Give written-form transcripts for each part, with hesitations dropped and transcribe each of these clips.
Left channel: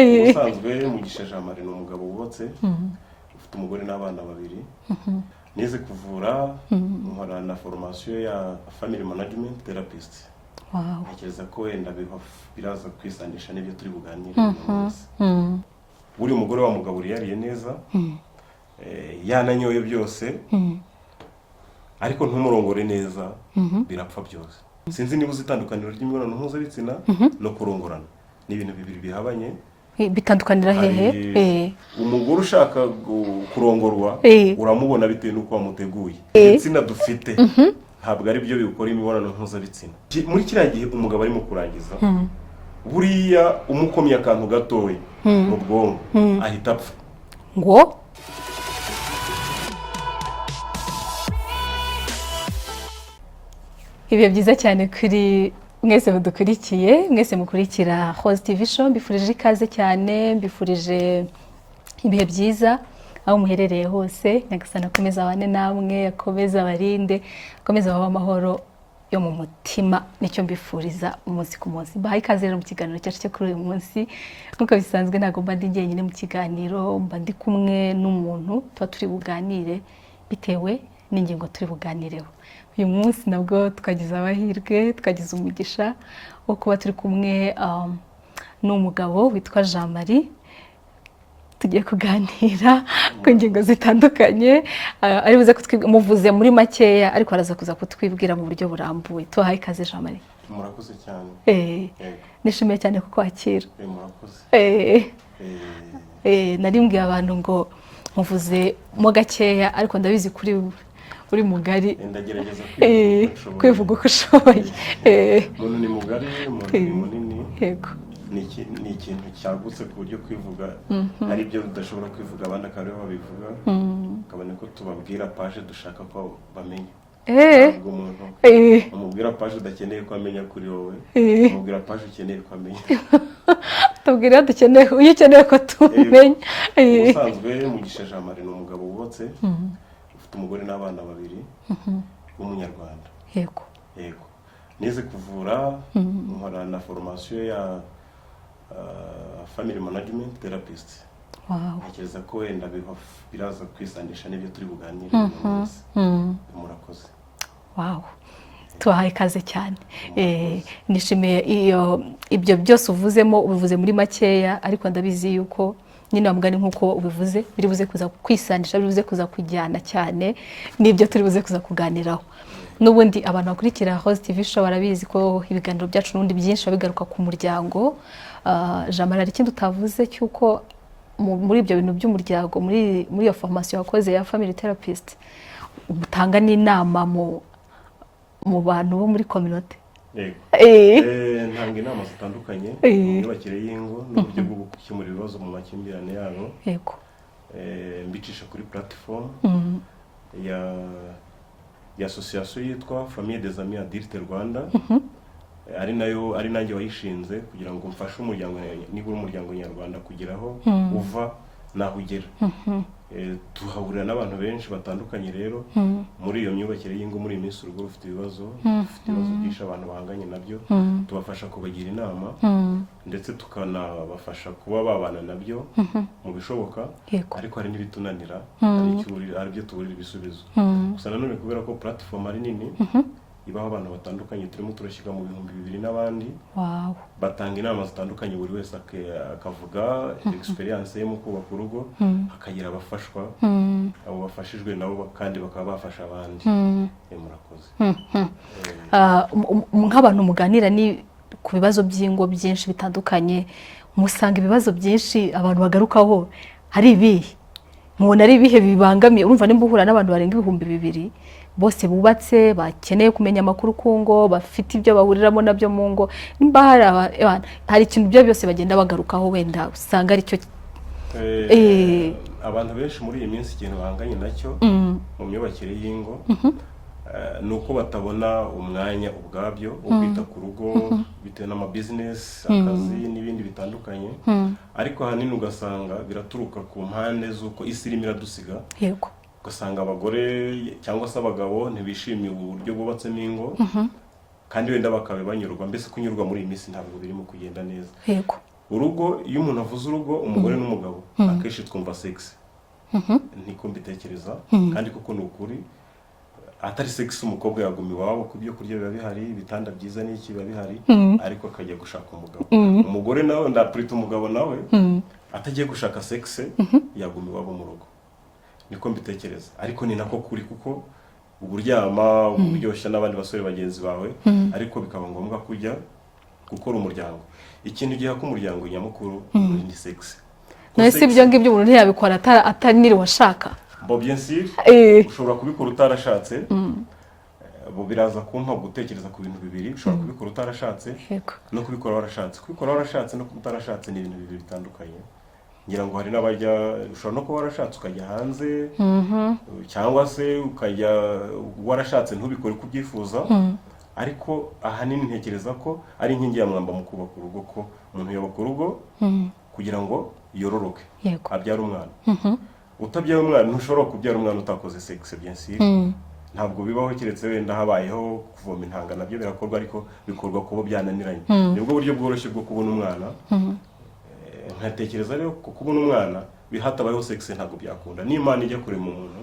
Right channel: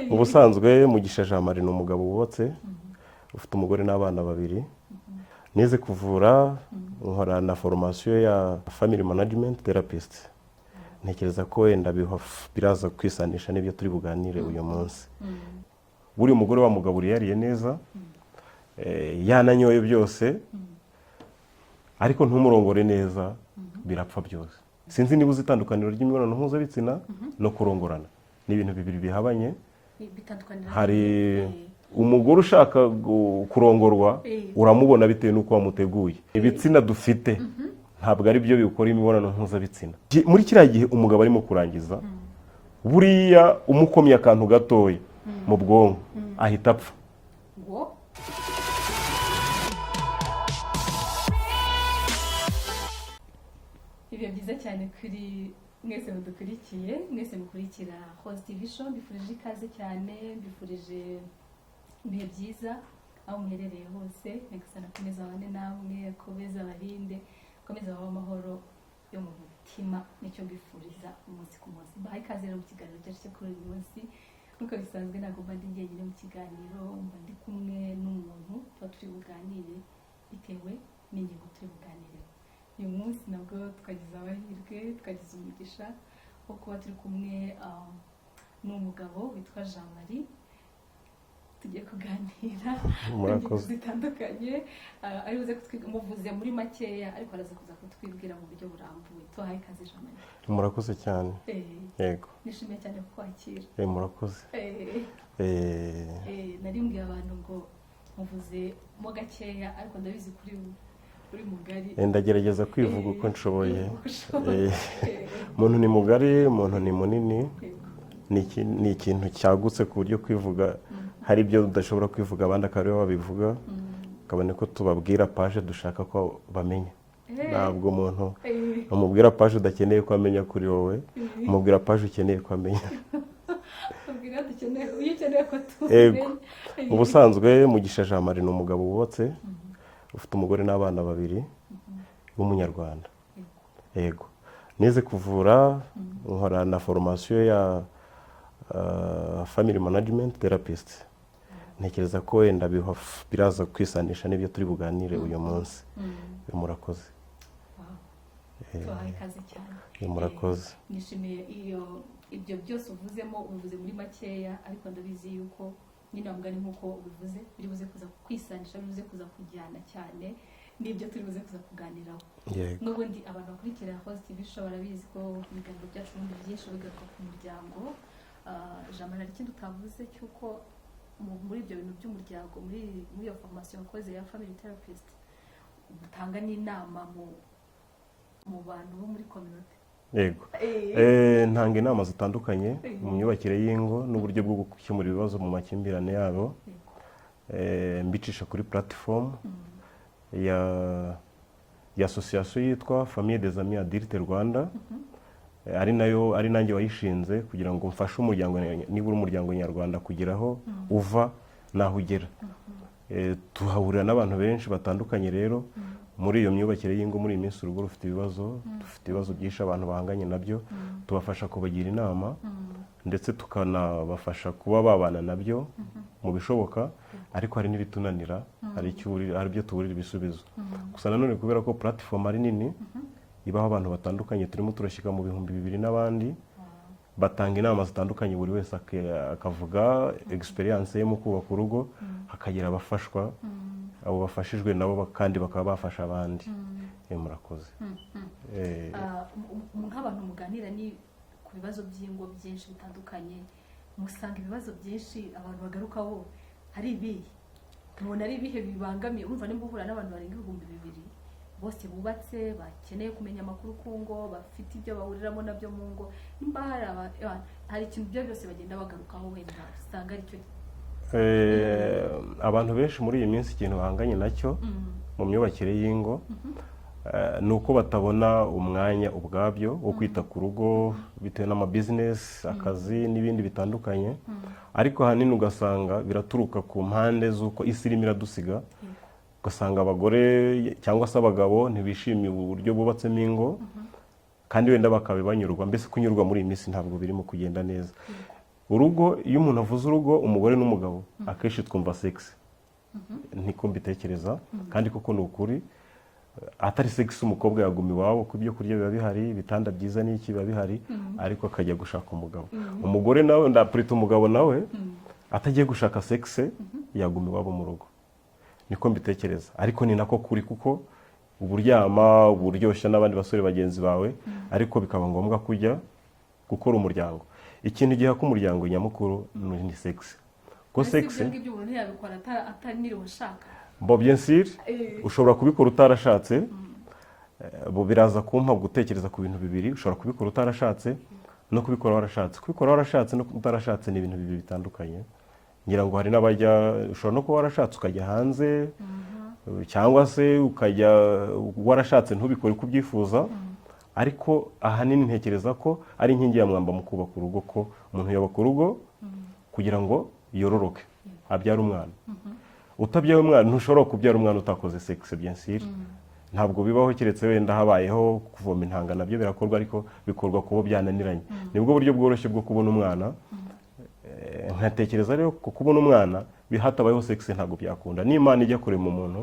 ubusanzwe Mugisha Jean Marie ni umugabo wubatse ufite umugore n'abana babiri nize kuvura nkora na formation ya family management therapist. Ntekereza ko wenda biraza kwisanisha n'ibyo turi buganire uyu munsi. Buri umugore wa mugabo yariye neza yananyoye byose ariko ntumurongore neza birapfa byose. Sinzi niba uzitandukaniro ry'imibonano mpuzabitsina no kurongorana ni ibintu bibiri bihabanye. Bitandukanira hehe? Umugore ushaka kurongorwa uramubona bitewe nuko wamuteguye. Ibitsina dufite ntabwo ari byo bikora imibonano mpuzabitsina. Muri kiriya gihe umugabo arimo kurangiza buriya umukomye akantu gatoya mu bwonko ahita apfa. Ngo ibihe byiza cyane kuri mwese mudukurikiye, mwese mukurikira Rose TV Show. Mbifurije ikaze cyane, mbifurije ibihe byiza aho muherereye hose. Nyagasani akomeza abane namwe, akomeza abarinde, akomeza abahe amahoro yo mu mutima. Nicyo mbifuriza umunsi ku munsi. Bahaye ikaze rero mu kiganiro cyacu cyo kuri uyu munsi. Nk'uko bisanzwe ntabwo mba ndi njyenyine mu kiganiro, mba ndi kumwe n'umuntu tuba turi buganire bitewe n'ingingo turi buganireho. Uyu munsi nabwo twagize amahirwe, twagize umugisha wo kuba turi kumwe n'umugabo witwa Jean Marie. Tugiye kuganira ku ngingo zitandukanye, ari buze muvuze muri makeya ariko araza kuza kutwibwira mu buryo burambuye. Tuhaye ikaze Jean Marie. Murakoze cyane. Yego. Nishimiye cyane kukwakira. Murakoze. Narimbwiye abantu ngo muvuze mo gakeya ariko ndabizi kuri uri mugari. Ndagerageza kwivuga uko ushoboye. Umuntu ni mugari, umuntu ni munini. Yego. Ni ikintu cyagutse ku buryo kwivuga hari ibyo udashobora kwivuga abandi akaba babivuga. Kabone ko tubabwira page dushaka ko bamenya. Ntabwo umuntu umubwira page udakeneye ko amenya kuri wowe, umubwira page ukeneye ko amenya. Tubwira dukeneye, uyu ukeneye ko tumenya. Ubusanzwe Mugisha Jean Marie ni umugabo wubatse ufite umugore n'abana babiri w'umunyarwanda. Yego. Nize kuvura nkora na formation ya family management therapist. Ntekereza ko wenda biraza kwisanisha n'ibyo turi buganire uyu munsi. Murakoze. Tuhaye ikaze cyane. Nishimiye ibyo byose uvuzemo, ubivuze muri makeya ariko ndabizi yuko nyine wamugani nkuko ubivuze biri buze kuza kwisanisha, biri buze kuza kujyana cyane nibyo turi buze kuza kuganiraho. N'ubundi abantu bakurikira Rose TV Show barabizi ko ibiganiro byacu n'ubundi byinshi bigaruka ku muryango. Jean Marie, hari ikindi utavuze cyuko muri ibyo bintu by'umuryango, muri iyo formation wakoze ya family therapist utanga n'inama mu bantu bo muri community? Yego. Ntanga inama zitandukanye mu myubakire y'ingo n'uburyo bwo gukemura ibibazo mu makimbirane yabo. Yego. Mbicisha kuri platform ya association yitwa Famille des Amis Adultes Rwanda. Ari nanjye wayishinze kugira ngo mfashe umuryango, nibura umuryango nyarwanda kugeraho uva naho ugera. Tuhahurira n'abantu benshi batandukanye rero muri iyo myubakire y'ingo. Muri iyi minsi urugo rufite ibibazo byinshi abantu bahanganye nabyo, tubafasha kubagira inama ndetse tukanabafasha kuba babana nabyo mu bishoboka. Ariko hari n'ibitunanira, hari byo tuburira ibisubizo. Gusa nanone kubera ko platform ari nini ibaho abantu batandukanye, turimo turashyika mu 2000 n'abandi. Batanga inama zitandukanye, buri wese akavuga experience ye mu kubaka urugo, akagira abafashwa, abo bafashijwe nabo kandi bakaba bafasha abandi. Murakoze. Nk'abantu muganira ni ku bibazo by'ingo byinshi bitandukanye, musanga ibibazo byinshi abantu bagarukaho hari ibihe mubona ari ibihe bibangamiye? Urumva nimba uhura n'abantu barenga 2000 bose bubatse, bakeneye kumenya amakuru ku ngo, bafite ibyo bahuriramo nabyo mu ngo, nimba hari ikintu byo byose bagenda bagarukaho wenda usanga ari cyo abantu benshi muri iyi minsi ikintu bahanganye nacyo mu myubakire y'ingo nuko batabona umwanya ubwabyo wo kwita ku rugo bitewe n'amabusiness, akazi n'ibindi bitandukanye. Ariko hanini ugasanga biraturuka ku mpande z'uko isi irimo iradusiga. Yego. Ugasanga abagore cyangwa se abagabo ntibishimiye uburyo bubatsemo ingo, kandi wenda bakaba banyurwa, mbese kunyurwa muri iyi minsi ntabwo birimo kugenda neza. Yego. urugo iyo umuntu avuze urugo umugore n'umugabo akenshi twumva sex niko mbitekereza kandi koko ni ukuri atari sex umukobwa yaguma iwabo ku byo kurya biba bihari ibitanda byiza n'iki biba bihari ariko akajya gushaka umugabo umugore nawe ndapurita umugabo nawe atagiye gushaka sex yaguma iwabo mu rugo niko mbitekereza ariko ni nako kuri kuko uburyama uburyoshya n'abandi basore bagenzi bawe ariko bikaba ngombwa kujya gukora umuryango ikintu giha ko umuryango nyamukuru ni sex nese ibyo ngibyo umuntu ntiyabikora ataniriwe ashaka bo bien sûr ushobora kubikora utarashatse bo biraza kumpa gutekereza ku bintu bibiri ushobora kubikora utarashatse no kubikora warashatse kubikora warashatse no utarashatse ni ibintu bibiri bitandukanye ngira ngo hari n'abajya ushobora no kuba warashatse ukajya hanze cyangwa se ukajya warashatse ntubikore kubyifuza ariko ahanini ntekereza ko ari inkingi ya mwamba mu kubaka urugo ko umuntu yubaka urugo kugira ngo yororoke abyara umwana utabyaye umwana ntushobora kubyara umwana utakoze sex bien sûr ntabwo bibaho keretse wenda habayeho kuvoma intanga nabyo birakorwa ariko bikorwa kubo byananiranye nibwo buryo bworoshye bwo kubona umwana nkatekereza rero ko kubona umwana bihatabayeho sex ntabwo byakunda n'Imana ijya kurema umuntu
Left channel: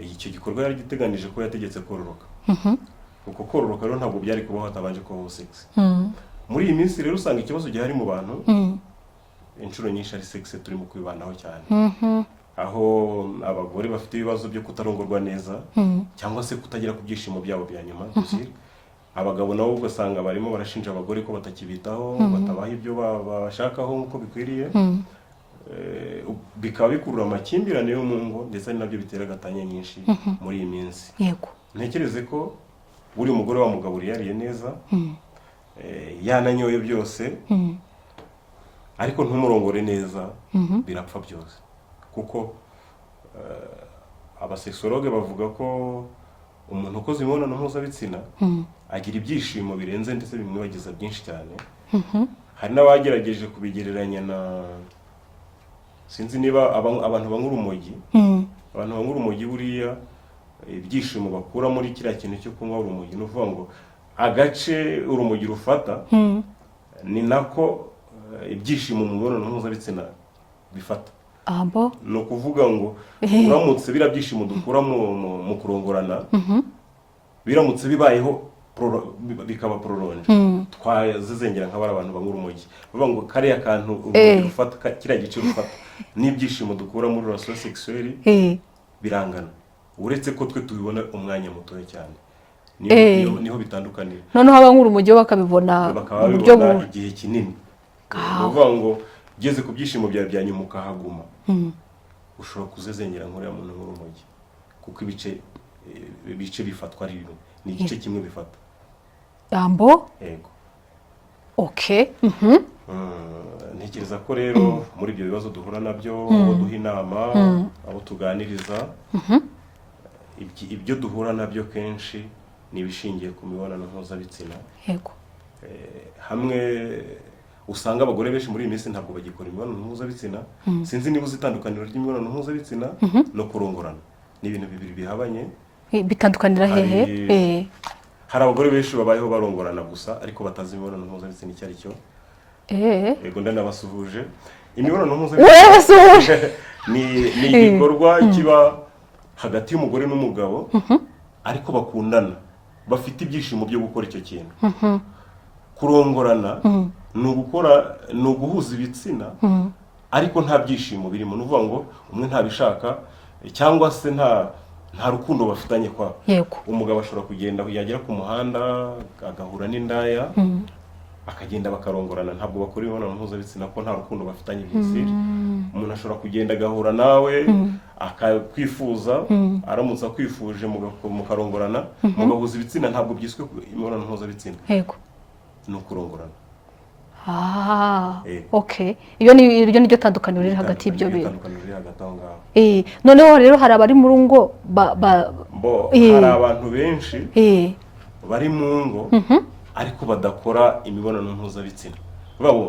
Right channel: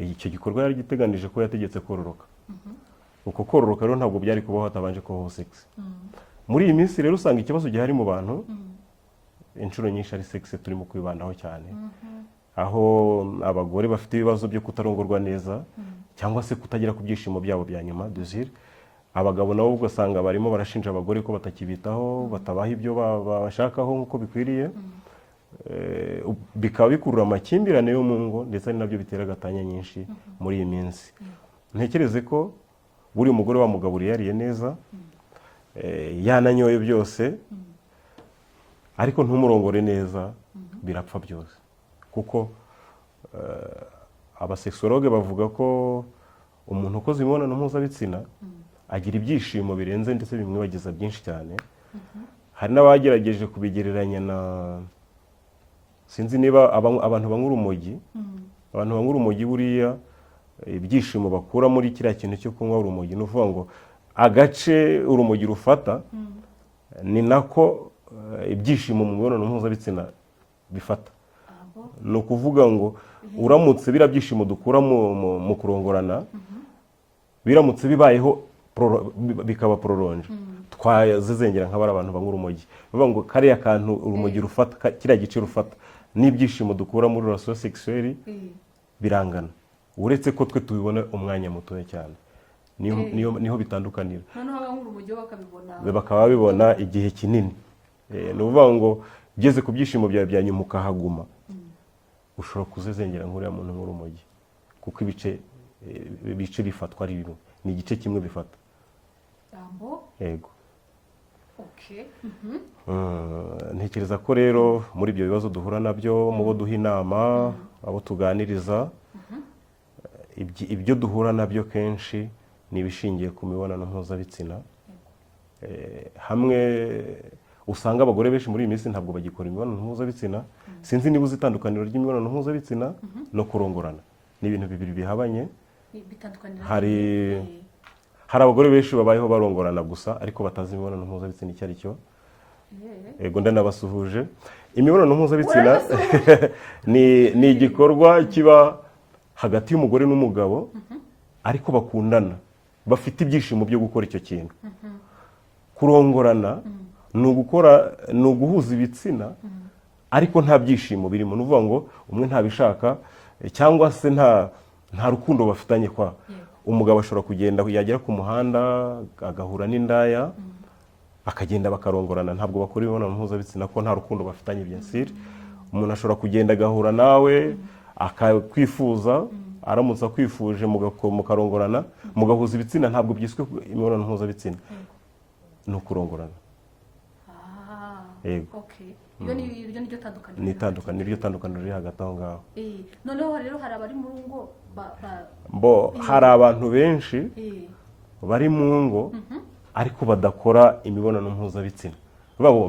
icyo gikorwa yari giteganije ko yategetse kororoka uko kororoka rero ntabwo byari kubaho hatabanje kubaho sex muri iyi minsi rero usanga ikibazo gihari mu bantu inshuro nyinshi ari sex turimo kwibanaho cyane aho abagore bafite ibibazo byo kutarongorwa neza cyangwa se kutagira ku byishimo byabo bya nyuma dusire abagabo nabo ugasanga barimo barashinja abagore ko batakibitaho batabaha ibyo babashakaho nk'uko bikwiriye bikaba bikurura amakimbirane yo mu ngo ndetse nabyo bitera gatanya nyinshi muri iyi minsi ntekereze ko buri umugore wamugaburiye yariye neza yananyoye byose ariko ntumurongore neza birapfa byose kuko abasexologue bavuga ko umuntu ukoze imibonano mpuzabitsina agira ibyishimo birenze ndetse bimwibagiza byinshi cyane hari n'abagerageje kubigereranya na sinzi niba abantu banywa urumogi abantu banywa urumogi buriya ibyishimo bakura muri kiriya kintu cyo kunywa urumogi ni ukuvuga ngo agace urumogi rufata ni nako ibyishimo mu mibonano mpuzabitsina bifata ni ukuvuga ngo uramutse biriya byishimo dukura mu kurongorana biramutse bibayeho bikaba prolonge twazizengera nk'abari abantu banywa urumogi bavuga ngo kariya kantu urumogi rufata kiriya gice rufata n'ibyishimo dukura muri relation sexuelle birangana uretse ko twe tubibona umwanya mutoya cyane niho bitandukanira noneho abanywa urumogi bakabibona igihe kinini ni ukuvuga ngo ugeze ku byishimo byawe bya nyuma ukahaguma ushobora kuzezengera nk'uriya muntu nk'urumogi kuko ibice bifatwa ari bimwe ni igice kimwe bifata yego ntekereza ko rero muri ibyo bibazo duhura nabyo abo duha inama abo tuganiriza ibyo duhura nabyo kenshi ni ibishingiye ku mibonano mpuzabitsina hamwe usanga abagore benshi muri iyi minsi ntabwo bagikora imibonano mpuzabitsina sinzi niba uzi itandukaniro ry'imibonano mpuzabitsina no kurongorana ni ibintu bibiri bihabanye bitandukanira hehe hari abagore benshi babayeho barongorana gusa ariko batazi imibonano mpuzabitsina icyo ari cyo yego ndanabasuhuje imibonano mpuzabitsina ni igikorwa kiba hagati y'umugore n'umugabo ariko bakundana bafite ibyishimo byo gukora icyo kintu kurongorana ni uguhuza ibitsina ariko nta byishimo birimo ni ukuvuga ngo umwe ntabishaka cyangwa se nta rukundo bafitanye kwa umugabo ashobora kugenda yagera ku muhanda agahura n'indaya akagenda bakarongorana ntabwo bakora imibonano mpuzabitsina ko nta rukundo bafitanye byinshi umuntu ashobora kugenda agahura nawe akakwifuza aramutse akwifuje mukarongorana mugahuza ibitsina ntabwo byiswe imibonano mpuzabitsina ni ukurongorana iryo ni ryo tandukaniro riri hagati y'ibyo bintu noneho rero hari abari mu ngo hari abantu benshi bari mu ngo ariko badakora imibonano mpuzabitsina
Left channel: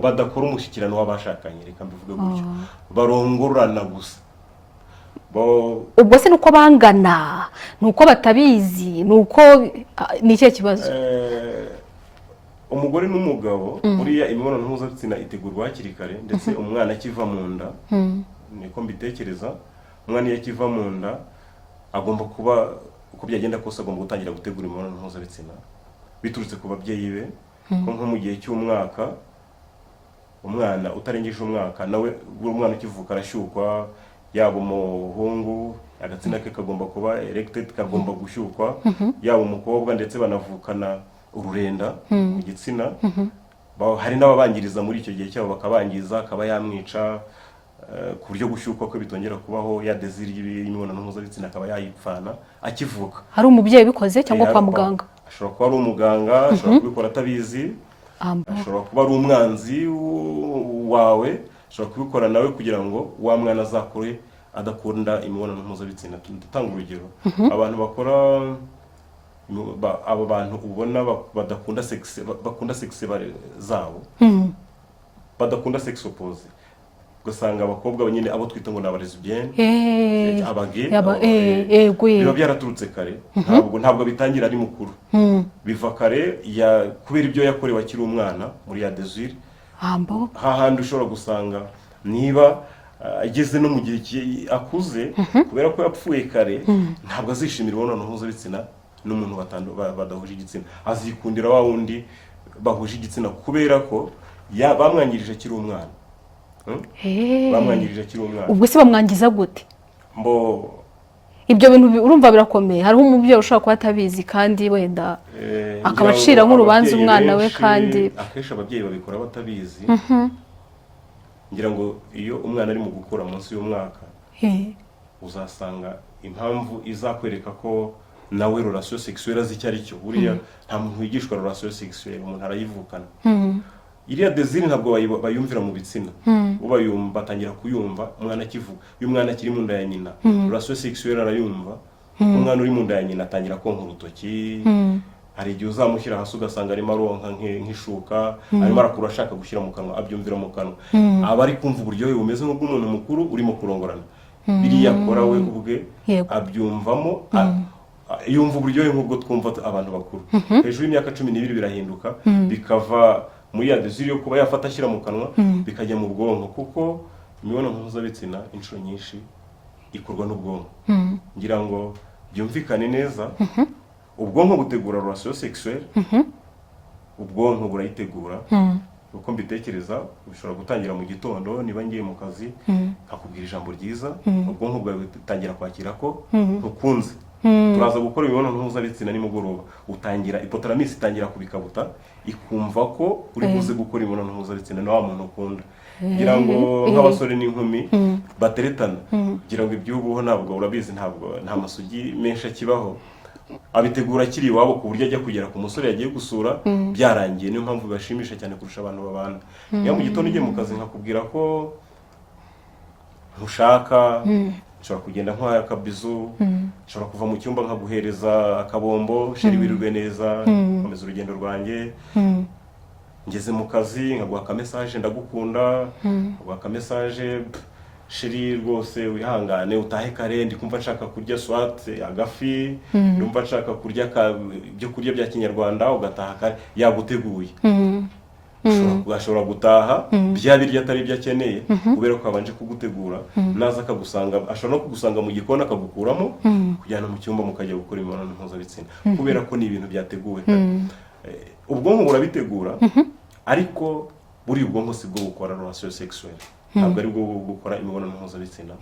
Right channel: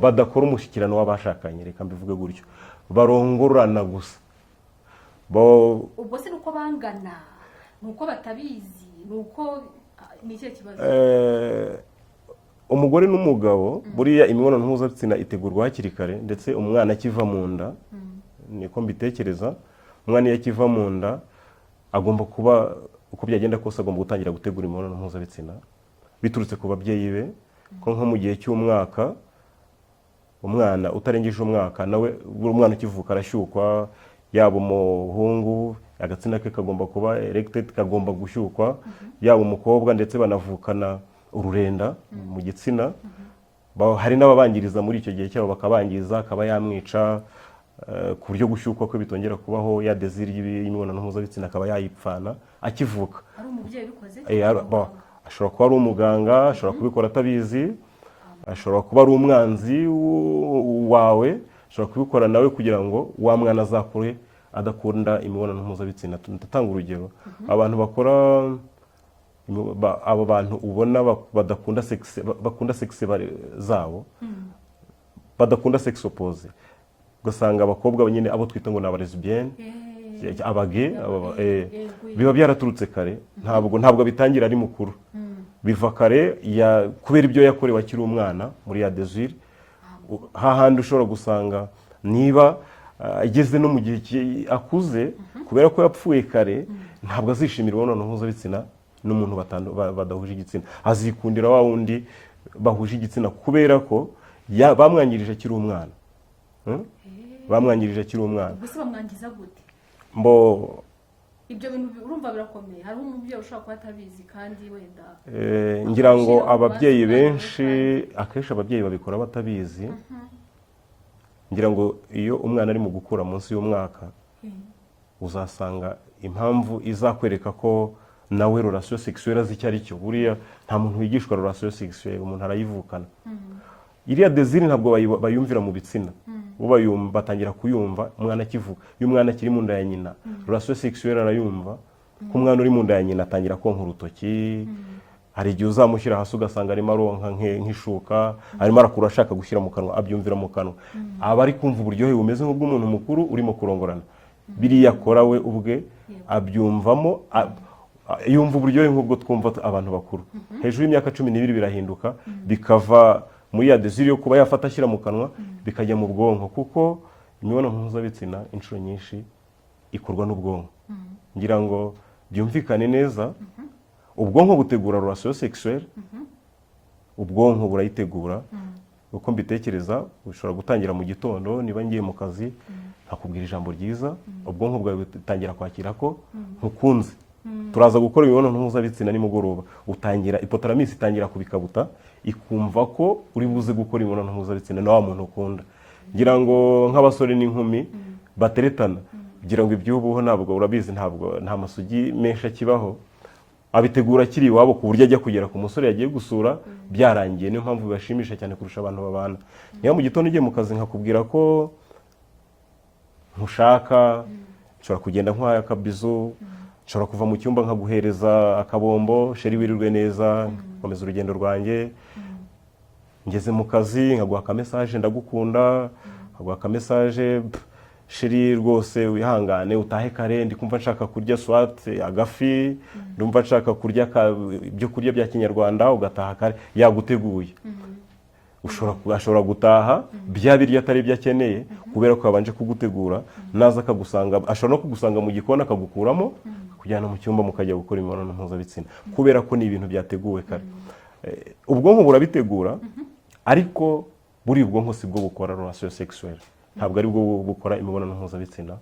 badakora umushyikirano w'abashakanye reka mbivuge gutyo barongorana gusa ubwo se ni uko bangana ni uko batabizi ni uko ni ikihe kibazo umugore n'umugabo buriya imibonano mpuzabitsina itegurwa hakiri kare ndetse umwana akiva mu nda niko mbitekereza. Umwana iyo akiva mu nda agomba kuba uko byagenda kose agomba gutangira gutegura imibonano mpuzabitsina biturutse ku babyeyi be, nko mu gihe cy'umwaka umwana utarengeje umwaka nawe umwana ukivuka arashyukwa, yaba umuhungu agatsina ke kagomba kuba erected, kagomba gushyukwa, yaba umukobwa ndetse banavukana ururenda mu gitsina. Hari n'ababangiriza muri icyo gihe cyabo bakabangiza, akaba yamwica ku buryo gushyukwa ko bitongera kubaho, ya desire y'imibonano mpuzabitsina akaba yayipfana akivuka. Hari umubyeyi bikoze cyangwa kwa muganga? Ashobora kuba ari umuganga, ashobora kubikora atabizi, ashobora kuba ari umwanzi wawe, ashobora kubikora nawe kugira ngo wa mwana azakure adakunda imibonano mpuzabitsina. Ndatanga urugero, abantu bakora abo bantu ubona badakunda bakunda sex zabo, badakunda sex opposed, gusanga abakobwa nyine abo twita ngo n'aba lesbienne, abage, biba byaraturutse kare. Ntabwo bitangira ari mukuru, biva kare kubera ibyo yakorewe akiri umwana muri ya desire. Hahandi ushobora gusanga niba ageze no mu gihe akuze, kubera ko yapfuye kare, ntabwo azishimira imibonano mpuzabitsina n'umuntu badahuje igitsina, azikundira wa wundi bahuje igitsina kubera ko bamwangirije akiri umwana. Bamwangirije akiri umwana. Ubwo se bamwangiza gute? Ibyo bintu urumva birakomeye. Hariho umubyeyi ushobora kuba atabizi kandi wenda akabacira nk'urubanza umwana we, kandi akenshi ababyeyi babikora batabizi. Ngira ngo iyo umwana ari mu gukura munsi y'umwaka, uzasanga impamvu izakwereka ko nawe relation sexuelle azi icyo ari cyo. Buriya nta muntu wigishwa relation sexuelle, umuntu arayivukana. Iriya desire ntabwo bayumvira mu bitsina, batangira kuyumva umwana akivuka. Iyo umwana akiri mu nda ya nyina, relation sexuelle arayumva. Umwana uri mu nda ya nyina atangira konka urutoki, hari igihe uzamushyira hasi ugasanga arimo aronka nk'ishuka, arimo arakura ashaka gushyira mu kanwa, abyumvira mu kanwa. Aba ari kumva uburyohe bumeze nk'ubw'umuntu mukuru urimo kurongorana. Biriya akora we ubwe abyumvamo, yumva uburyohe nk'ubwo twumva abantu bakuru. Hejuru y'imyaka 12 birahinduka, bikava muri ya desire yo kuba yafata ashyira mu kanwa bikajya mu bwonko, kuko imibonano mpuzabitsina inshuro nyinshi ikorwa n'ubwonko. Ngira ngo byumvikane neza, ubwonko butegura relation sexuelle, ubwonko burayitegura. Uko mbitekereza, ushobora gutangira mu gitondo, niba ngiye mu kazi nkakubwira ijambo ryiza, ubwonko bwawe butangira kwakira ko ukunze. Turaza gukora imibonano mpuzabitsina nimugoroba, utangira hypothalamus itangira kubikabuta, ikumva ko uri buze gukora imibonano mpuzabitsina na wa muntu ukunda. Ngira ngo nk'abasore n'inkumi bateretana, ngira ngo iby'ubuho ntabwo urabizi, nta masugi menshi akibaho, abitegura akiri iwabo ku buryo ajya kugera ku musore yagiye gusura byarangiye. Niyo mpamvu bibashimisha cyane kurusha abantu babana. Niyo mu gitondo ugiye mu kazi nkakubwira ko ntushaka, nshobora kugenda nk'aya akabizu, nshobora kuva mu cyumba nkaguhereza akabombo, sheri wirirwe neza, komeza urugendo rwanjye. Ngeze mu kazi nkaguha aka message ndagukunda, nkaguha aka message sheri rwose wihangane utahe kare, ndi kumva nshaka kurya swat agafi, ndumva nshaka kurya ibyo kurya bya Kinyarwanda, ugataha kare yaguteguye. Ashobora gutaha bya birya atari ibyo akeneye kubera ko abanje kugutegura, naza akagusanga, ashobora no kugusanga mu gikoni akagukuramo kujyana mu cyumba mukajya gukora imibonano mpuzabitsina, kubera ko ni ibintu byateguwe. Ubwonko burabitegura, ariko buri ubwonko si bwo bukora relation sexuelle, ntabwo ari bwo bukora imibonano mpuzabitsina.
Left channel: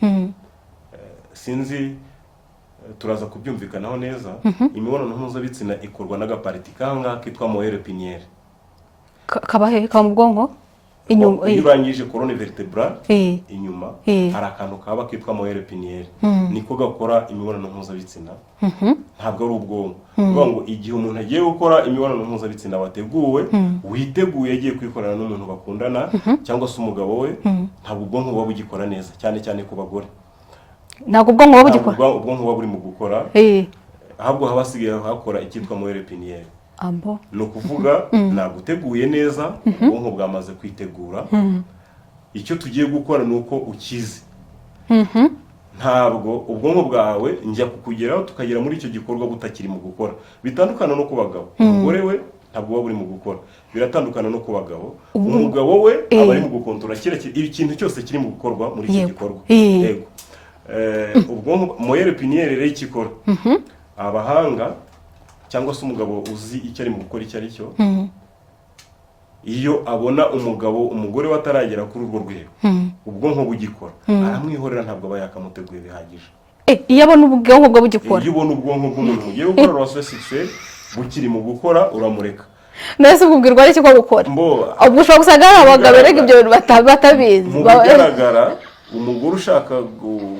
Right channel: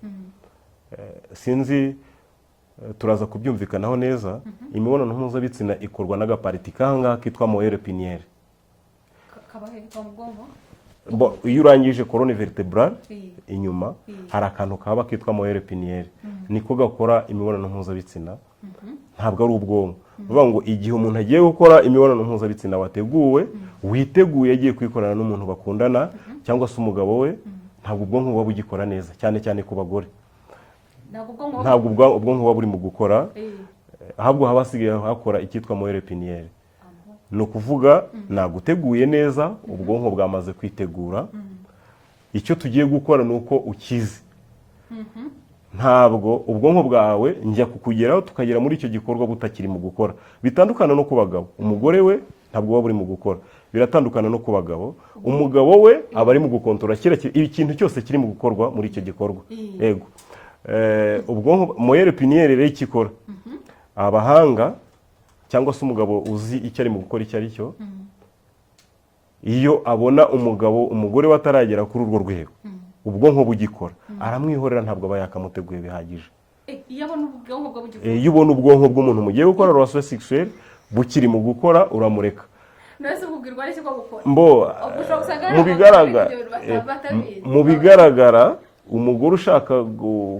Sinzi turaza kubyumvikanaho neza. Imibonano mpuzabitsina ikorwa n'agapariti kanga kitwa moelle épinière. Kabahe ka mu bwonko inyuma. Iyo urangije colonne vertébrale inyuma hari akantu kaba kitwa moelle épinière, niko gakora imibonano mpuzabitsina. Ntabwo ari ubwonko. Kuvuga ngo igihe umuntu agiye gukora imibonano mpuzabitsina wateguwe, witeguye agiye kwikorana n'umuntu bakundana cyangwa se umugabo we, ntabwo ubwonko buba bugikora neza, cyane cyane ku bagore. Ntabwo ubwonko buba bugikora, ubwonko buba buri mu gukora, ahubwo haba hasigaye hakora icyitwa moelle épinière. Ni ukuvuga naguteguye neza, ubwonko bwamaze kwitegura. Icyo tugiye gukora ni uko ukize. Ntabwo ubwonko bwawe njya kukugeraho tukagera muri icyo gikorwa butakiri mu gukora. Bitandukana no ku bagabo. Umugore we ntabwo buba buri mu gukora. Biratandukana no ku bagabo. Umugabo we aba ari mu gukontorora ikintu cyose kiri mu gukorwa muri iki gikorwa. Yego. Ubwonko moyenne épinière rero ikikora. Abahanga cyangwa se umugabo uzi icyo ari mu gukora icyo ari cyo, iyo abona umugore we ataragera kuri urwo rwego, ubwonko bugikora, aramwihorera, ntabwo aba yakamuteguye bihagije. Iyo abona ubwonko bwe bugikora, iyo ubona ubwonko bw'umuntu mugiye gukora relation sexuelle bukiri mu gukora, uramureka. Nese ubwirwa ari cyo gukora. Ubwo ushobora gusanga ari abagabo rega ibyo bintu batabizi. Mu bigaragara umugore ushaka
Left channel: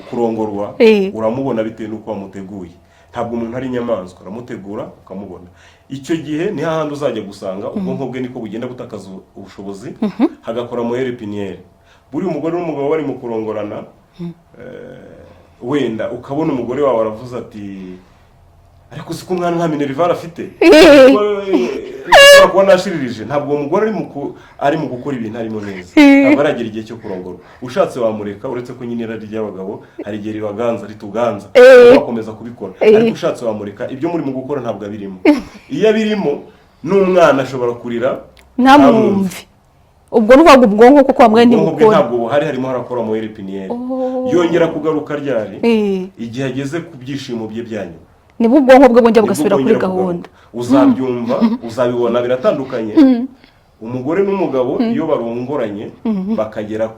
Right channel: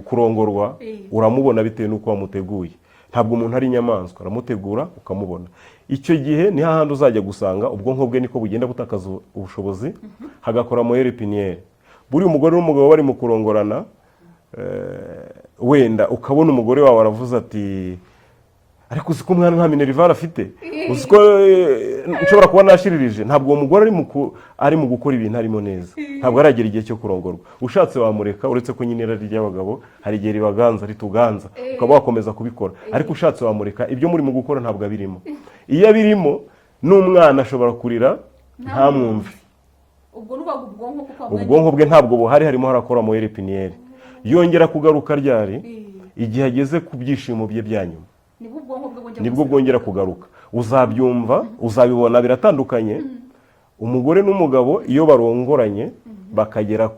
kurongorwa uramubona bitewe n'uko wamuteguye. Ntabwo umuntu ari inyamaswa, uramutegura ukamubona. Icyo gihe ni hahandi uzajya gusanga ubwonko bwe niko bugenda butakaza ubushobozi, hagakora moyenne épinière. Buri umugore n'umugabo bari mu kurongorana, wenda ukabona umugore wawe aravuze ati ariko uzi ko umwana nta minerval afite, ushobora kuba nashiririje. Ntabwo uwo mugore ari mu gukora ibintu arimo neza, ntabwo aragera igihe cyo kurongorwa. Ushatse wamureka, uretse ko nyine irari ry'abagabo hari igihe ribaganza rituganza, wakomeza kubikora. Ariko ushatse wamureka, ibyo muri mu gukora ntabwo abirimo. Iyo abirimo n'umwana ashobora kurira ntamwumve. Ubwo n'ubwo ubwonko kuko wamwe ndi ubwonko bwe ntabwo buhari, harimo harakora moyenne épinière. Yongera kugaruka ryari igihe ageze ku byishimo bye byanyuma, nibwo ubwonko bwe bongera bugasubira kuri gahunda. Uzabyumva, uzabibona biratandukanye. Umugore n'umugabo iyo barongoranye bakagera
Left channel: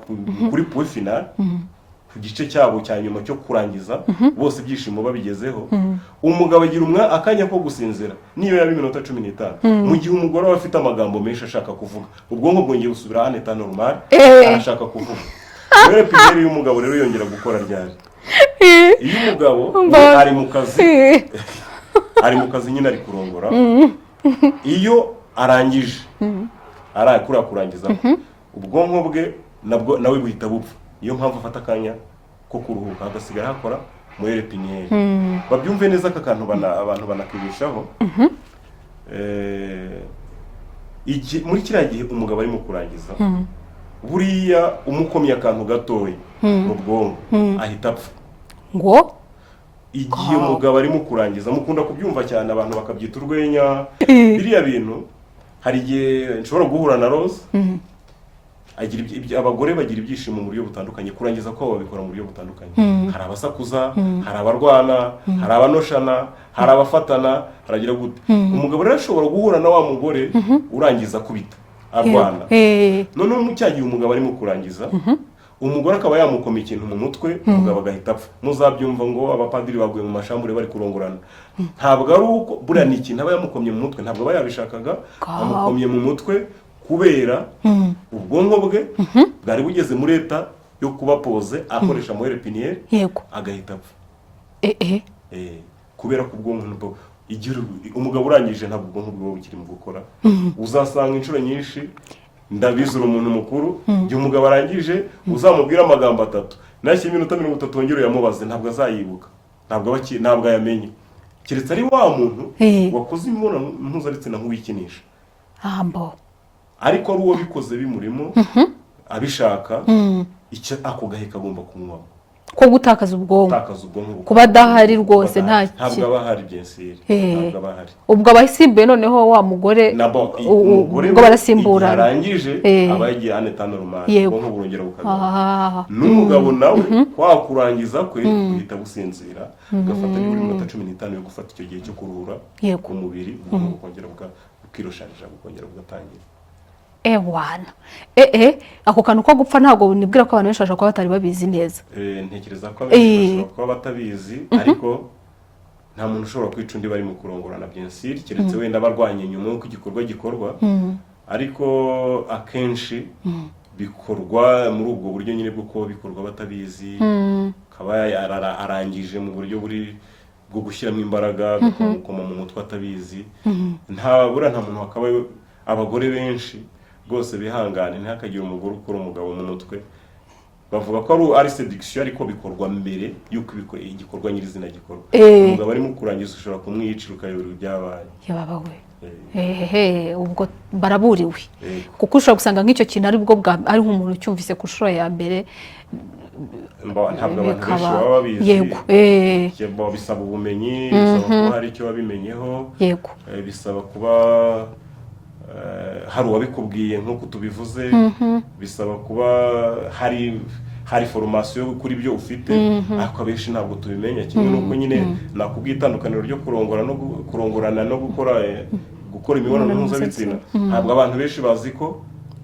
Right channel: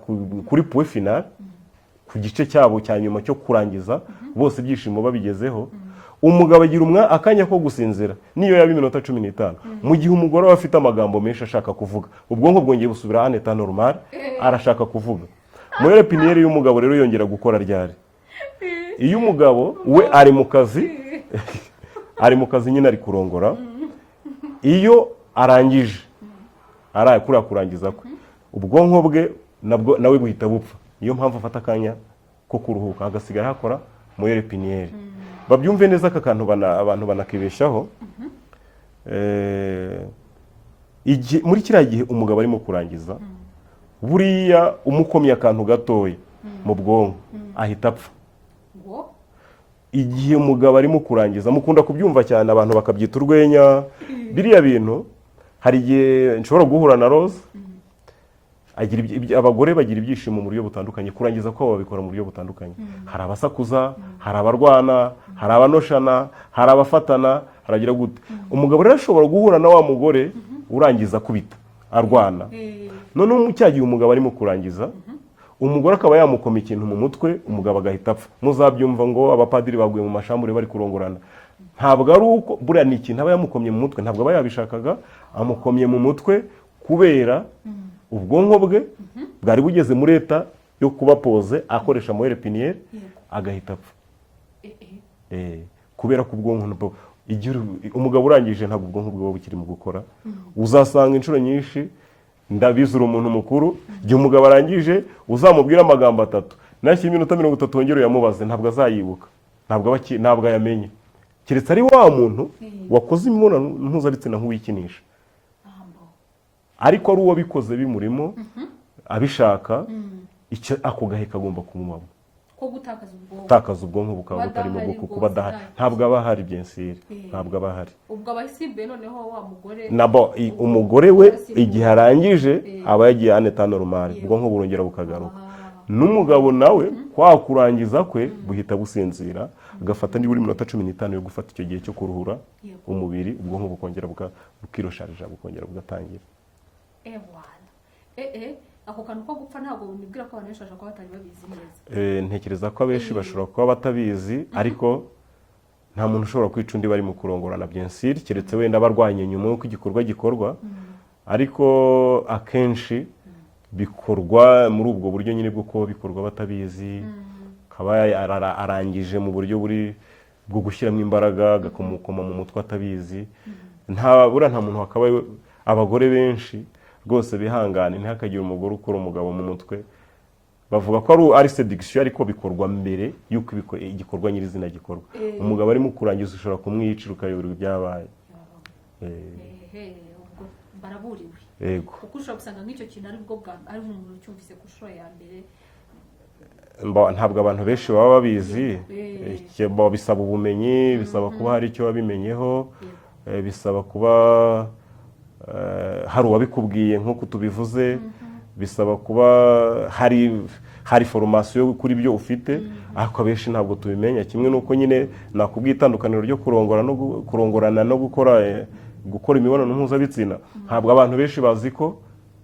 kuri point final, ku gice cyabo cya nyuma cyo kurangiza, bose ibyishimo babigezeho, umugabo agira akanya ko gusinzira niyo yaba iminota 15. Mu gihe umugore aba afite amagambo menshi ashaka kuvuga, ubwonko bwongeye busubira en état normal, arashaka kuvuga. Moyenne épinière y'umugabo rero yongera gukora ryari iyo umugabo ari mu kazi, ari mu kazi nyine ari kurongora. Iyo arangije arakura kurangiza, ubwonko bwe nawe buhita bupfa. Niyo mpamvu afata akanya ko kuruhuka, agasigara hakora moyenne épinière. Babyumve neza aka kantu abantu banakibeshaho. Muri kiriya gihe umugabo arimo kurangiza, buriya umukomye akantu gatoya mu bwonko ahita apfa. Ngo igihe umugabo arimo kurangiza, mukunda kubyumva cyane, abantu bakabyita urwenya. Biriya bintu hari igihe nshobora guhura na Rose, abagore bagira ibyishimo mu buryo butandukanye. Kurangiza ko babikora mu buryo butandukanye. Hari abasakuza, hari abarwana, hari abanoshana, hari abafatana, haragira gute. Umugabo rero ashobora guhura na wa mugore urangiza kubita arwana. Noneho mu cyagihe umugabo arimo kurangiza, umugore akaba yamukoma ikintu mu mutwe, umugabo agahita apfa. Muzabyumva ngo abapadiri baguye mu mashambure bari kurongorana. Ntabwo ari uko buriya ni ikintu aba yamukomye mu mutwe, ntabwo aba yabishakaga, amukomye mu mutwe kubera ubwonko bwe bwari bugeze muri leta yo kuba pose, akoresha moyenne épinière, agahita apfa. Kubera ko ubwonko umugabo urangije ntabwo ubwonko bwe bukiri mu gukora. Uzasanga inshuro nyinshi, ndabizura umuntu mukuru, igihe umugabo arangije uzamubwira amagambo 3 nashyira iminota 30 wongere yamubaze, ntabwo azayibuka, ntabwo ayamenye, keretse ari wa muntu wakoze imibonano mpuzabitsina nk'uwikinisha. Ariko ari uwo bikoze bimurimo abishaka, icyo ako gahe kagomba kumwamo ko gutakaza ubwonko, kuba adahari rwose ntabwo aba ahari byensire, ntabwo aba ahari. Ubwo abasimbuye noneho wa mugore, umugore we igihe arangije aba yagiye en état normal, ubwonko burongera bukagaruka. N'umugabo nawe kwa kurangiza kwe buhita businzira, ugafata niburi minota 15 yo gufata icyo gihe cyo kuruhura umubiri, ubwonko bukongera bukirosharija, bukongera bugatangira. Ewana. Ako kantu ko gupfa ntabwo nibwira ko abantu benshi bashaka kuba batari babizi neza. Ntekereza ko abenshi bashobora kuba batabizi, ariko nta muntu ushobora kwica undi bari mu kurongorana byensire, keretse wenda barwanye nyuma y'uko igikorwa gikorwa. Ariko akenshi bikorwa muri ubwo buryo nyine bwo kuba bikorwa batabizi, kaba arangije mu buryo bwo gushyiramo imbaraga, bakamukoma mu mutwe atabizi. Nta muntu wakaba, abagore benshi rwose bihangane, ntihakagire umugore ukora umugabo mu mutwe. Bavuga ko ari seduction, ariko bikorwa mbere yuko igikorwa nyirizina gikorwa. Umugabo arimo kurangiza ushobora kumwicira ukayobora ibyabaye. Ubwo baraburiwe, kuko ushobora gusanga nk'icyo kintu ari nk'umuntu ucyumvise ku nshuro ya mbere. Ntabwo abantu benshi baba babizi. Bisaba ubumenyi, bisaba kuba hari icyo wabimenyeho, bisaba kuba hari uwabikubwiye nk'uko tubivuze bisaba kuba hari formation kuri byo ufite ariko abenshi ntabwo tubimenya kimwe nuko nyine nakubwiye itandukaniro ryo kurongorana no gukora imibonano mpuzabitsina ntabwo abantu benshi bazi ko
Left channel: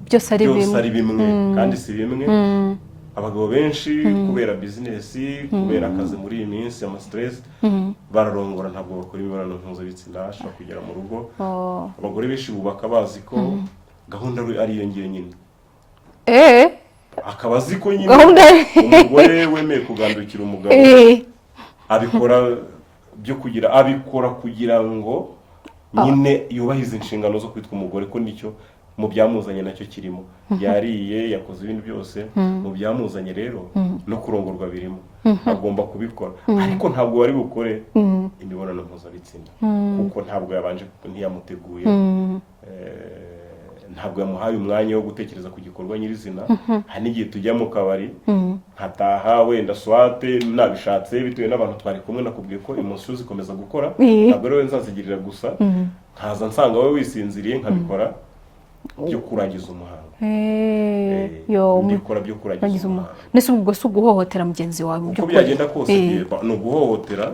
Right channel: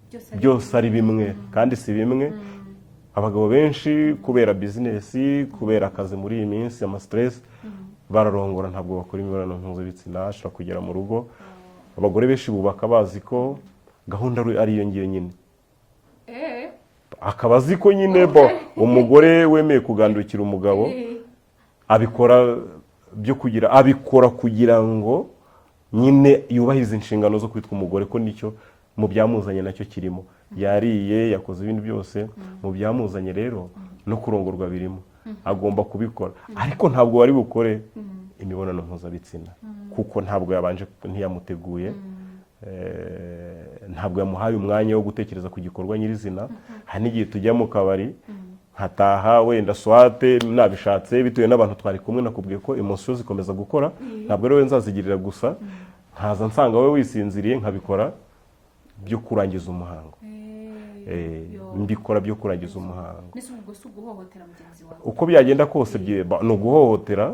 byose ari bimwe kandi si bimwe. Abagabo benshi kubera business kubera akazi muri iyi minsi ama stress bararongora ntabwo bakora imibonano mpuzabitsina ashaka kugera mu rugo. Abagore benshi bubaka bazi ko gahunda ari iyo ngiye nyine akaba azi ko nyine umugore wemeye kugandukira umugabo abikora kugira ngo nyine yubahize inshingano zo kwitwa umugore, ko nicyo mu byamuzanye nacyo kirimo. Yariye yakoze ibintu byose mu byamuzanye rero no kurongorwa birimo, agomba kubikora ariko ntabwo wari bukore imibonano mpuzabitsina kuko ntabwo yabanje ntiyamuteguye, ntabwo yamuhaye umwanya wo gutekereza ku gikorwa nyirizina. Hari n'igihe tujya mu kabari nkataha wenda swate nabishatse bitewe n'abantu twari kumwe, nakubwiye ko emotion zikomeza gukora, ntabwo rero nzazigirira gusa, nkaza nsanga wowe wisinziriye nkabikora byo kurangiza umuhango. Mbikora byo kurangiza umuhango. Nese ubwo si uguhohotera mugenzi wawe? Uko byagenda kose ni uguhohotera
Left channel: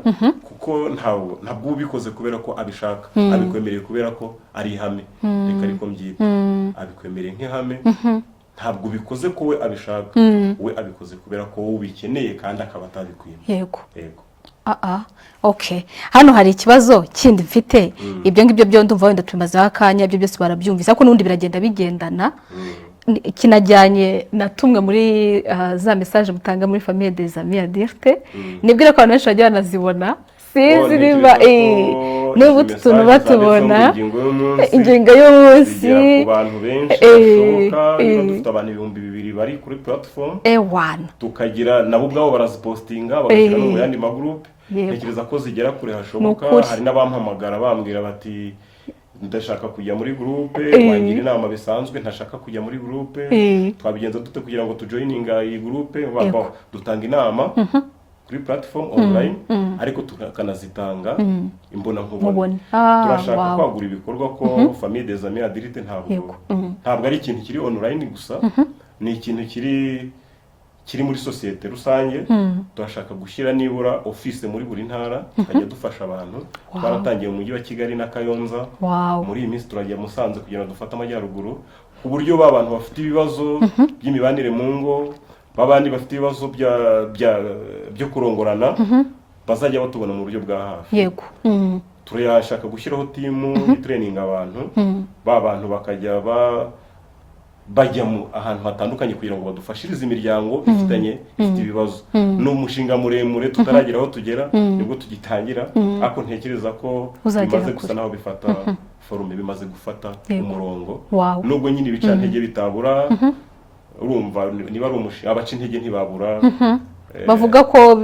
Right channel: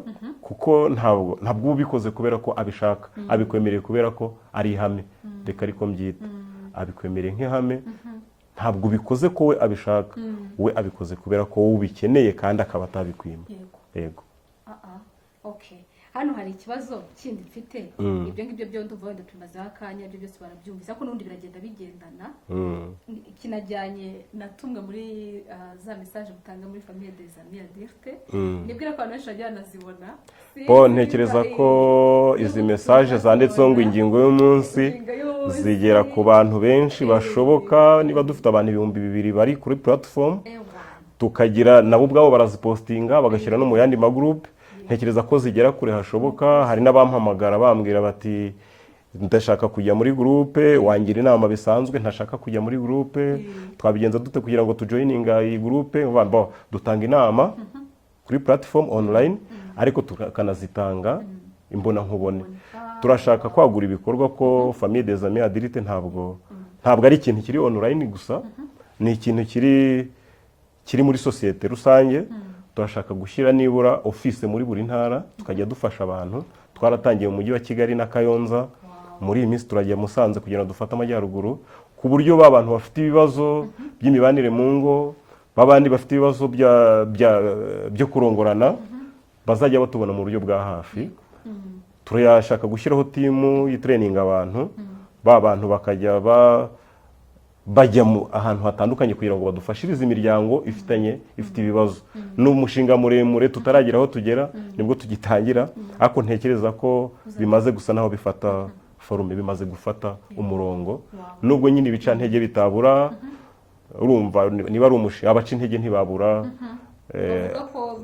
kuko ntabwo ubikoze kubera ko abishaka, abikwemereye kubera ko ari ihame, reka ariko mbyita abikwemereye nk'ihame. Ntabwo ubikoze ko we abishaka, we abikoze kubera ko wowe ubikeneye kandi akaba atabikwima. Yego. Okay. Hano hari ikibazo kindi mfite. Ibyo ngibyo byo ndumva wenda tumaze akanya, ibyo byose barabyumvise ariko nundi biragenda bigendana. Kinajyanye na tumwe muri za message mutanga muri famille des amis adultes. Nibwira ko abantu benshi bajya banazibona. Niba n'ubu tuntu batubona ingingo y'umunsi zigera ku bantu benshi bashoboka. Niba dufite abantu 2,000 bari kuri platform tukagira nabo ubwabo barazipostinga bagashyira no mu yandi magroup. Ntekereza ko zigera kure hashoboka. Hari n'abampamagara bambwira bati ndashaka kujya muri groupe, wangira inama bisanzwe ntashaka kujya muri groupe, twabigenza dute kugira ngo tujoininga iyi groupe? Dutanga inama kuri platform online ariko tukanazitanga imbona nkubone. Turashaka kwagura ibikorwa ko famille des amis adultes ntabwo ari ikintu kiri online gusa, ni ikintu kiri muri societe rusange. Turashaka gushyira nibura office muri buri ntara tukajya dufasha abantu. Twaratangiye mu mujyi wa Kigali na Kayonza, muri iyi minsi turagiye Musanze kugira ngo dufate amajyaruguru, ku buryo abantu bafite ibibazo by'imibanire mu ngo, babandi bafite ibibazo byo kurongorana bazajya batubona mu buryo bwa hafi. Turashaka gushyiraho timu y'training abantu, bantu bakajya bajya ahantu hatandukanye kugira ngo badufashirize imiryango ifite ibibazo. N'umushinga muremure tutaragira aho tugera, nibwo tugitangira, ariko ntekereza ko bimaze gusa naho bifata forume, bimaze gufata umurongo. Nubwo nyine ibica ntege bitabura, urumva niba ari umushinga abaca intege ntibabura. Bavuga ko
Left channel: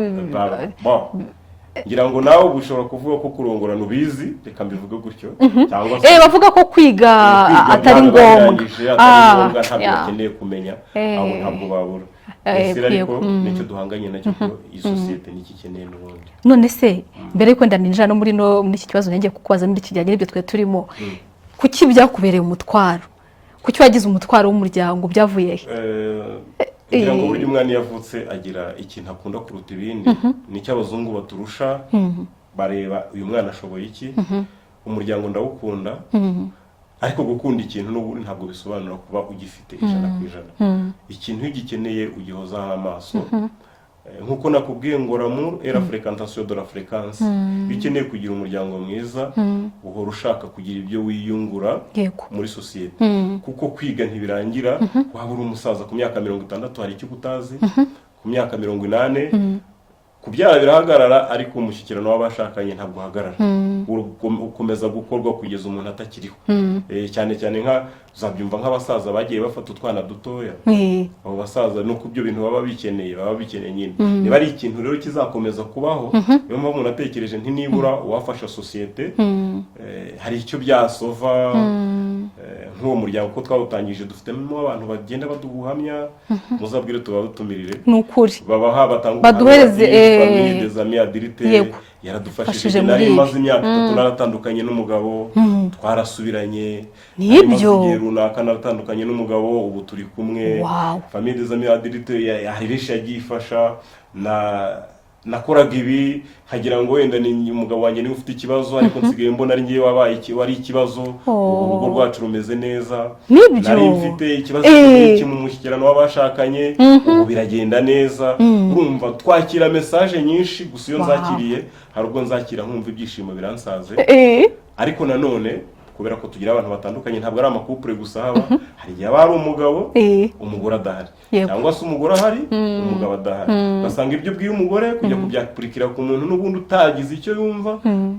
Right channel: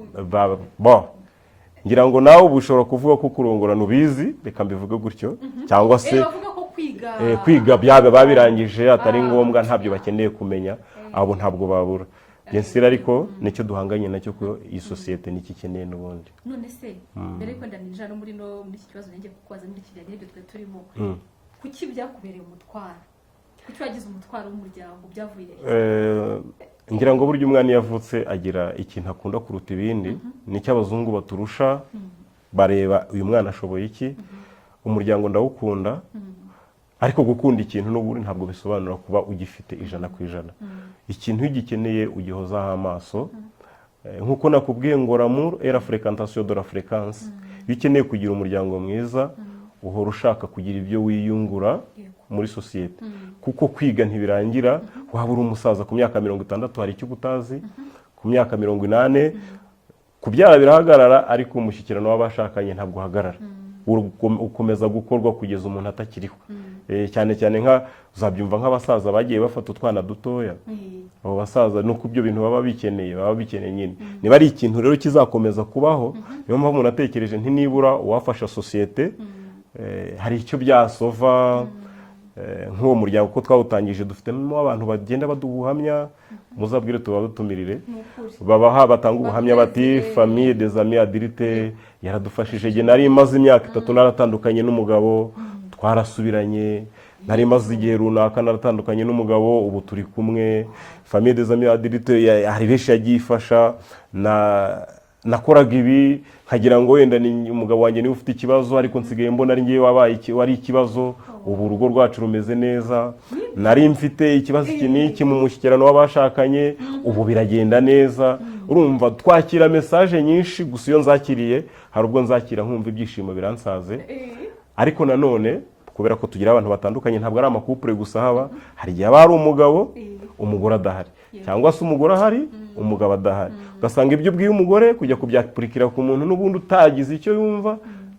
ngira ngo nawe ubushobora kuvuga ko kurongorana ubizi, reka mbivuge gutyo, cyangwa se bavuga ko kwiga atari ngombwa, ntabwo bakeneye kumenya, abo ntabwo babura. Ese ariko nicyo duhanganye nacyo ko iyi societe niki keneye n'ubundi. None se mbere yuko ndaninjira no muri iki kibazo ngiye kukubaza muri kijyanye n'ibyo twe turimo, kuki byakubereye umutwaro? Kuki wagize umutwaro w'umuryango? Byavuye he? Ngira ngo buryo umwana yavutse agira ikintu akunda kuruta ibindi, nicyo abazungu baturusha. Bareba uyu mwana ashoboye iki. Umuryango ndawukunda, ariko gukunda ikintu n'ubu ntabwo bisobanura kuba ugifite 100%. Ikintu ugikeneye ugihozaho amaso. Nkuko nakubwiye ngo l'amour et la fréquentation de la fréquence. Bikeneye kugira umuryango mwiza, uhora ushaka kugira ibyo wiyungura muri societe, kuko kwiga ntibirangira. Waba uri umusaza ku myaka 60 hari icyo ubutazi, ku myaka 80 kubyara birahagarara, ariko umushyikirano w'abashakanye ntabwo uhagarara. Ukomeza gukorwa kugeza umuntu atakiriho. Cyane cyane uzabyumva nk'abasaza bagiye bafata utwana dutoya. Abo basaza no kubyo bintu baba bikeneye nyine. Niba ari ikintu rero kizakomeza kubaho, niyo mpamvu umuntu atekereje nibura uwafasha societe hari icyo byasova. nk'uwo muryango ko twawutangije dufitemo abantu bagenda baduha ubuhamya muzabwire tubadutumirire ni ukuri babaha batanga ubuhamya bati famille des amis Adirite yaradufashije nari maze imyaka 3 naratandukanye n'umugabo twarasubiranye nari maze igihe runaka naratandukanye n'umugabo ubu turi kumwe famille des amis Adirite hari benshi yagifasha nakoraga ibi nkagira ngo wenda ni umugabo wanjye niwe ufite ikibazo ariko nsigaye mbona ari ngiye wari ikibazo ubu rugo rwacu rumeze neza nari mfite ikibazo cy'iki mu mushyikirano w'abashakanye ubu biragenda neza urumva twakira message nyinshi gusa iyo nzakiriye hari ubwo nzakira nkumva ibyishimo biransaze ariko nanone kubera ko tugira abantu batandukanye ntabwo ari amakupure gusa haba hari igihe ari umugabo umugore adahari cyangwa se umugore ahari umugabo adahari gasanga ibyo ubwiye umugore kujya kubyapurikira ku muntu n'ubundi utagize icyo yumva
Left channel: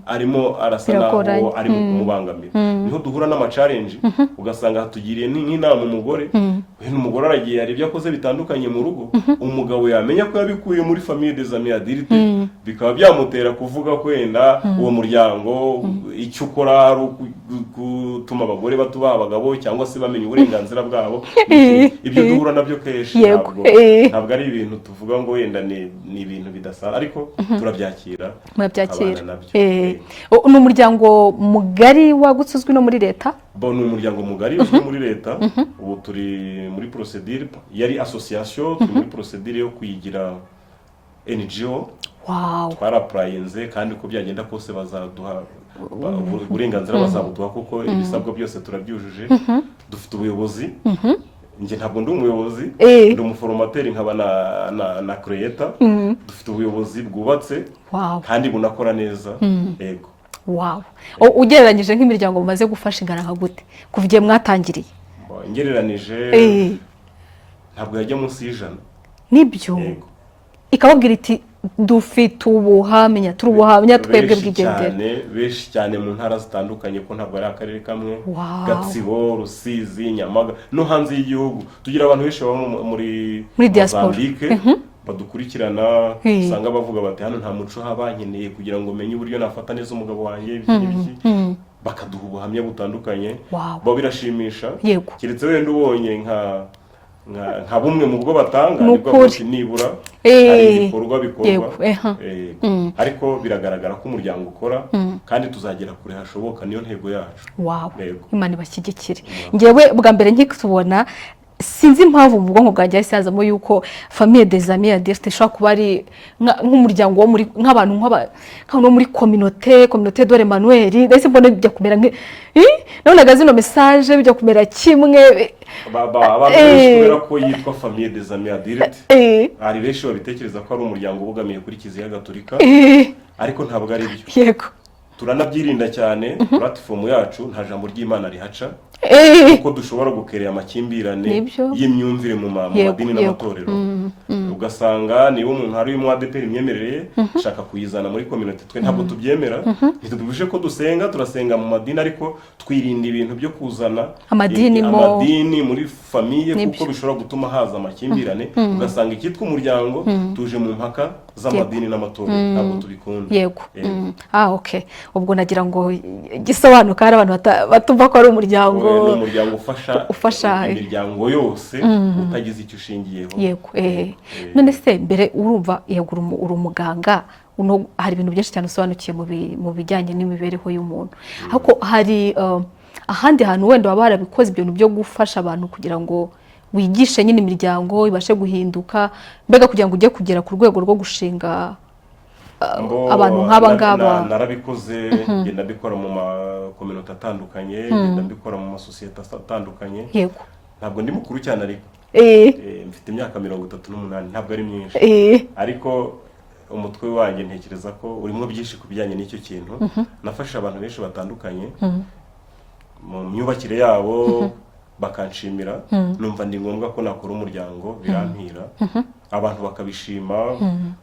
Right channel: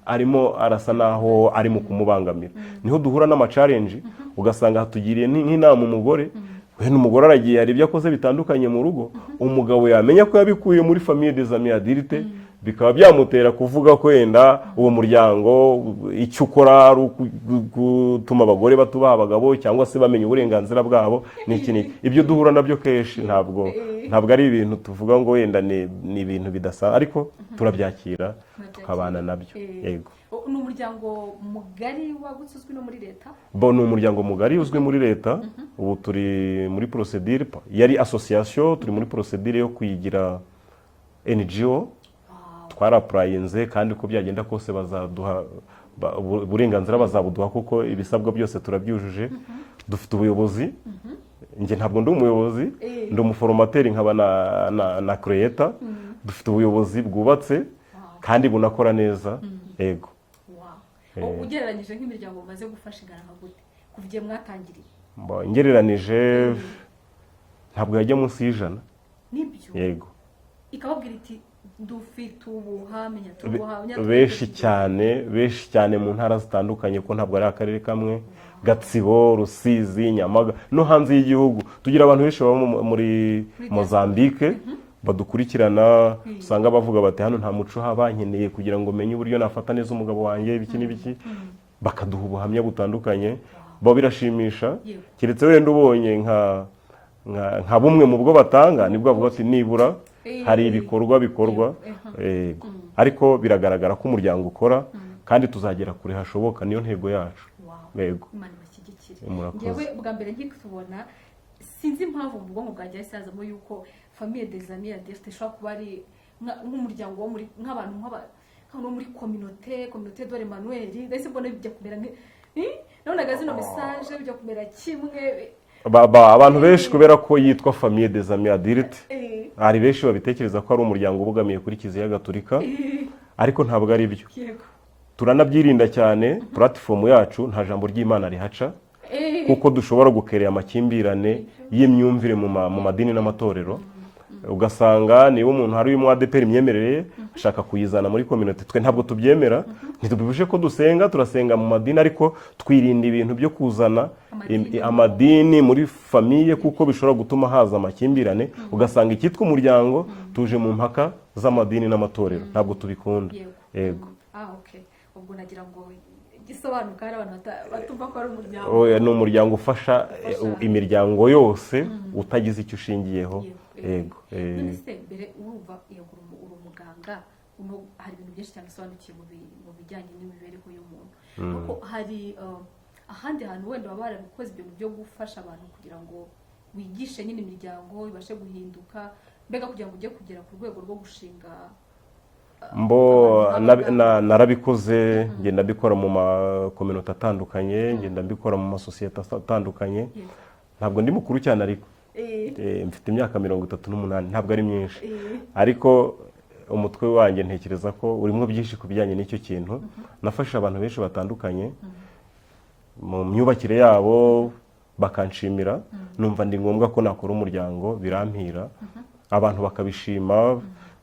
arimo arasa naho ari mu kumubangamira niho duhura n'amacalenje ugasanga hatugiriye nk'inama umugore wenda umugore aragiye hari ibyo akoze bitandukanye mu rugo umugabo yamenya ko yabikuye muri famille des amis Adirite bikaba byamutera kuvuga ko wenda uwo muryango icyo ukora ari gutuma abagore batubaha abagabo cyangwa se bamenya uburenganzira bwabo ibyo duhura nabyo kenshi ntabwo ari ibintu tuvuga ngo wenda ni ibintu bidasa ariko turabyakira nabyo ni umuryango mugari wagutse uzwi no muri leta ni umuryango mugari uzwi muri leta ubu turi muri procedure yari association turi muri procedure yo kuyigira NGO twarapurayinze kandi uko byagenda kose bazaduha uburenganzira bazabuduha kuko ibisabwa byose turabyujuje dufite ubuyobozi njye ntabwo ndi umuyobozi ndi umuforomateri nkaba na creator dufite ubuyobozi bwubatse kandi bunakora neza yego ugereranyije nk'imiryango mumaze gufasha ingana nka gute kuva igihe mwatangiriye ngereranije ntabwo yajya munsi y'100 nibyo ikababwira iti dufite ubuhamya twebwe bw'igendera benshi cyane mu ntara zitandukanye ko ntabwo ari akarere kamwe Gatsibo Rusizi Nyamaga no hanze y'igihugu tugira abantu benshi baba muri Mozambique badukurikirana usanga bavuga bati hano nta muco habankeneye kugira ngo menye uburyo nafata neza umugabo wanjye ibiki bakaduha ubuhamya butandukanye bo birashimisha keretse wenda ubonye nka bumwe mu bwo batanga nibwo bwose nibura hari ibikorwa bikorwa ariko biragaragara ko umuryango ukora kandi tuzagera kure hashoboka niyo ntego yacu Imana ibashyigikire ngewe bwa mbere nkikubona sinzi impamvu mu bwonko bwanjye hasazamo yuko famille des amis Adirite ishobora kuba ari nk'umuryango wo muri nk'abantu nk'abantu muri communauté dore Emmanuel ndetse mbona bijya kumera nabonaga zino message bijya kumera kimwe abantu benshi kubera ko yitwa famille des amis Adirite hari benshi babitekereza ko ari umuryango ubogamiye kuri Kiliziya Gatolika ariko ntabwo ari byo turanabyirinda cyane platform yacu nta jambo ry'Imana rihaca kuko dushobora gukerera amakimbirane y'imyumvire mu madini n'amatorero ugasanga niba umuntu hari mu ADPR imyemerere shaka kuyizana muri community twe ntabwo tubyemera ntitubuje ko turasenga mu madini ariko twirinda ibintu byo kuzana amadini muri famille kuko bishobora gutuma haza amakimbirane ugasanga ikitwa umuryango tuje mu mpaka z'amadini n'amatorero ntabwo tubikunda ubwo nagira ngo gisobanuka hari abantu batumva ko ari umuryango ni umuryango ufasha imiryango yose utagize icyo ushingiyeho none se mbere urumva uri umuganga hari ibintu byinshi cyane usobanukiye mu bijyanye n'imibereho y'umuntu ariko hari ahandi hantu wenda baba barabikoze ibintu byo gufasha abantu kugira ngo wigishe nyine imiryango ibashe guhinduka mbega kugira ngo ujye kugera ku rwego rwo gushinga abantu nk'aba ngaba narabikoze ngenda mbikora mu makominote atandukanye ngenda mbikora mu masosiyete atandukanye ntabwo ndi mukuru cyane ariko mfite imyaka 38 ntabwo ari myinshi ariko umutwe wanjye ntekereza ko urimo byinshi ku bijyanye n'icyo kintu nafasha abantu benshi batandukanye mu myubakire yabo bakanshimira numva ndi ngombwa ko nakora umuryango birampira abantu bakabishima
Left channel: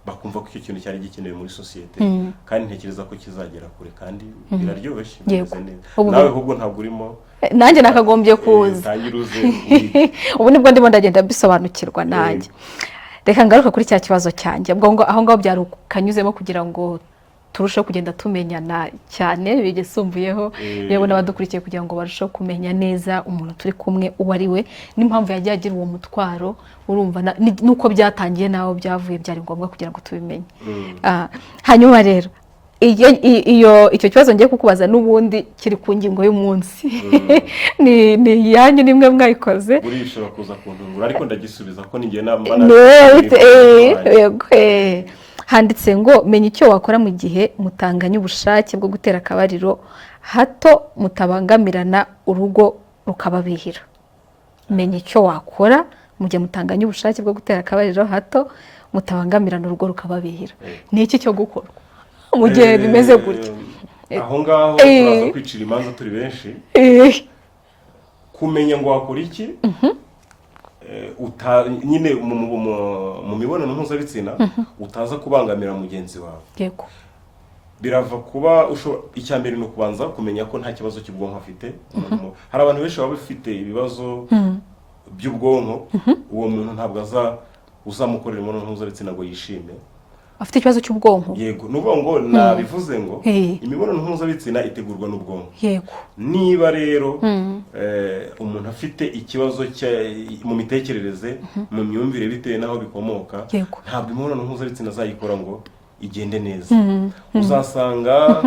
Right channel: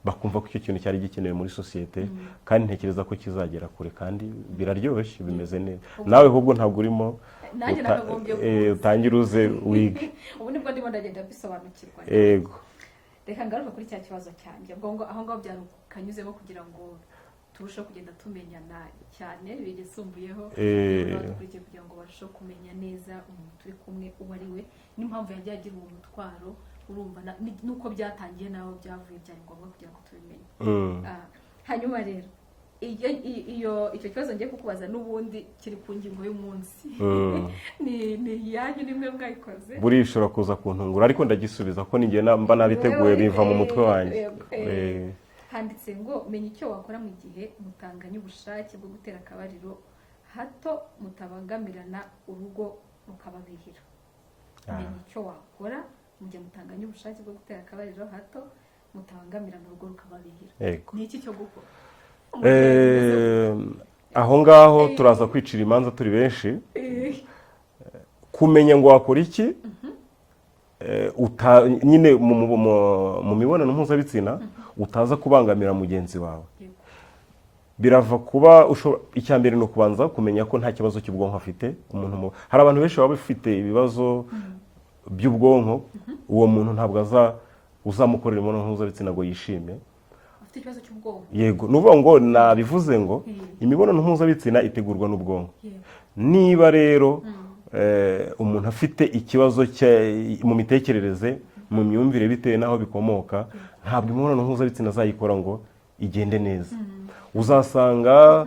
bakumva ko icyo kintu cyari gikenewe muri sosiyete kandi ntekereza ko kizagera kure kandi biraryoshye bimeze neza nawe ahubwo ntabwo urimo nanjye nakagombye kuza tangira uze ubu nibwo ndimo ndagenda bisobanukirwa nanjye reka ngaruka kuri cya kibazo cyanjye aho ngaho byari ukanyuzemo kugira ngo turusheho kugenda tumenyana cyane bigesumbuyeho yewe n'abadukurikiye kugira ngo barusheho kumenya neza umuntu turi kumwe uwo ari we n'impamvu yagiye agira uwo mutwaro urumva nuko byatangiye naho byavuye byari ngombwa kugira ngo tubimenye. Hanyuma rero icyo kibazo ngiye kukubaza n'ubundi kiri ku ngingo y'umunsi ni yanyu nimwe mwayikoze buri ishobora kuza kuntungura ariko ndagisubiza ko ninjye handitse ngo menya icyo wakora mu gihe mutanganya ubushake bwo gutera akabariro hato mutabangamirana urugo rukababihira. Menya icyo wakora mu gihe mutanganya ubushake bwo gutera akabariro hato mutabangamirana urugo rukababihira. Ni iki cyo gukorwa mu gihe bimeze gutya? Aho ngaho turaza kwicira imanza turi benshi. Kumenya ngo wakora iki nyine mu mibonano mpuzabitsina utaza kubangamira mugenzi wawe. Yego. Birava kuba icya mbere ni ukubanza kumenya ko nta kibazo cy'ubwonko afite. Hari abantu benshi baba bafite ibibazo by'ubwonko, uwo muntu ntabwo uzamukorera imibonano mpuzabitsina ngo yishime. Afite ikibazo cy'ubwonko. Yego, nuvuga ngo nabivuze ngo imibonano mpuzabitsina itegurwa n'ubwonko. Yego. Niba rero umuntu afite ikibazo mu mitekerereze, mu myumvire bitewe n'aho bikomoka, ntabwo imibonano mpuzabitsina azayikora ngo igende neza. Uzasanga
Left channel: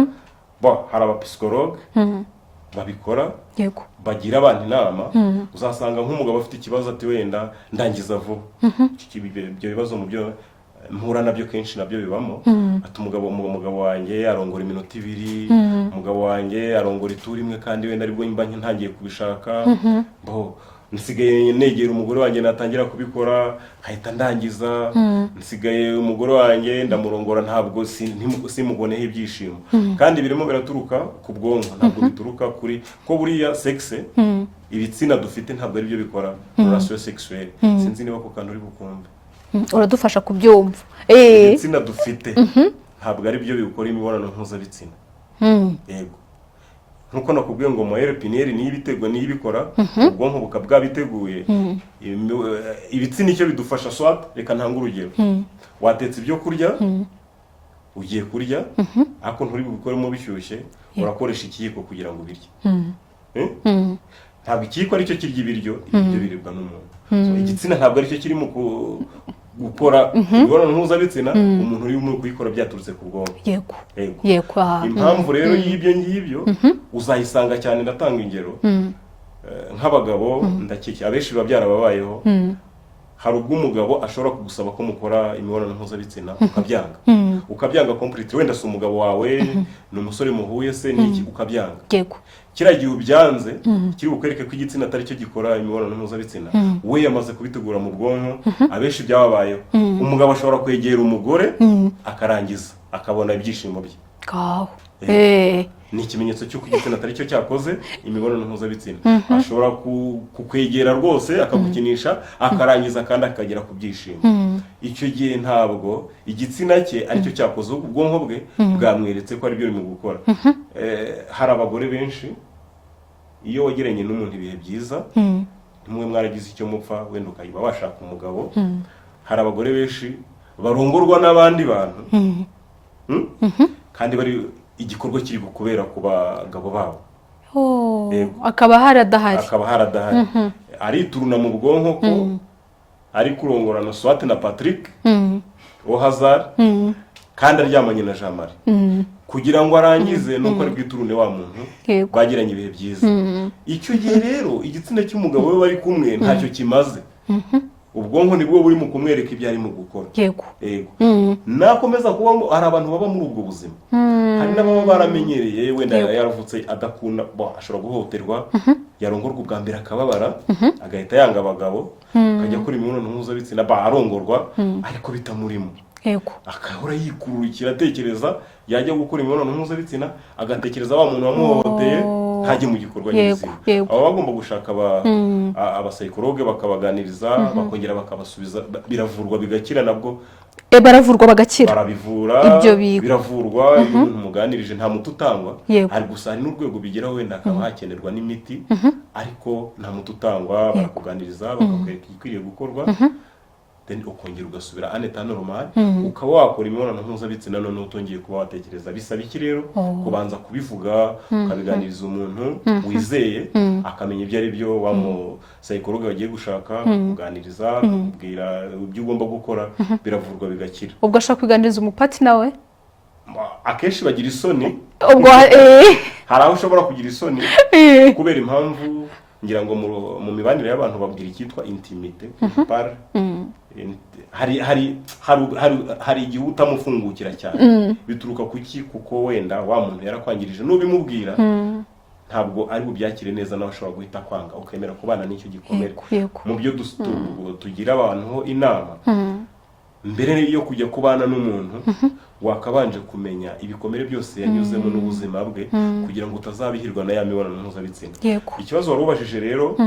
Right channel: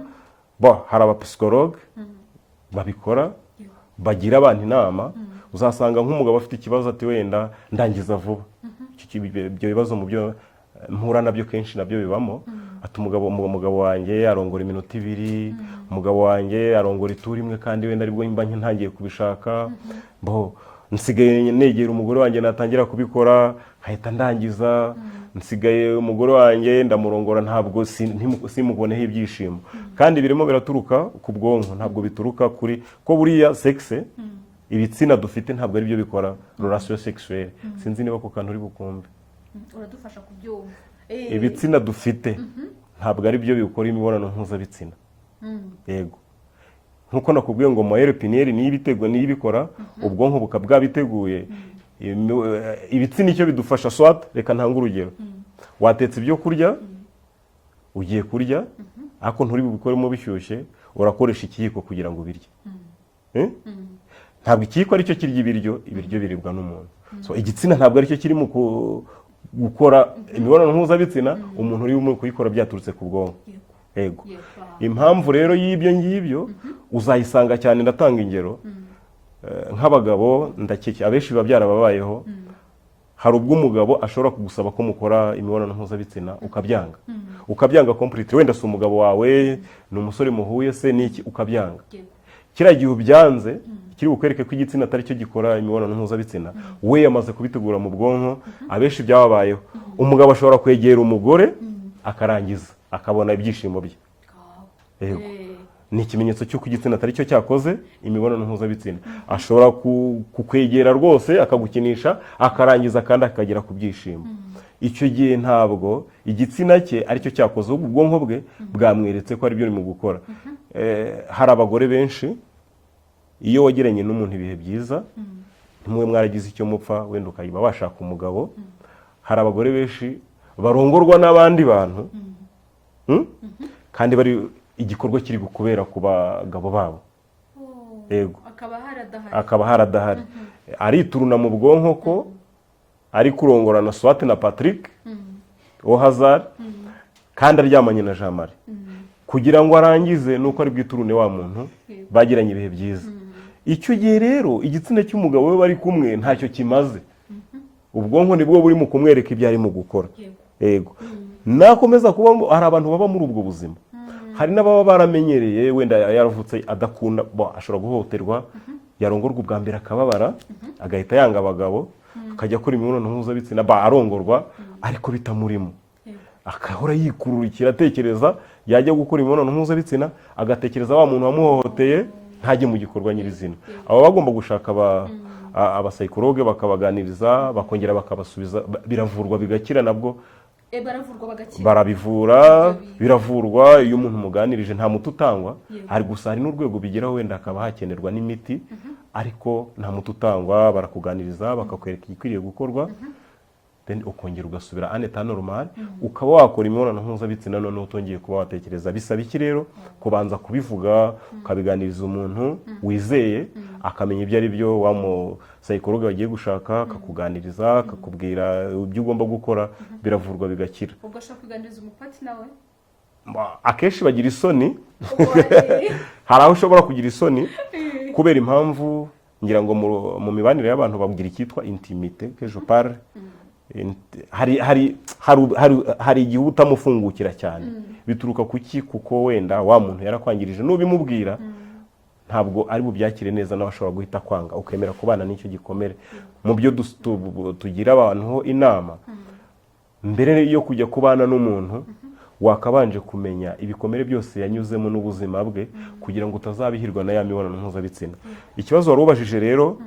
hari abapsikologe babikora, bagira abantu inama. Uzasanga nk'umugabo afite ikibazo ati wenda ndangiza vuba. Ibyo bibazo mu byo mpura nabyo kenshi nabyo bibamo. Ati umugabo wanjye arongora iminota 2, umugabo wanjye arongora ituri imwe kandi wenda aribwo mba ntangiye kubishaka. Nsigaye negera umugore wanjye natangira kubikora hahita ndangiza. Nsigaye umugore wanjye ndamurongora ntabwo simuboneho ibyishimo. Kandi birimo biraturuka ku bwonko, ntabwo bituruka kuri ko buriya sexe ibitsina dufite ntabwo ari byo bikora relation sexuelle. Sinzi niba ko kantu uri bukumve. Uradufasha kubyumva. Ibitsina dufite ntabwo ari byo bikora imibonano mpuzabitsina. Yego. Nkuko nakubwiye ngo moelle épinière niyo ibiteguye niyo ibikora, ubwonko bukabwa biteguye. Ibitsina icyo bidufasha swat, reka ntanga urugero. Watetse ibyo kurya, ugiye kurya, ariko nturi bubikoremo bishyushye, urakoresha ikiyiko kugira ngo birye. Ntabwo ikiyiko aricyo kirya ibiryo, ibyo biribwa n'umuntu. Igitsina ntabwo aricyo kiri mu gukora imibonano mpuzabitsina, umuntu uri mu kuyikora byaturutse ku bwonko. Yego. Impamvu rero y'ibyo ngibyo uzayisanga cyane. Ndatanga ingero nk'abagabo, abenshi biba byarababayeho. Hari ubwo umugabo ashobora kugusaba ko mukora imibonano mpuzabitsina ukabyanga completely. Wenda si umugabo wawe, ni umusore muhuye se n'iki, ukabyanga. Kiriya gihe ubyanze kiri bukwereke ko igitsina atari cyo gikora imibonano mpuzabitsina, we yamaze kubitegura mu bwonko. Abenshi byababayeho, umugabo ashobora kwegera umugore akarangiza akabona ibyishimo bye. Ni ikimenyetso cy'uko igitsina atari cyo cyakoze imibonano mpuzabitsina. Ashobora kukwegera rwose akagukinisha akarangiza kandi akagera ku byishimo. Icyo gihe ntabwo igitsina cye aricyo cyakoze, ubwonko bwe bwamweretse ko ari byo urimo gukora. Hari abagore benshi iyo wagiranye n'umuntu ibihe byiza, nimwe mwaragize icyo mupfa, wenda ukayiba washaka umugabo. Hari abagore benshi barongorwa n'abandi bantu kandi bari igikorwa kiri kubera ku bagabo babo. Akaba haradahari. Arituruna mu bwonko ko ari kurongorana Swat na Patrick wo Hazard kandi aryamanye na Jean Marie kugira ngo arangize nuko ari bwiturune wa muntu bagiranye ibihe byiza. Icyo gihe rero igitsina cy'umugabo we bari kumwe ntacyo kimaze. Ubwonko nibwo buri mu kumwereka ibyo ari mu gukora. Yego. Nakomeza kuba hari abantu baba muri ubwo buzima. Hari n'ababa baramenyereye, wenda yaravutse adakunda, ashobora guhohoterwa, yarongorwa ubwa mbere akababara, agahita yanga abagabo, akajya akora imibonano mpuzabitsina, arongorwa ariko bitamurimo. Akahora yikururukira atekereza yajya gukora imibonano mpuzabitsina, agatekereza wa muntu wamuhohoteye ntajye mu gikorwa nyizina. Aba bagomba gushaka abapsikologe bakabaganiriza, bakongera bakabasubiza, biravurwa bigakira nabwo. Baravurwa bagakira. Barabivura, biravurwa iyo umuntu muganirije nta muti utangwa. Ari gusa hari n'urwego bigeraho wenda akaba hakenerwa n'imiti, ariko nta muti utangwa. Barakuganiriza bakakwereka igikwiriye gukorwa. then ukongera ugasubira aneta normal ukaba wakora imibonano mpuzabitsina none utongeye kuba watekereza. Bisaba iki rero? Kubanza kubivuga ukabiganiriza umuntu wizeye akamenya ibyo ari byo, wa mu psychologue wagiye gushaka kuganiriza akakubwira ibyo ugomba gukora, biravurwa bigakira. Ubwo ashaka kuganiriza umupati nawe akenshi bagira isoni, hari aho ushobora kugira isoni kubera impamvu ngira ngo mu mibanire y'abantu babwira icyitwa intimite kujupare. hari igihe utamufungukira cyane, bituruka kuki? Kuko wenda wa muntu yarakwangirije, n'ubimubwira ntabwo ari bubyakire neza, nawe ashobora guhita kwanga ukemera kubana n'icyo gikomere. Mu byo tugira abantu inama, mbere yo kujya kubana n'umuntu wakabanje kumenya ibikomere byose yanyuzemo n'ubuzima bwe kugira ngo utazabihirwa na ya mibonano mpuzabitsina. Ikibazo wari ubajije rero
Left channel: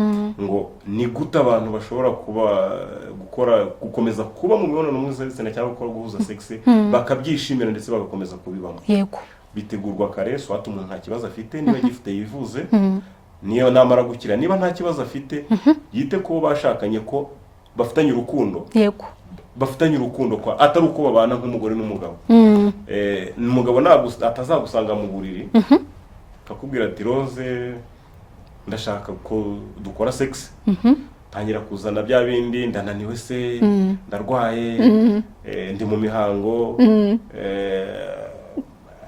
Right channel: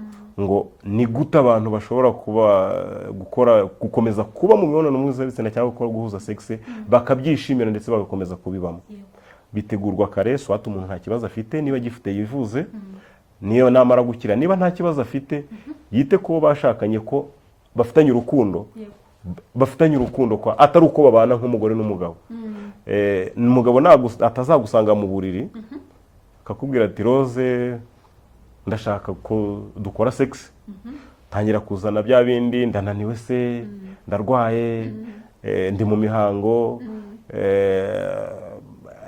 ngo ni gute abantu bashobora gukomeza kuba mu mibonano mpuzabitsina cyangwa gukora guhuza sexe bakabyishimira ndetse bagakomeza kubibamo. Bitegurwa kare, swata umuntu nta kibazo afite, niba gifite yivuze, niyo namara gukira niba nta kibazo afite yite ko bashakanye ko bafitanye urukundo. Bafitanye urukundo kwa atari uko babana nk'umugore n'umugabo. Umugabo atazagusanga mu buriri akakubwira ati Rose ndashaka ko dukora sex, tangira kuzana bya bindi, ndananiwe se, ndarwaye, ndi mu mihango,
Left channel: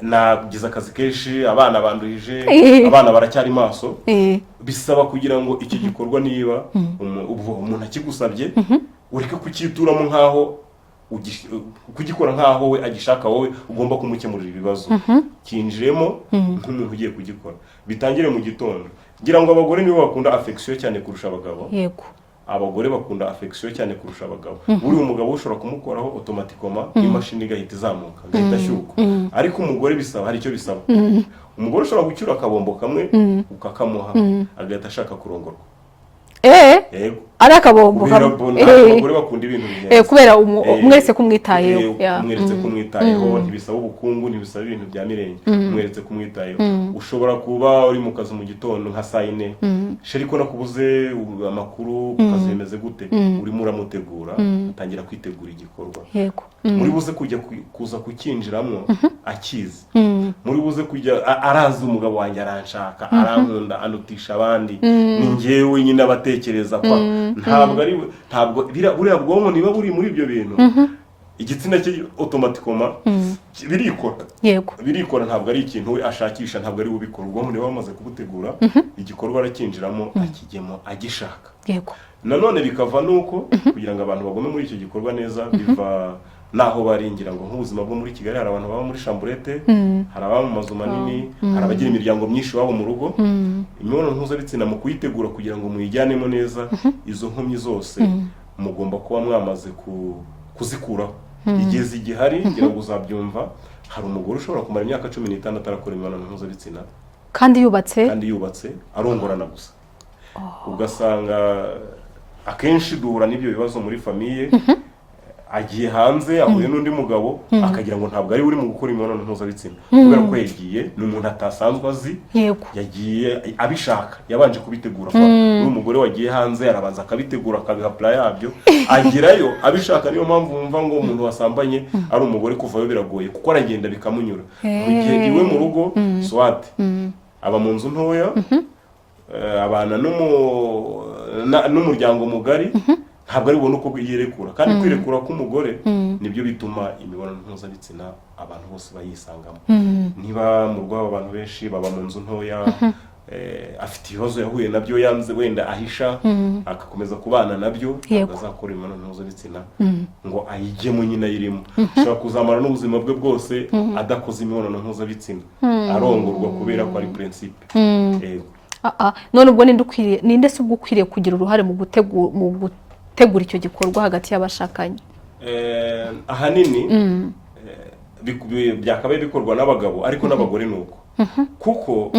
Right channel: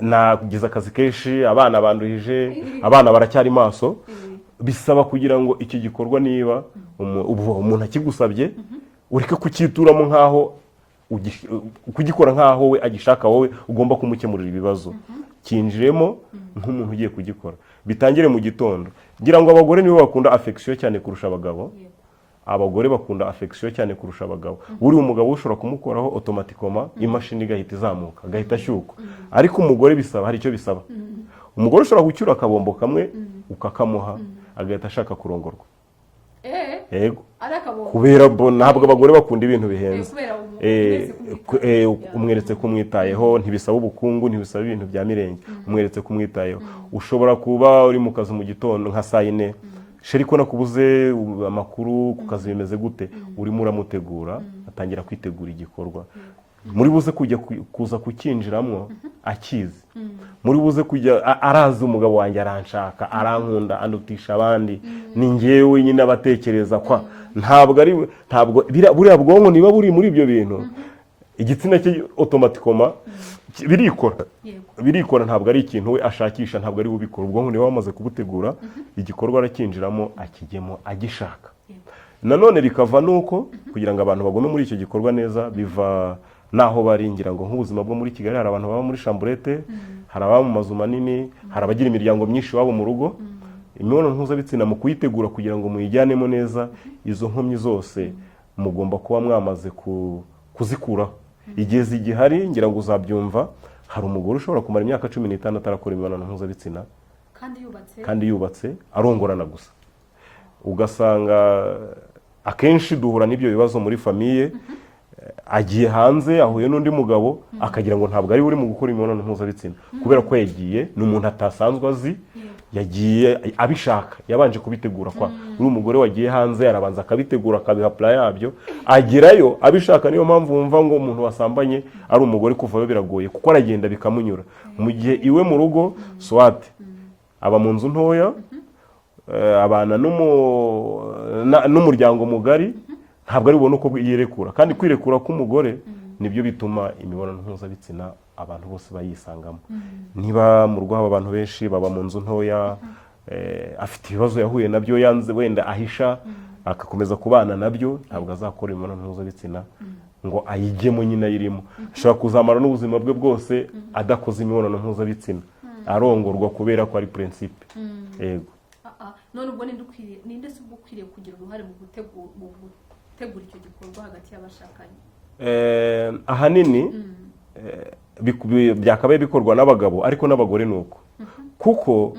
nagize akazi kenshi, abana banduhije, abana baracyari maso. Bisaba kugira ngo iki gikorwa niba umuntu akigusabye ureke kukituramo nkaho kugikora nkaho we agishaka, wowe ugomba kumukemurira ibibazo. Kinjiremo nk'umuntu ugiye kugikora. Bitangire mu gitondo. Ngira ngo abagore nibo bakunda affection cyane kurusha abagabo. Abagore bakunda affection cyane kurusha abagabo. Uri umugabo ushobora kumukoraho automatically imashini igahita izamuka, agahita ashyuka. Ariko umugore bisaba, hari icyo bisaba. Umugore ushobora gucyura akabombo kamwe ukakamuha agahita ashaka kurongorwa. Yego. Ari akabombo. Abagore bakunda ibintu bihenze. Kubera umweretse kumwitayeho. Umweretse kumwitayeho, ntibisaba ubukungu, ntibisaba ibintu bya mirenge. Umweretse kumwitayeho. Ushobora kuba uri mu kazi mu gitondo nka saa 4, sheri ko nakubuze amakuru ku kazi bimeze gute, urimo uramutegura, utangira kwitegura igikorwa. Muri buze kuza kukinjiramo akizi. Muri buze kujya arazi umugabo wanjye aranshaka, arankunda, anutisha abandi, ni njyewe nyine abatekereza kwa ntabwo buriya bwonko niba buri muri ibyo bintu, igitsina cye automatically birikora, ntabwo ari ikintu we ashakisha, ntabwo ari ubikora. Ubwonko niba wamaze kubutegura, igikorwa arakinjiramo akigemo agishaka. Nanone bikava nuko kugira ngo abantu bagume muri icyo gikorwa neza, biva naho baringira ngo nk'ubuzima bwo muri Kigali hari abantu baba muri chambrette, hari ababa mu mazu manini, hari abagira imiryango myinshi wabo mu rugo. Imibonano mpuzabitsina mu kuyitegura kugira ngo muyijyanemo neza, izo nkomyi zose mugomba kuba mwamaze kuzikuraho. Igihe zigihari ngira ngo uzabyumva, hari umugore ushobora kumara imyaka 15 atarakora imibonano mpuzabitsina kandi yubatse arongorana gusa. Ugasanga akenshi duhura n'ibyo bibazo muri famiye. Agiye hanze ahuye n'undi mugabo akagira ngo ntabwo ari uri mu gukora imibonano mpuzabitsina, kubera ko yagiye n'umuntu atasanzwe azi, yagiye abishaka, yabanje kubitegura. Umugore wagiye hanze yarabanza akabitegura, akabiha plan yabyo, agerayo abishaka. Niyo mpamvu wumva ngo umuntu wasambanye ari umugore kuvayo biragoye, kuko aragenda bikamunyura. Mu gihe iwe mu rugo swate aba mu nzu ntoya, abana n'umuryango mugari, ntabwo ari ubona uko yirekura. Kandi kwirekura k'umugore nibyo bituma imibonano mpuzabitsina abantu bose bayisangamo. Niba mu rwabo abantu benshi baba mu nzu ntoya, afite ibibazo yahuye nabyo, yanze wenda ahisha, akakomeza kubana nabyo, ntabwo azakora imibonano mpuzabitsina ngo ayigemo nyine ayirimo. Ashobora kuzamara n'ubuzima bwe bwose adakoze imibonano mpuzabitsina, arongorwa kubera ko ari principe. None ubwo ninde se ubwo ukwiriye kugira uruhare mu gutegura icyo gikorwa hagati y'abashakanye? Ahanini byakabaye bikorwa n'abagabo, ariko n'abagore nuko. Kuko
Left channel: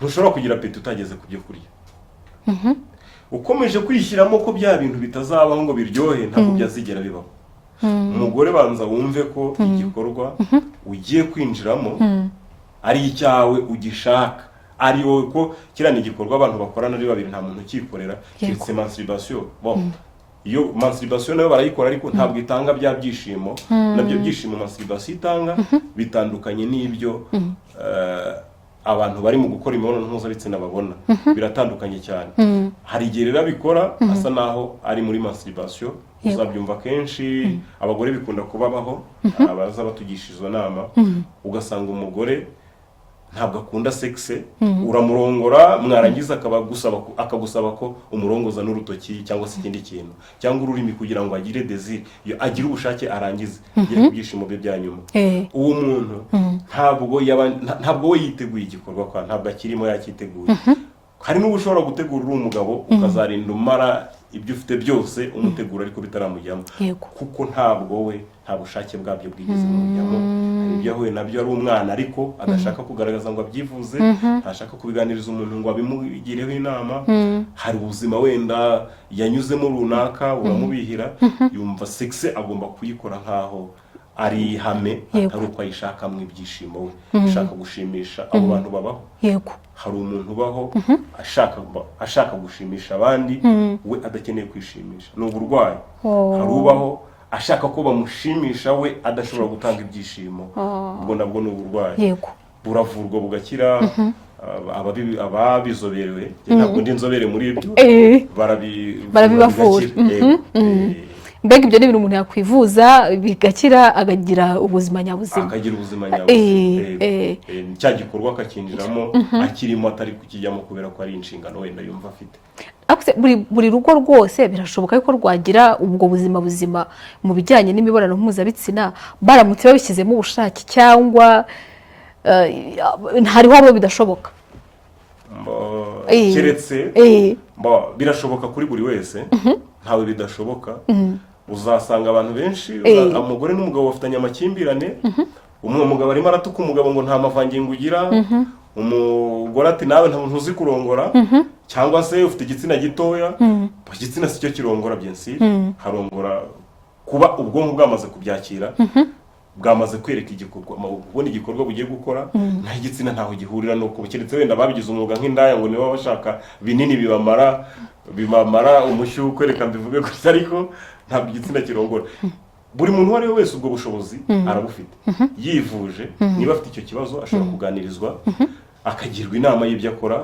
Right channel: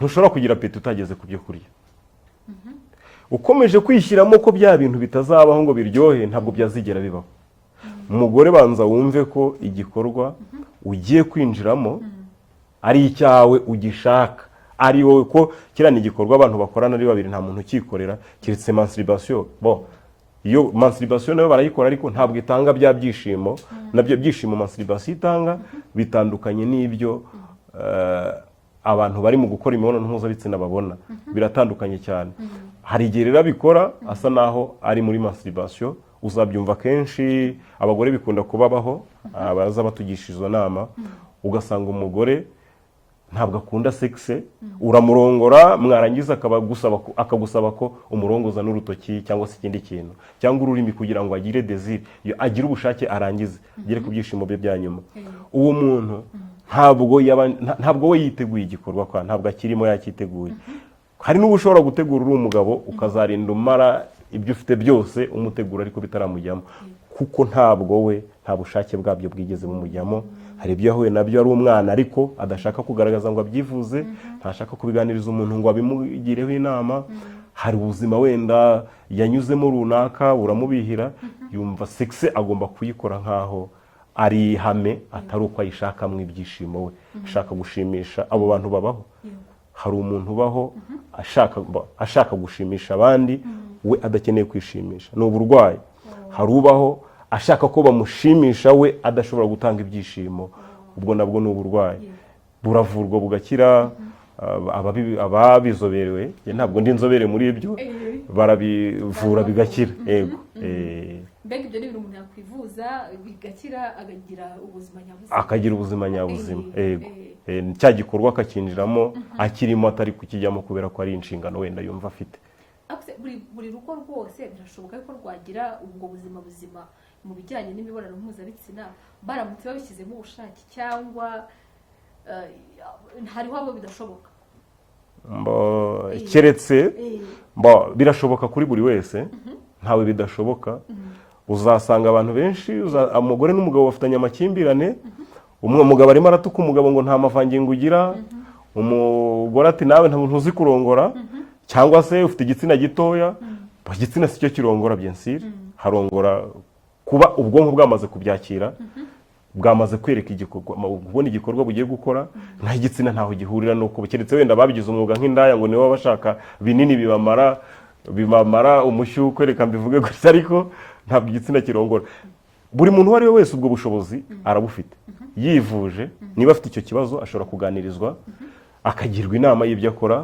ntushobora kugira apeti utageze ku byo kurya. Ukomeje kwishyiramo ko bya bintu bitazabaho ngo biryohe, ntabwo byazigera bibaho. Umugore banza wumve ko igikorwa ugiye kwinjiramo ari icyawe, ugishaka, ari wowe. Ko kirana igikorwa abantu bakorana ari babiri, nta muntu ukikorera, kiretse masturbation. iyo masturbation nayo barayikora ariko ntabwo itanga bya byishimo, nabyo byishimo masturbation itanga bitandukanye n'ibyo abantu bari mu gukora imibonano mpuzabitsina babona, biratandukanye cyane. Hari igihe rero abikora asa naho ari muri masturbation, uzabyumva kenshi abagore bikunda kubabaho, abaza batugisha izo nama, ugasanga umugore ntabwo akunda sexe, uramurongora mwarangiza akagusaba ko umurongoza n'urutoki cyangwa se ikindi kintu cyangwa ururimi kugira ngo agire desire, agire ubushake arangize agire ku byishimo bye bya nyuma. Uwo muntu ntabwo we yiteguye igikorwa, kwa ntabwo akirimo yakiteguye. Hari n'ubu ushobora gutegura uri umugabo ukazarinda umara ibyo ufite byose umutegura ariko bitaramujyamo, kuko ntabwo we nta bushake bwabyo bwigeze bumujyamo. Hari ibyo yahuye nabyo ari umwana ariko adashaka kugaragaza ngo abyivuze, ntashaka kubiganiriza umuntu ngo abimugireho inama. Hari ubuzima wenda yanyuzemo runaka uramubihira, yumva sexe agomba kuyikora nkaho ari ihame, atari uko ayishakamo ibyishimo we, ashaka gushimisha abo bantu babaho. Hari umuntu ubaho ashaka gushimisha abandi, we adakeneye kwishimisha, ni uburwayi. Hari ubaho ashaka ko bamushimisha, we adashobora gutanga ibyishimo, ubwo nabwo ni uburwayi. Buravurwa bugakira. Ababizoberewe, ntabwo ndi inzobere muri ibyo, barabivura bigakira. Mbega ibyo ni ibintu umuntu yakwivuza bigakira, akagira ubuzima nyabuzima, cya gikorwa akakinjiramo akirimo, atari kukijyamo kubera ko ari inshingano wenda yumva afite. Buri rugo rwose birashoboka ko rwagira ubwo buzima buzima mu bijyanye n'imibonano mpuzabitsina baramutse babishyizemo ubushake, cyangwa hariho abo bidashoboka? Keretse birashoboka kuri buri wese, ntawe bidashoboka. Uzasanga abantu benshi, umugore n'umugabo bafitanye amakimbirane, umugabo arimo aratuka umugabo ngo nta mavangingo ugira, umugore ati nawe nta muntu uzi kurongora, cyangwa se ufite igitsina gitoya, igitsina si cyo kirongora, byensire harongora kuba ubwonko bwamaze kubyakira, bwamaze kwereka igikorwa, ubona igikorwa bugiye gukora, nta igitsina ntaho gihurira nuko keretse wenda babigize umwuga nk'indaya ngo nibo bashaka binini bibamara umushyuko, kwereka mbivuge gutya, ariko ntabwo igitsina kirongora. Buri muntu uwo ari we wese ubwo bushobozi arabufite, yivuje. Niba afite icyo kibazo ashobora kuganirizwa, akagirwa inama y'ibyo akora.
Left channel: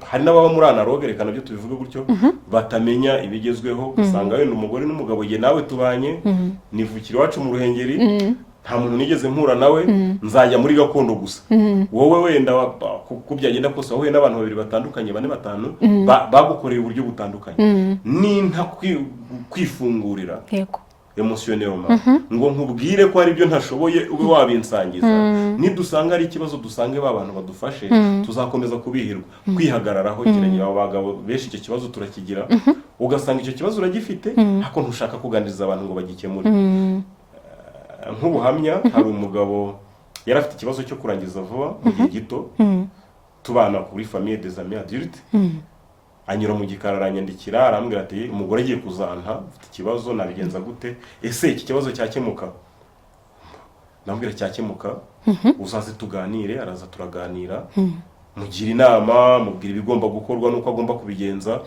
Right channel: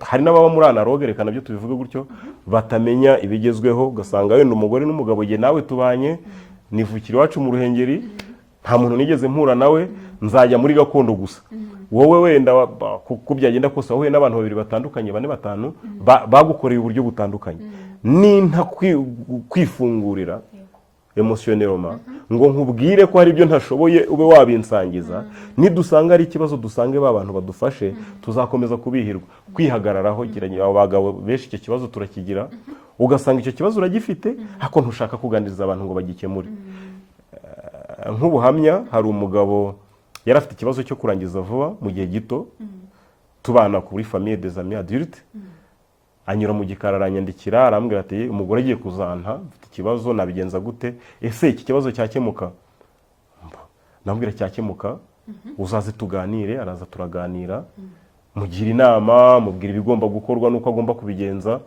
Hari n'ababa muri analogue, reka nabyo tubivuge gutyo, batamenya ibigezweho, ugasanga wenda umugore n'umugabo ye nawe tubanye, nivukira iwacu mu Ruhengeri, nta muntu nigeze mpura nawe, nzajya muri gakondo gusa. Wowe wenda kuko byagenda kose wowe n'abantu babiri batandukanye, 4-5 bagukoreye uburyo butandukanye, ni nta kwifungurira emotionnellement ngo nkubwire ko hari ibyo ntashoboye ube wabinsangiza. Nidusanga ari ikibazo dusange abantu badufashe, tuzakomeza kubihirwa. Kwihagararaho kiranye, abagabo benshi icyo kibazo turakigira, ugasanga icyo kibazo uragifite ariko ntushaka kuganiriza abantu ngo bagikemure. Nk'ubuhamya, hari umugabo yari afite ikibazo cyo kurangiza vuba mu gihe gito, tubana kuri famille des amis adultes, anyura mu gikara aranyandikira arambwira ati umugore agiye kuzanta, ufite ikibazo nabigenza gute, ese iki kibazo cyakemuka? Nambwira cyakemuka, uzaze tuganire. Araza turaganira, mugira inama, mubwira ibigomba gukorwa nuko agomba kubigenza.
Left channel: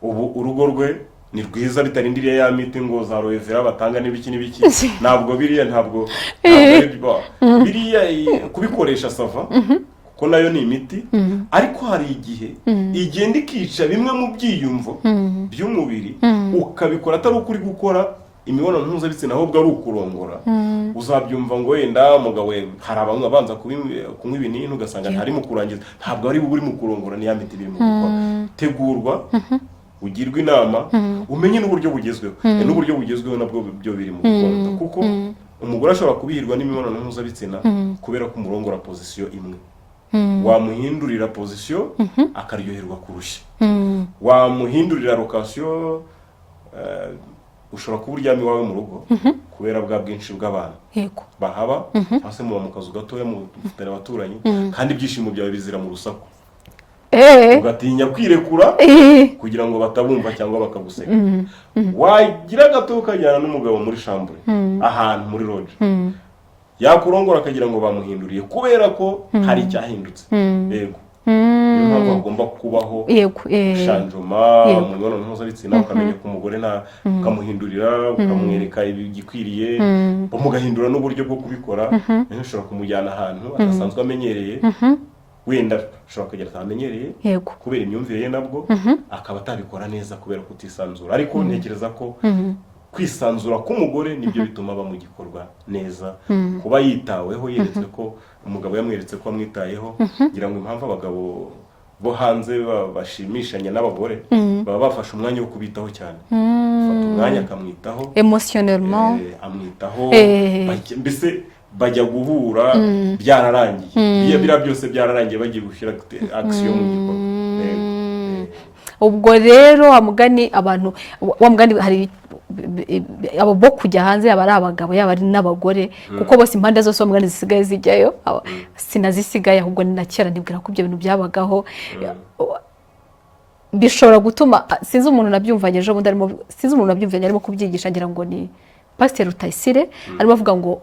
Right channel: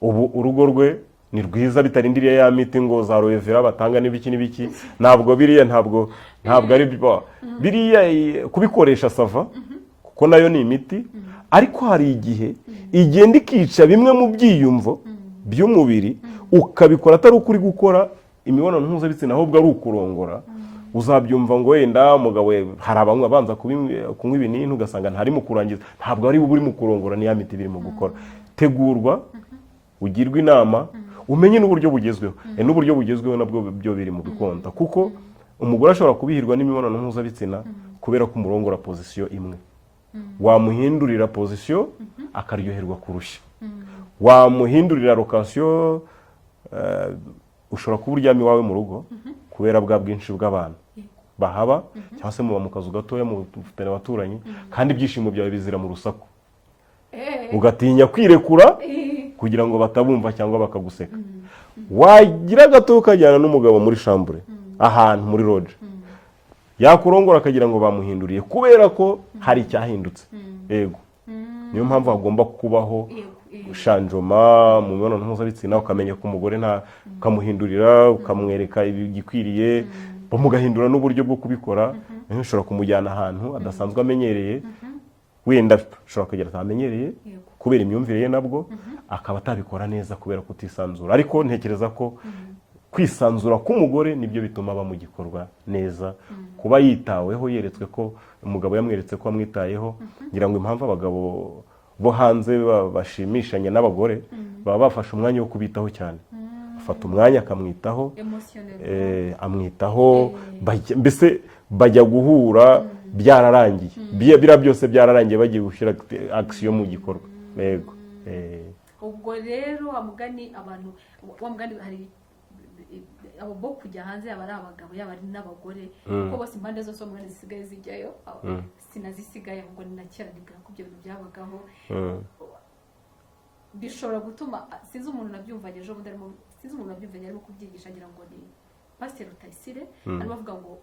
Ubu urugo rwe ni rwiza, bitarindiriye ya miti ngo za roevera batanga n'ibiki n'ibiki, ntabwo ntabwo biriya kubikoresha sava, kuko nayo ni imiti, ariko hari igihe igenda ikica bimwe mu byiyumvo by'umubiri, ukabikora atari ukuri gukora imibonano mpuzabitsina, ahubwo ari ukurongora. Uzabyumva ngo wenda umugabo hari abamwe abanza kunywa ibinini, ugasanga ntarimo kurangiza, ntabwo ari uri mu kurongora, ni ya miti birimo gukora. Tegurwa, ugirwa inama, umenye n'uburyo bugezweho. N'uburyo bugezweho nabwo byo biri mu gukunda, kuko umugore ashobora kubihirwa n'imibonano mpuzabitsina kubera ko umurongora position imwe. Wamuhindurira position akaryoherwa kurusha, wamuhindurira location, ushobora kuba uryamye iwawe mu rugo kubera bwa bwinshi bw'abantu bahaba, hasi muba mu kazu gatoya mufitanye abaturanyi, kandi ibyishimo byawe bizira mu rusaku, ugatinya kwirekura kugira ngo batabumva cyangwa bakaguseka. Wagira gato ukajyana n'umugabo muri chambre ahantu muri lodge, yakurongora akagira ngo bamuhinduriye kubera ko hari icyahindutse. Yego, niyo mpamvu hagomba kubaho shanjoma mu mibonano mpuzabitsina, ukamenya ko umugore ukamuhindurira, ukamwereka igikwiriye, mugahindura n'uburyo bwo kubikora. Ushobora kumujyana ahantu adasanzwe amenyereye, wenda ushobora kugera atamenyereye kubera imyumvire ye nabwo, akaba atabikora neza kubera kutisanzura. Ariko ntekereza ko kwisanzura k'umugore nibyo bituma aba mu gikorwa neza, kuba yitaweho, yeretswe ko umugabo yamweretse ko amwitayeho. ngira ngo impamvu abagabo bo hanze bashimishanya n'abagore baba bafashe umwanya wo kubitaho cyane, fata umwanya akamwitaho emotionnellement, amwitaho, mbese bajya guhura byararangiye, biriya byose byararangiye, bagiye gushyira action mu gikorwa. ubwo rero amugani abantu wamugani hari abo bo kujya hanze, yaba ari abagabo yaba ari n'abagore, kuko bose impande zose bamugani zisigaye zijyayo, sinazisigaye ahubwo ni na kera nibwira ko ibyo bintu byabagaho. Bishobora gutuma sinzi umuntu nabyumvanye ejo bundi arimo, sinzi umuntu nabyumvanye arimo kubyigisha, ngira ngo ni Pasteur Rutayisire, arimo avuga ngo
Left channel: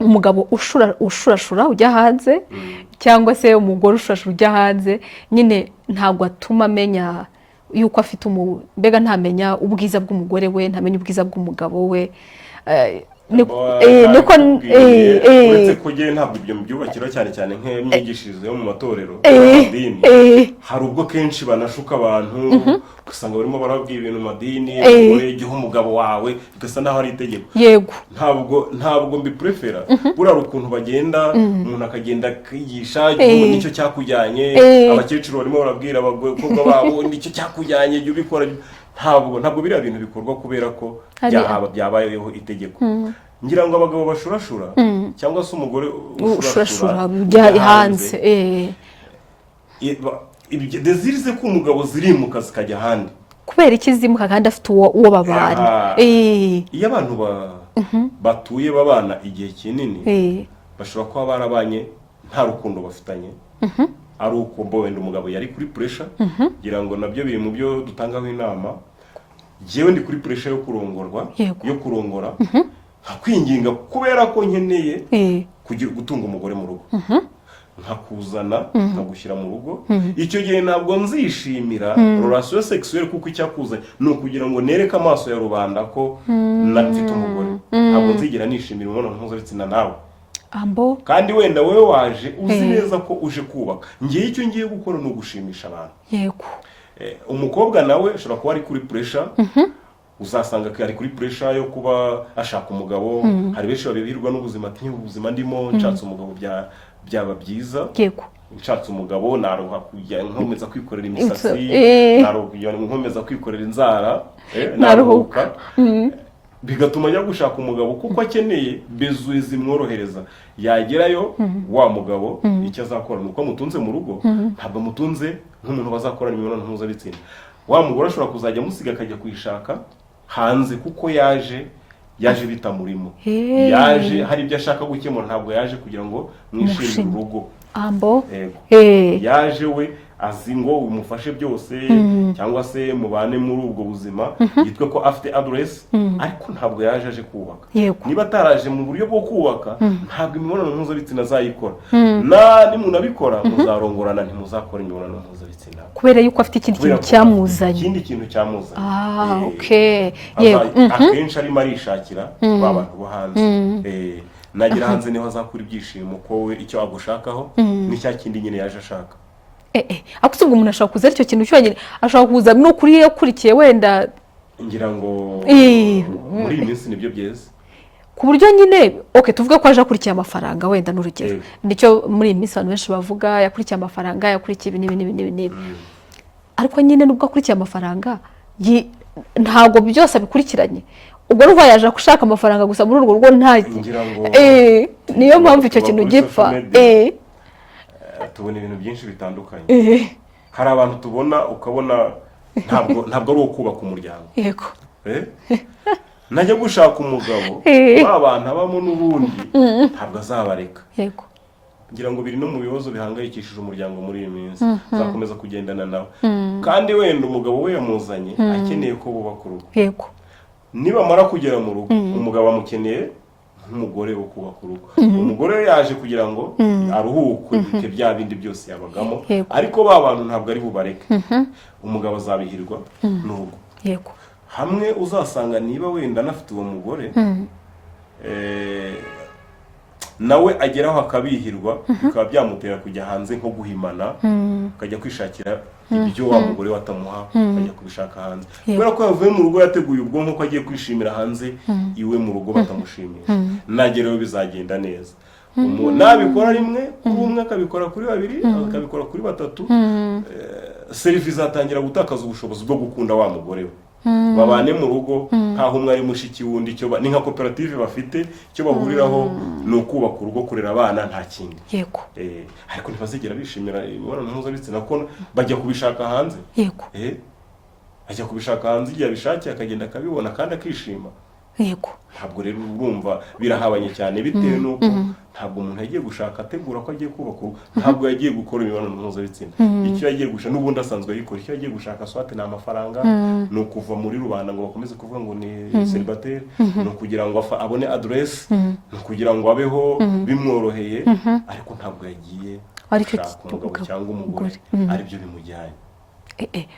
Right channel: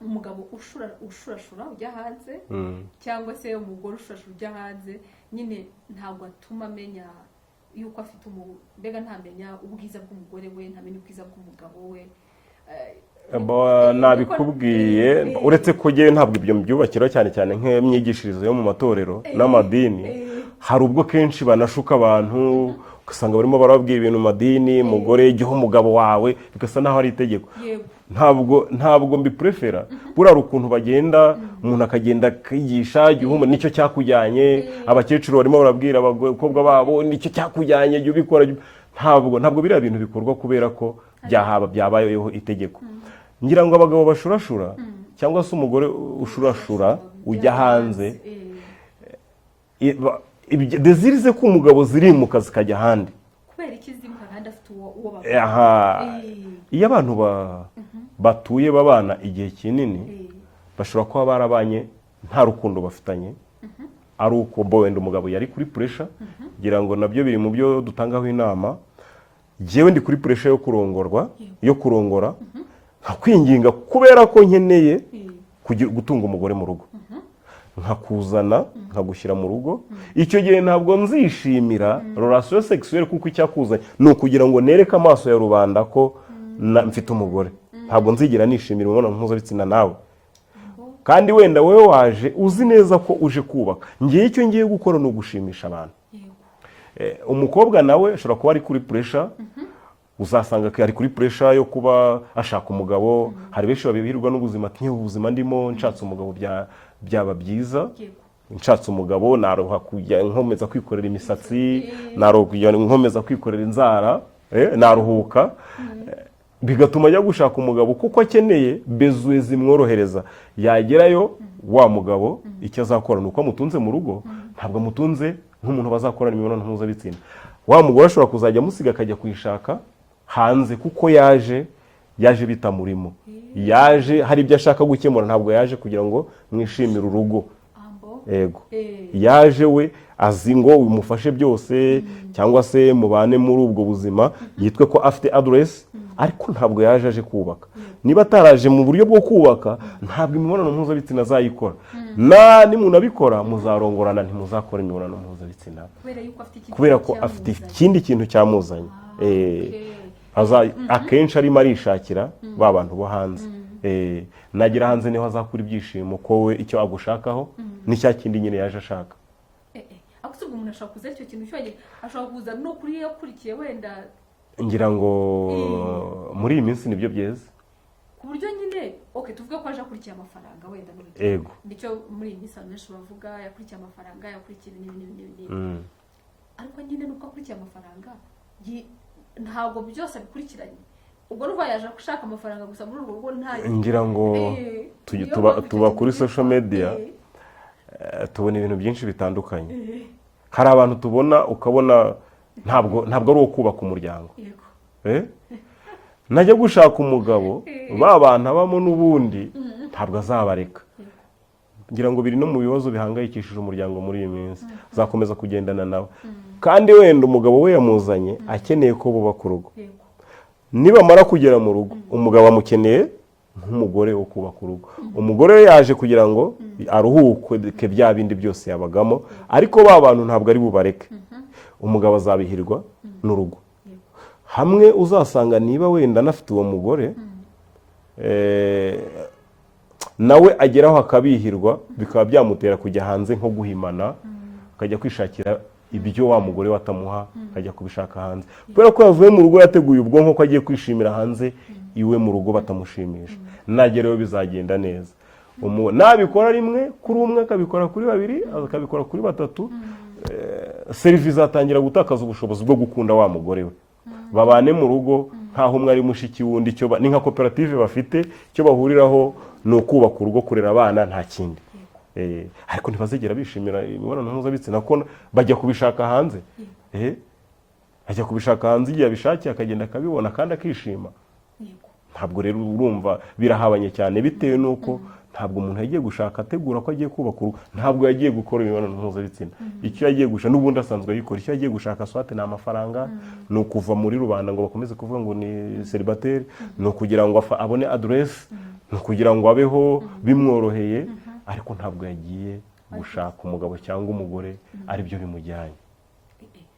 umugabo ushurashura ujya hanze, cyangwa se umugore ushurashura ujya hanze, nyine ntabwo atuma amenya yuko afite mbega ntamenya ubwiza bw'umugore we, ntamenya ubwiza bw'umugabo we. uretse ko ngewe ntabwo ibyo mbyubakira cyane cyane nk'imyigishirize yo mu matorero n'amadini. Hari ubwo kenshi banashuka abantu, ugasanga barimo barababwira ibintu madini, umugore jya umugabo wawe, bigasa naho ari itegeko. Ntabwo mbiprefera. Burara ukuntu bagenda, umuntu akagenda akigisha nicyo cyakujyanye, abakecuru barimo barabwira abakobwa babo nicyo cyakujyanye, jya ubikora. Ntabwo biriya bintu bikorwa kubera ko byabayeho itegeko. Ngira ngo abagabo bashurashura cyangwa se umugore ushurashura ujya hanze, dezirize ko umugabo zirimuka zikajya ahandi. Kubera iki zimuka kandi afite uwo babana? Iyo abantu batuye babana igihe kinini, bashobora kuba barabanye nta rukundo bafitanye, ari uko wenda umugabo yari kuri pressure. Ngira ngo nabyo biri mu byo dutangaho inama. Jewe ndi kuri pressure yo kurongora, kwinginga kubera ko nkeneye gutunga umugore mu rugo, nkakuzana nkagushyira mu rugo. Icyo gihe ntabwo nzishimira relation sexuelle, kuko icyakuzanye ni ukugira ngo nereke amaso ya rubanda ko mfite umugore. Ntabwo nzigira nishimira imibonano mpuzabitsina nawe, kandi wenda wowe waje uzi neza ko uje kubaka. Ngiye icyo ngiye gukora ni ugushimisha abantu. Umukobwa nawe ashobora kuba ari kuri pressure, uzasanga ko ari kuri pressure yo kuba ashaka umugabo. Hari benshi babibirwa n'ubuzima, ati ubuzima ndimo nshatse umugabo byaba byiza, nshatse umugabo naroha kujya nkomeza kwikorera imisatsi, naroha nkomeza kwikorera inzara, naruhuka, bigatuma ajya gushaka umugabo kuko akeneye bezuwe zimworohereza. Yagerayo wa mugabo icyo azakora nuko amutunze mu rugo, ntabwo amutunze nk'umuntu bazakorana imibonano mpuzabitsina. Wa mugore ashobora kuzajya amusiga akajya kuyishaka hanze, kuko yaje bitamurimo, yaje hari ibyo ashaka gukemura, ntabwo yaje kugira ngo mwishimire urugo. Yaje we azi ngo umufashe byose, cyangwa se mubane muri ubwo buzima, yitwe ko afite address, ariko ntabwo yaje aje kubaka. Niba ataraje mu buryo bwo kubaka, ntabwo imibonano mpuzabitsina azayikora. Nimunabikora muzarongorana, ntimuzakora imibonano mpuzabitsina, kubera yuko afite ikindi kintu cyamuzanye. Akenshi arimo arishakira ba bantu bo hanze. Nagera hanze niho azakura ibyishimo ko we icyo agushakaho ni cya kindi nyine yaje ashaka. Akusubwa umuntu ashaka kuza icyo kintu cyonyine, ashaka kuza no kuri yakurikiye wenda. Ngira ngo muri iyi minsi nibyo byeze, ku buryo nyine tuvuga ko aje akurikiye amafaranga wenda n'urugero. Nicyo muri iyi minsi abantu benshi bavuga, yakurikiye amafaranga, yakurikiye ibi n'ibi. Ariko nyine nubwo akurikiye amafaranga, ntabwo byose abikurikiranye. Ubwo ruva yaje gushaka amafaranga gusa muri urwo rugo ngira ngo niyo mpamvu icyo kintu gipfa. Tubona ibintu byinshi bitandukanye. Hari abantu tubona ukabona ntabwo ari uwo kubaka umuryango. Najya gushaka umugabo, babana abamo n'ubundi ntabwo azabareka. Ngira ngo biri no mu bibazo bihangayikishije umuryango muri iyi minsi, zakomeza kugendana nawe. Kandi wenda umugabo we yamuzanye akeneye ko bubaka urugo. Niba mara kugera mu rugo, umugabo amukeneye nk'umugore wo kubaka urugo. Umugore yaje kugira ngo aruhuke bya bindi byose yabagamo, ariko ba bantu ntabwo ari bubareke. Umugabo azabihirwa n'urugo. Yego. Hamwe uzasanga niba wenda anafite uwo mugore nawe ageraho akabihirwa, bikaba byamutera kujya hanze nko guhimana, akajya kwishakira ibyo wa mugore watamuha, akajya kubishaka hanze, kubera ko yavuye mu rugo yateguye ubwonko ko agiye kwishimira hanze, iwe mu rugo batamushimisha. Nagereho bizagenda neza. Nabikora rimwe kuri umwe, akabikora kuri babiri, akabikora kuri batatu, serivisi zatangira gutakaza ubushobozi bwo gukunda wa mugore we. Babane mu rugo nkaho umwe ari mushiki wundi, ni nka koperative bafite, icyo bahuriraho ni ukubaka urugo, kurera abana, nta kindi. Yego. Ariko ntibazigera bishimira imibonano mpuzabitsina ko bajya kubishaka hanze. Yego. Ajya kubishaka hanze igihe abishakiye, akagenda akabibona kandi akishima. Yego. Ntabwo rero urumva birahabanye cyane, bitewe n'uko ntabwo umuntu yagiye gushaka ategura ko agiye kubaka urugo, ntabwo yagiye gukora imibonano mpuzabitsina. Icyo yagiye gushaka n'ubundi asanzwe ayikora, icyo yagiye gushaka swate ni amafaranga, ni ukuva muri rubanda ngo bakomeze kuvuga ngo ni celibateri, ni ukugira ngo abone adresse, ni ukugira ngo abeho bimworoheye, ariko ntabwo yagiye gushaka umugabo cyangwa umugore aribyo bimujyanye.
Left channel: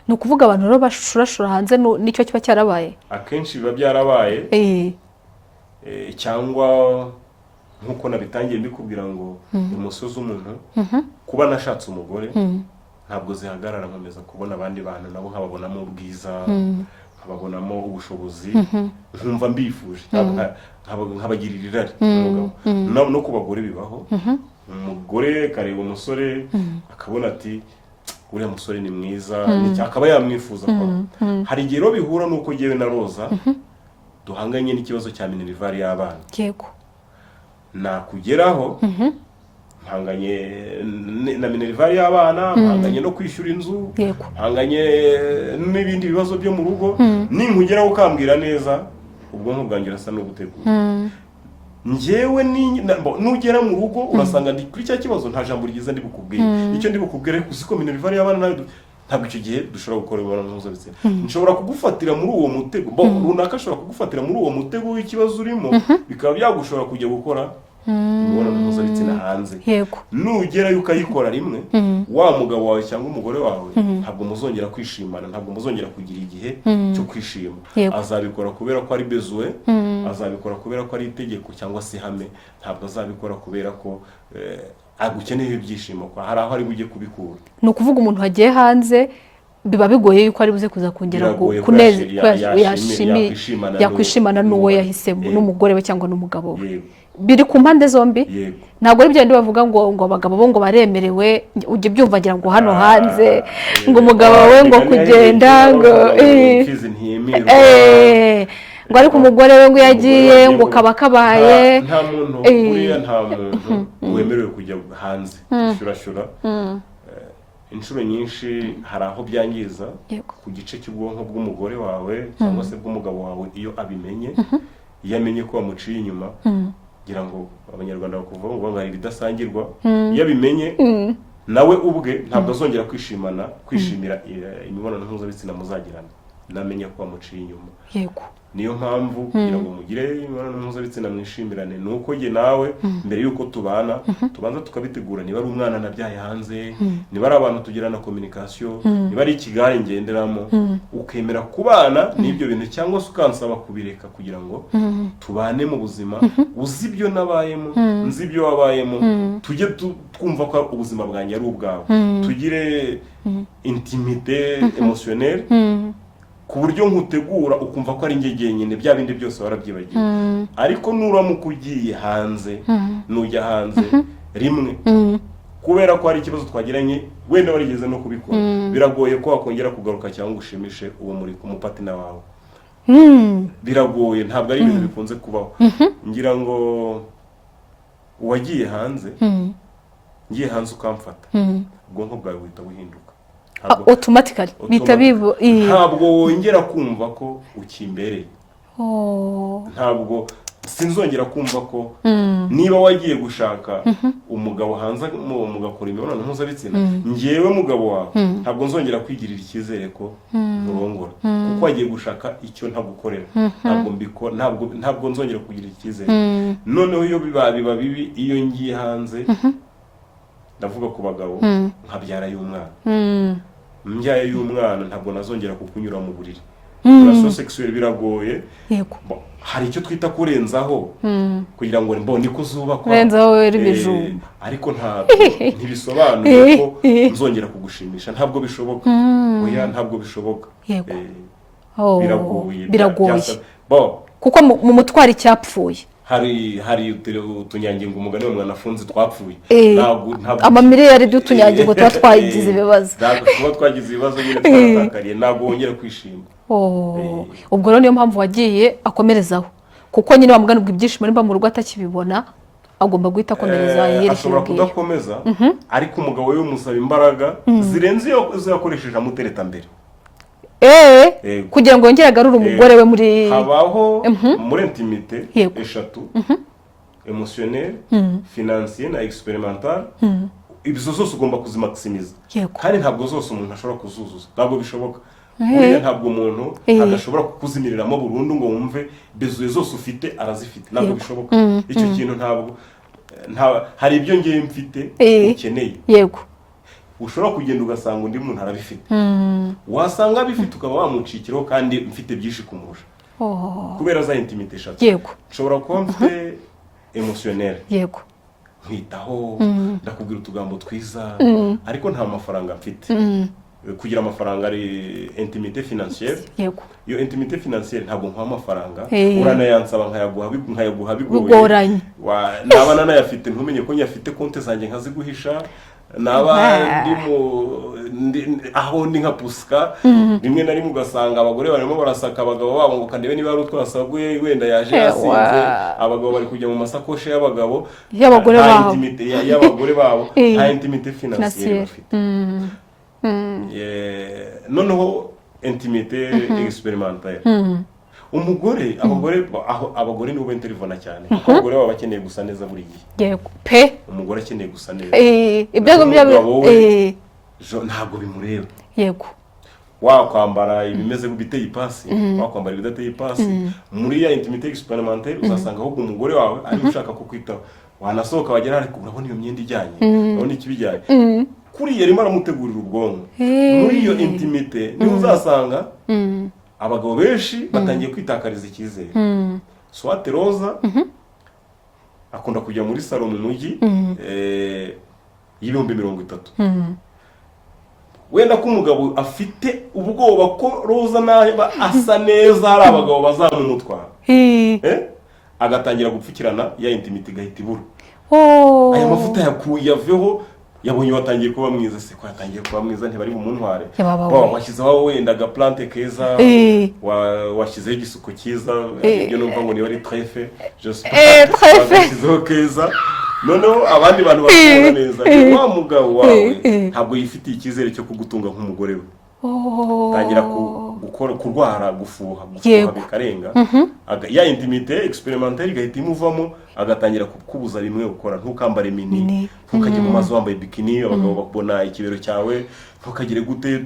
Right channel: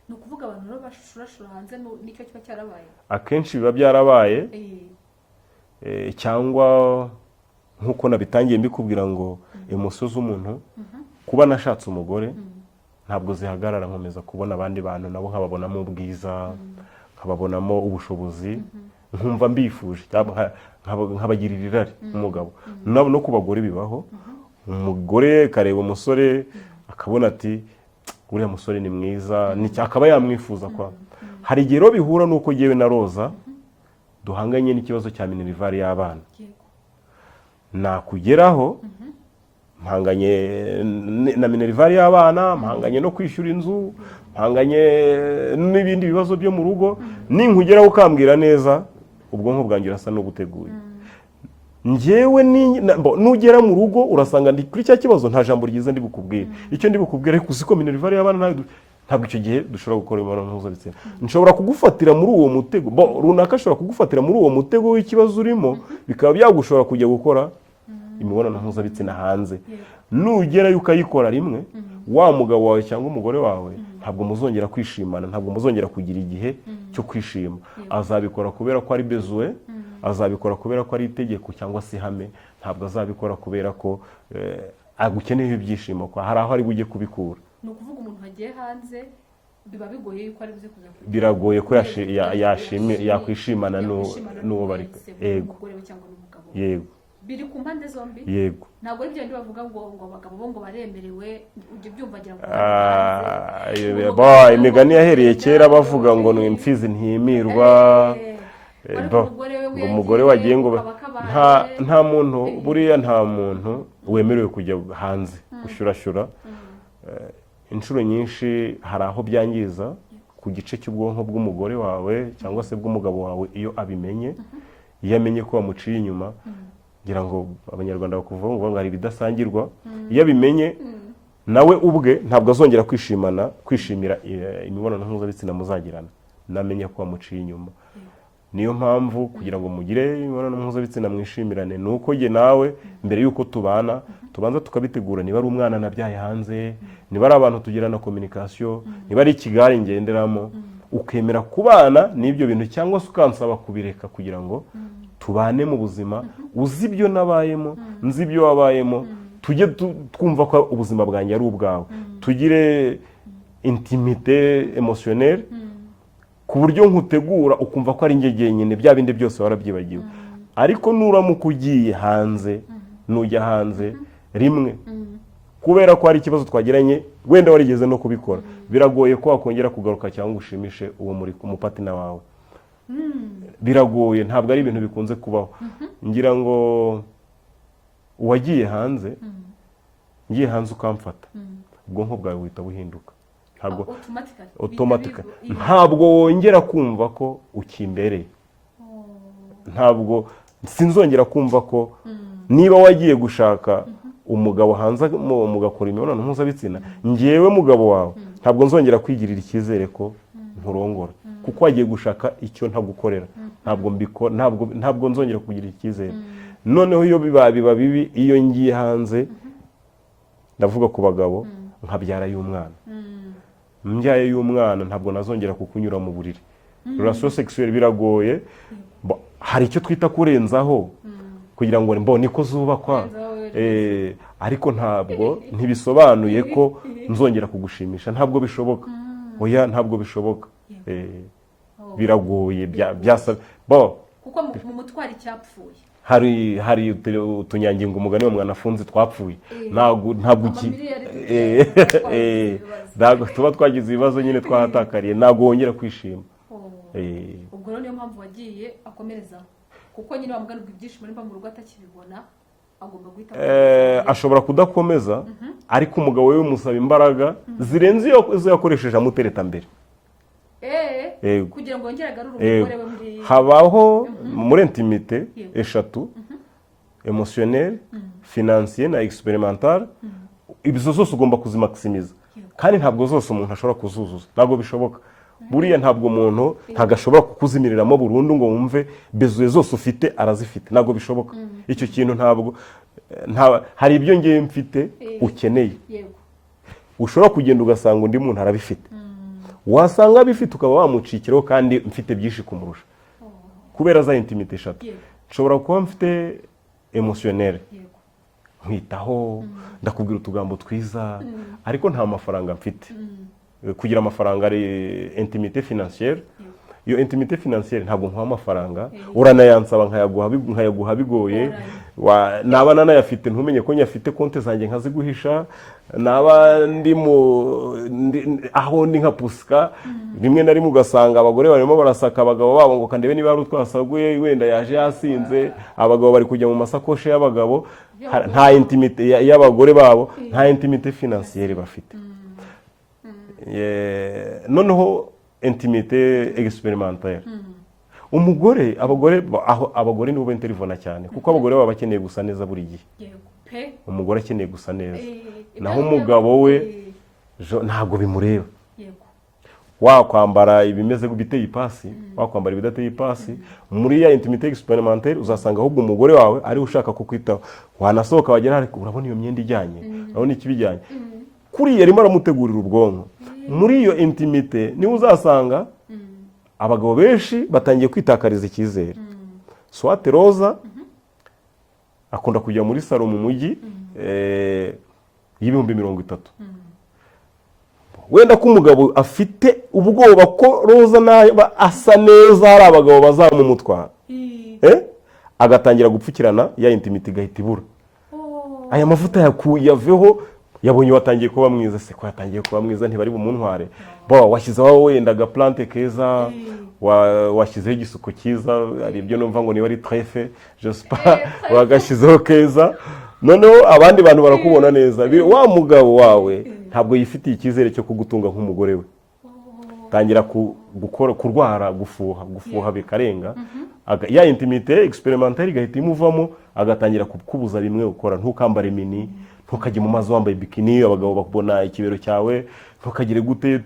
Ni ukuvuga abantu rero bashurashura hanze, nicyo kiba cyarabaye. Akenshi biba byarabaye, cyangwa nk'uko nabitangiye mbikubwira ngo umusozi umuntu kuba nashatse umugore ntabwo zihagarara, nkomeza kubona abandi bantu nabo nkababonamo ubwiza, nkababonamo ubushobozi, nkumva mbifuje, nkabagirira irari umugabo. No ku bagore bibaho, umugore kareba umusore akabona ati uriya musore ni mwiza, akaba yamwifuza kwa. Hari igihe rero bihura n'uko jyewe na Roza duhanganye n'ikibazo cya minerivare y'abana. Yego. Nakugeraho mpanganye na minerivare y'abana, mpanganye no kwishyura inzu, mpanganye n'ibindi bibazo byo mu rugo. Ninkugeraho ukambwira neza, ubwonko bwanjye urasa no gutegura. Njyewe nugera mu rugo urasanga ndi kuri cya kibazo, nta jambo ryiza ndi bukubwire. Icyo ndi bukubwire kuziko minerivare y'abana ntabwo icyo gihe dushobora gukora imibonano mpuzabitsina. Nshobora kugufatira muri uwo mutego, runaka ashobora kugufatira muri uwo mutego w'ikibazo urimo, bikaba byagushobora kujya gukora imibonano mpuzabitsina hanze. Nugerayo ukayikora rimwe, wa mugabo wawe cyangwa umugore wawe ntabwo muzongera kwishimana, ntabwo muzongera kugira igihe cyo kwishima. Azabikora kubera ko ari besoin, azabikora kubera ko ari itegeko cyangwa se ihame, ntabwo azabikora kubera ko agukeneye ibyishimo kwa hari aho ari bujye kubikura. Ni ukuvuga umuntu hagiye hanze biba bigoye yuko ari buze kuza kongera yakwishimana n'uwo yahisemo, n'umugore we cyangwa n'umugabo we. Biri ku mpande zombi. Ntabwo ari byandi bavuga ngo abagabo bo ngo baremerewe, ujye byumva ngira ngo hano hanze ngo umugabo we ngo kugenda ngo ngo ariko umugore we ngo yagiye ngo kaba kabaye. Nta muntu buriya, nta muntu wemerewe kujya hanze gushurashura. Inshuro nyinshi hari aho byangiza ku gice cy'ubwonko bw'umugore wawe cyangwa se bw'umugabo wawe iyo abimenye, iyo amenye ko wamuciye inyuma. Ngira ngo abanyarwanda bakuvuga ngo hari ridasangirwa. Iyo abimenye nawe ubwe ntabwo azongera kwishimira imibonano mpuzabitsina muzagirana, namenye ko wamuciye inyuma. Niyo mpamvu kugira ngo mugire imibonano mpuzabitsina mwishimirane, nuko jye nawe mbere yuko tubana tubanza tukabitegura. Niba ari umwana nabyaye hanze, niba ari abantu tugirana communication, niba ari ikigare ngenderamo, ukemera kubana n'ibyo bintu, cyangwa se ukansaba kubireka kugira ngo tubane mu buzima, uzi ibyo nabayemo, nzi ibyo wabayemo, tujye twumva ko ubuzima bwanjye ari ubwawe, tugire intimité émotionnelle, ku buryo nkutegura ukumva ko ari njye jyenyine, bya bindi byose warabyibagiwe. Ariko nuramuka ugiye hanze, nujya hanze rimwe kubera ko hari ikibazo twagiranye, wenda warigeze no kubikora, biragoye ko wakongera kugaruka cyangwa ushimishe uwo muri umupatina wawe. Biragoye, ntabwo ari ibintu bikunze kubaho. Ngira ngo wagiye hanze, ngiye hanze ukamfata, ubwonko bwawe buhita buhinduka. Automatically ntabwo wongera kumva ko ukimbereye. Ntabwo sinzongera kumva ko niba wagiye gushaka umugabo hanze mugakora imibonano mpuzabitsina ngewe mugabo wawe ntabwo nzongera kwigirira icyizere ko nkurongora kuko wagiye gushaka icyo ntagukorera ntabwo nzongera kugira icyizere noneho iyo biba bibi iyo ngiye hanze ndavuga ku bagabo nkabyara y'umwana mbyaye y'umwana ntabwo nazongera kukunyura mu buriri relation sexuelle biragoye hari icyo twita kurenzaho kugira ngo mbone niko zubakwa kurenzaho ibijumba ariko ntabwo ntibisobanuye ko nzongera kugushimisha ntabwo bishoboka oya ntabwo bishoboka biragoye kuko mu mutwaro icyapfuye hari utunyangingo umugani wa mwana afunze twapfuye amamiliyari y'utunyangingo tuba twagize ibibazo ntabwo tuba twagize ibibazo nyine twaratakariye ntabwo wongera kwishima ubwo rero niyo mpamvu wagiye akomerezaho kuko nyine wamuganirwa ibyishimo nimba mu rugo atakibibona agomba guhita akomereza ashobora kudakomeza ariko umugabo we umusaba imbaraga zirenze izo yakoresheje amutereta mbere kugira ngo yongere agarure umugore we muri habaho muri intimite eshatu emotionnel financier na experimental ibyo zose ugomba kuzimaximiza kandi ntabwo zose umuntu ashobora kuzuzuza ntabwo bishoboka buriya ntabwo umuntu agashobora kukuzimiriramo burundu ngo wumve bezuye zose ufite arazifite ntabwo bishoboka icyo kintu ntabwo hari ibyo ngiye mfite ukeneye yego ushobora kugenda ugasanga undi muntu arabifite wasanga abifite ukaba wamucikiraho kandi mfite byinshi kumurusha kubera za intimite eshatu yego nshobora kuba mfite emotionnel yego nkwitaho ndakubwira utugambo twiza ariko nta mafaranga mfite kugira amafaranga ari intimite financière yego iyo intimite financière ntabwo nkwa amafaranga uranayansaba nkayaguha bigoye naba nanayafite ntumenye ko nyafite konti zanjye nkaziguhisha naba aho ni nka pusika rimwe na rimwe ugasanga abagore barimo barasaka abagabo babo ngo kandebe niba ari utwasaguye wenda yaje yasinze abagabo bari kujya mu masakoshi y'abagabo nta intimite y'abagore babo nta intimite financière bafite noneho intimite expérimentaire umugore abagore nibo interivona cyane kuko abagore baba bakeneye gusa neza buri gihe yego pe umugore akeneye gusa neza umugabo we ntabwo bimureba yego wakwambara ibimeze biteye ipasi wakwambara ibidateye ipasi muri ya intimite expérimentaire uzasanga ahubwo umugore wawe ari ushaka kukwitaho wanasohoka wagera ariko urabona iyo myenda ijyanye urabona ikibijyanye kuriya arimo aramutegurira ubwonko muri iyo intimite niho uzasanga abagabo benshi batangiye kwitakariza icyizere swate roza akunda kujya muri salo mu mujyi y'ibihumbi 30 wenda ko umugabo afite ubwoba ko roza naba asa neza hari abagabo bazamumutwara agatangira gupfukirana ya intimite igahita ibura aya mavuta yakuyaveho yabonye watangiye kuba mwiza se ko yatangiye kuba mwiza ntibari bumuntware washyizeho wenda agaplante keza washyizeho igisuko cyiza ibyo numva ngo niba ari trefe wagashyizeho keza noneho abandi bantu barakubona neza wa mugabo wawe ntabwo yifitiye icyizere cyo kugutunga nk'umugore we tangira kurwara gufuha bikarenga ya intimite expérimentaire igahita imuvamo agatangira kukubuza rimwe gukora ntukambare mini ntukajye mu mazi wambaye bikini abagabo bakubona ikibero cyawe ntukagire gute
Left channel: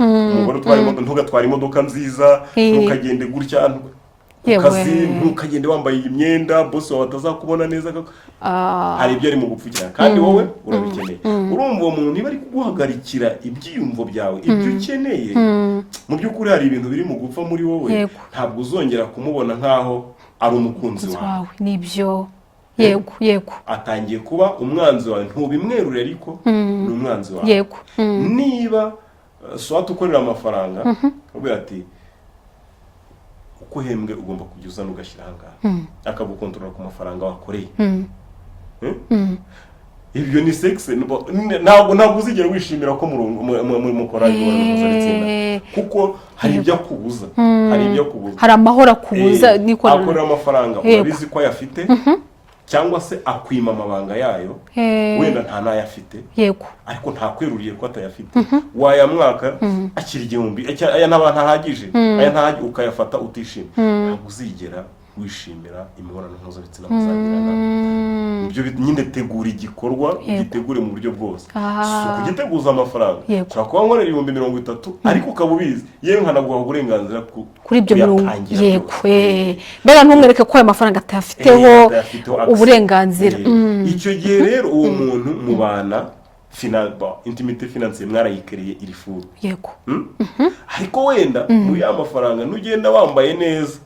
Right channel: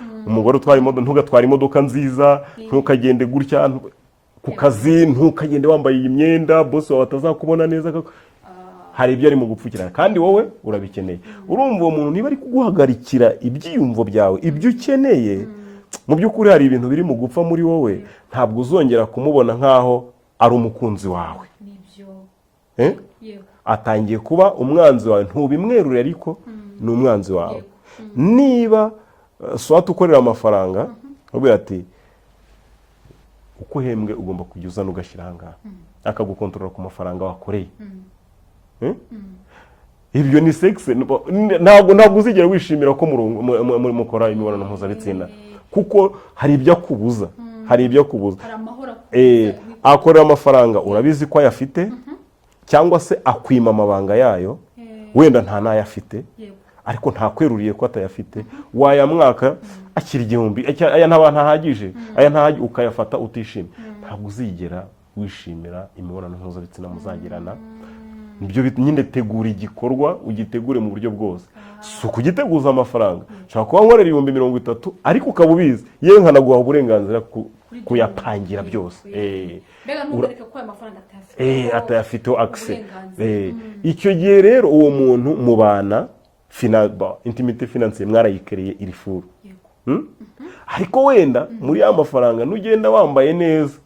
umugore utwara imodoka ntugatwara imodoka nziza ntukagende gutya ku kazi ntukagende wambaye iyi myenda boss wawe atazakubona neza hari ibyo ari mu gupfukira kandi wowe urabikeneye urumva uwo muntu niba ari kuguhagarikira ibyiyumvo byawe ibyo ukeneye mu by'ukuri hari ibintu biri mu gupfa muri wowe ntabwo uzongera kumubona nk'aho ari umukunzi wawe nibyo yego atangiye kuba umwanzi wawe ntubimwerure ariko ni umwanzi wawe niba swat ukorera amafaranga ubwo ati uko uhembwe ugomba kujya uzana ugashyira ahangaha akagukontorora ku mafaranga wakoreye ibyo ni sexe ntabwo uzigera wishimira ko mukora imibonano mpuzabitsina kuko hari ibyo akubuza hari amahoro akubuza akorera amafaranga urabizi ko ayafite cyangwa se akwima amabanga yayo wenda nta nayo afite ariko ntakweruriye ko atayafite wayamwaka akiri igihumbi aya ntahagije aya ukayafata utishimye ntabwo uzigera wishimira imibonano mpuzabitsina muzagirana. Ibyo nyine tegura igikorwa ugitegure mu buryo bwose, si ukugiteguza amafaranga. Ushobora kuba nkorera 30,000 ariko ukaba ubizi yewe nkanaguha uburenganzira kuri ibyo birungi. Yego, mbega ntumwereke ko ayo mafaranga atafiteho uburenganzira. Icyo gihe rero uwo muntu mubana intimité financière mwarayikereye iri furu. Yego. Ariko wenda muri ya mafaranga nugenda wambaye neza,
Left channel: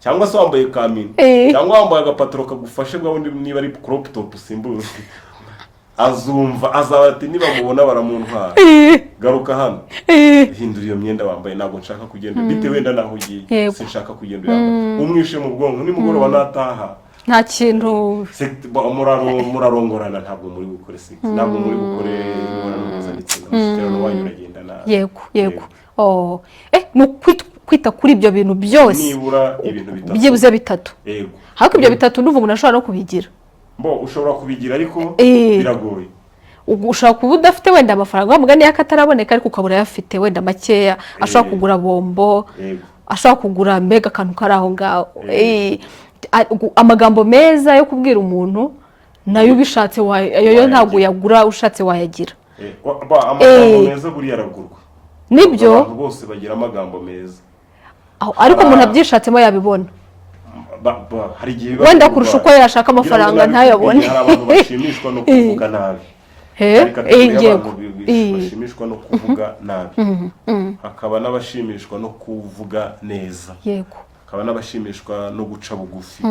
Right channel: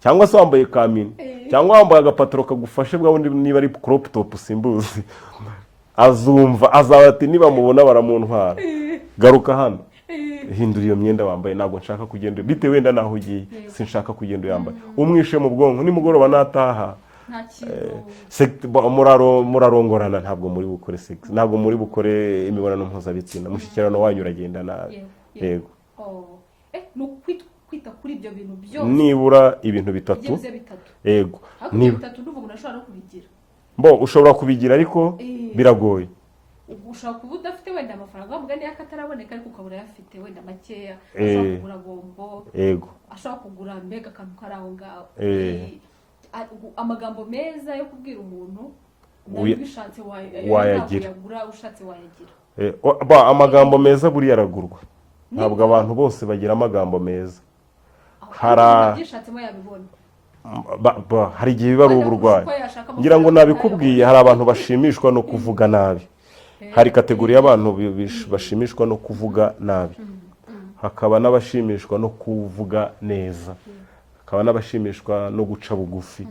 cyangwa se wambaye kamini, cyangwa wambaye agapataro kagufashe bwa wundi niba ari crop top simbuzi, azumva azabati niba mubona baramuntwara, garuka hano, hindura iyo myenda wambaye, ntabwo nshaka kugenda bite wenda naho ugiye, sinshaka kugenda yambaye. Umwishe mu bwonko nimugoroba nataha nta kintu murarongorana, ntabwo muri gukore sex, ntabwo muri gukore imibonano mpuzabitsina, umushyikirano wanyu uragenda nabi. Yego. Ni kwita kuri ibyo bintu byose nibura ibintu bitatu, byibuze bitatu. Yego. Ariko ibyo bitatu n'uvuga umuntu ashobora no kubigira. Ushobora kubigira ariko biragoye. Ushobora kuba udafite wenda amafaranga wamugani yakataraboneka ariko ukabura yafite wenda makeya, ashobora kugura bombo, ashobora kugura mbega akantu kari aho ngaho. Amagambo meza yo kubwira umuntu nayo ubishatse ayo ntabwo yagura, ushatse wayagira. Amagambo meza buriya aragurwa. Nibyo abantu bose bagira amagambo meza, ariko umuntu abyishatsemo yabibona. Hari igihe biba wenda kurusha uko yashaka amafaranga ntayabone. Hari abantu bashimishwa no kuvuga nabi, hari kategori y'abantu bashimishwa no kuvuga nabi, hakaba n'abashimishwa no kuvuga neza. Yego. Hakaba n'abashimishwa no guca bugufi,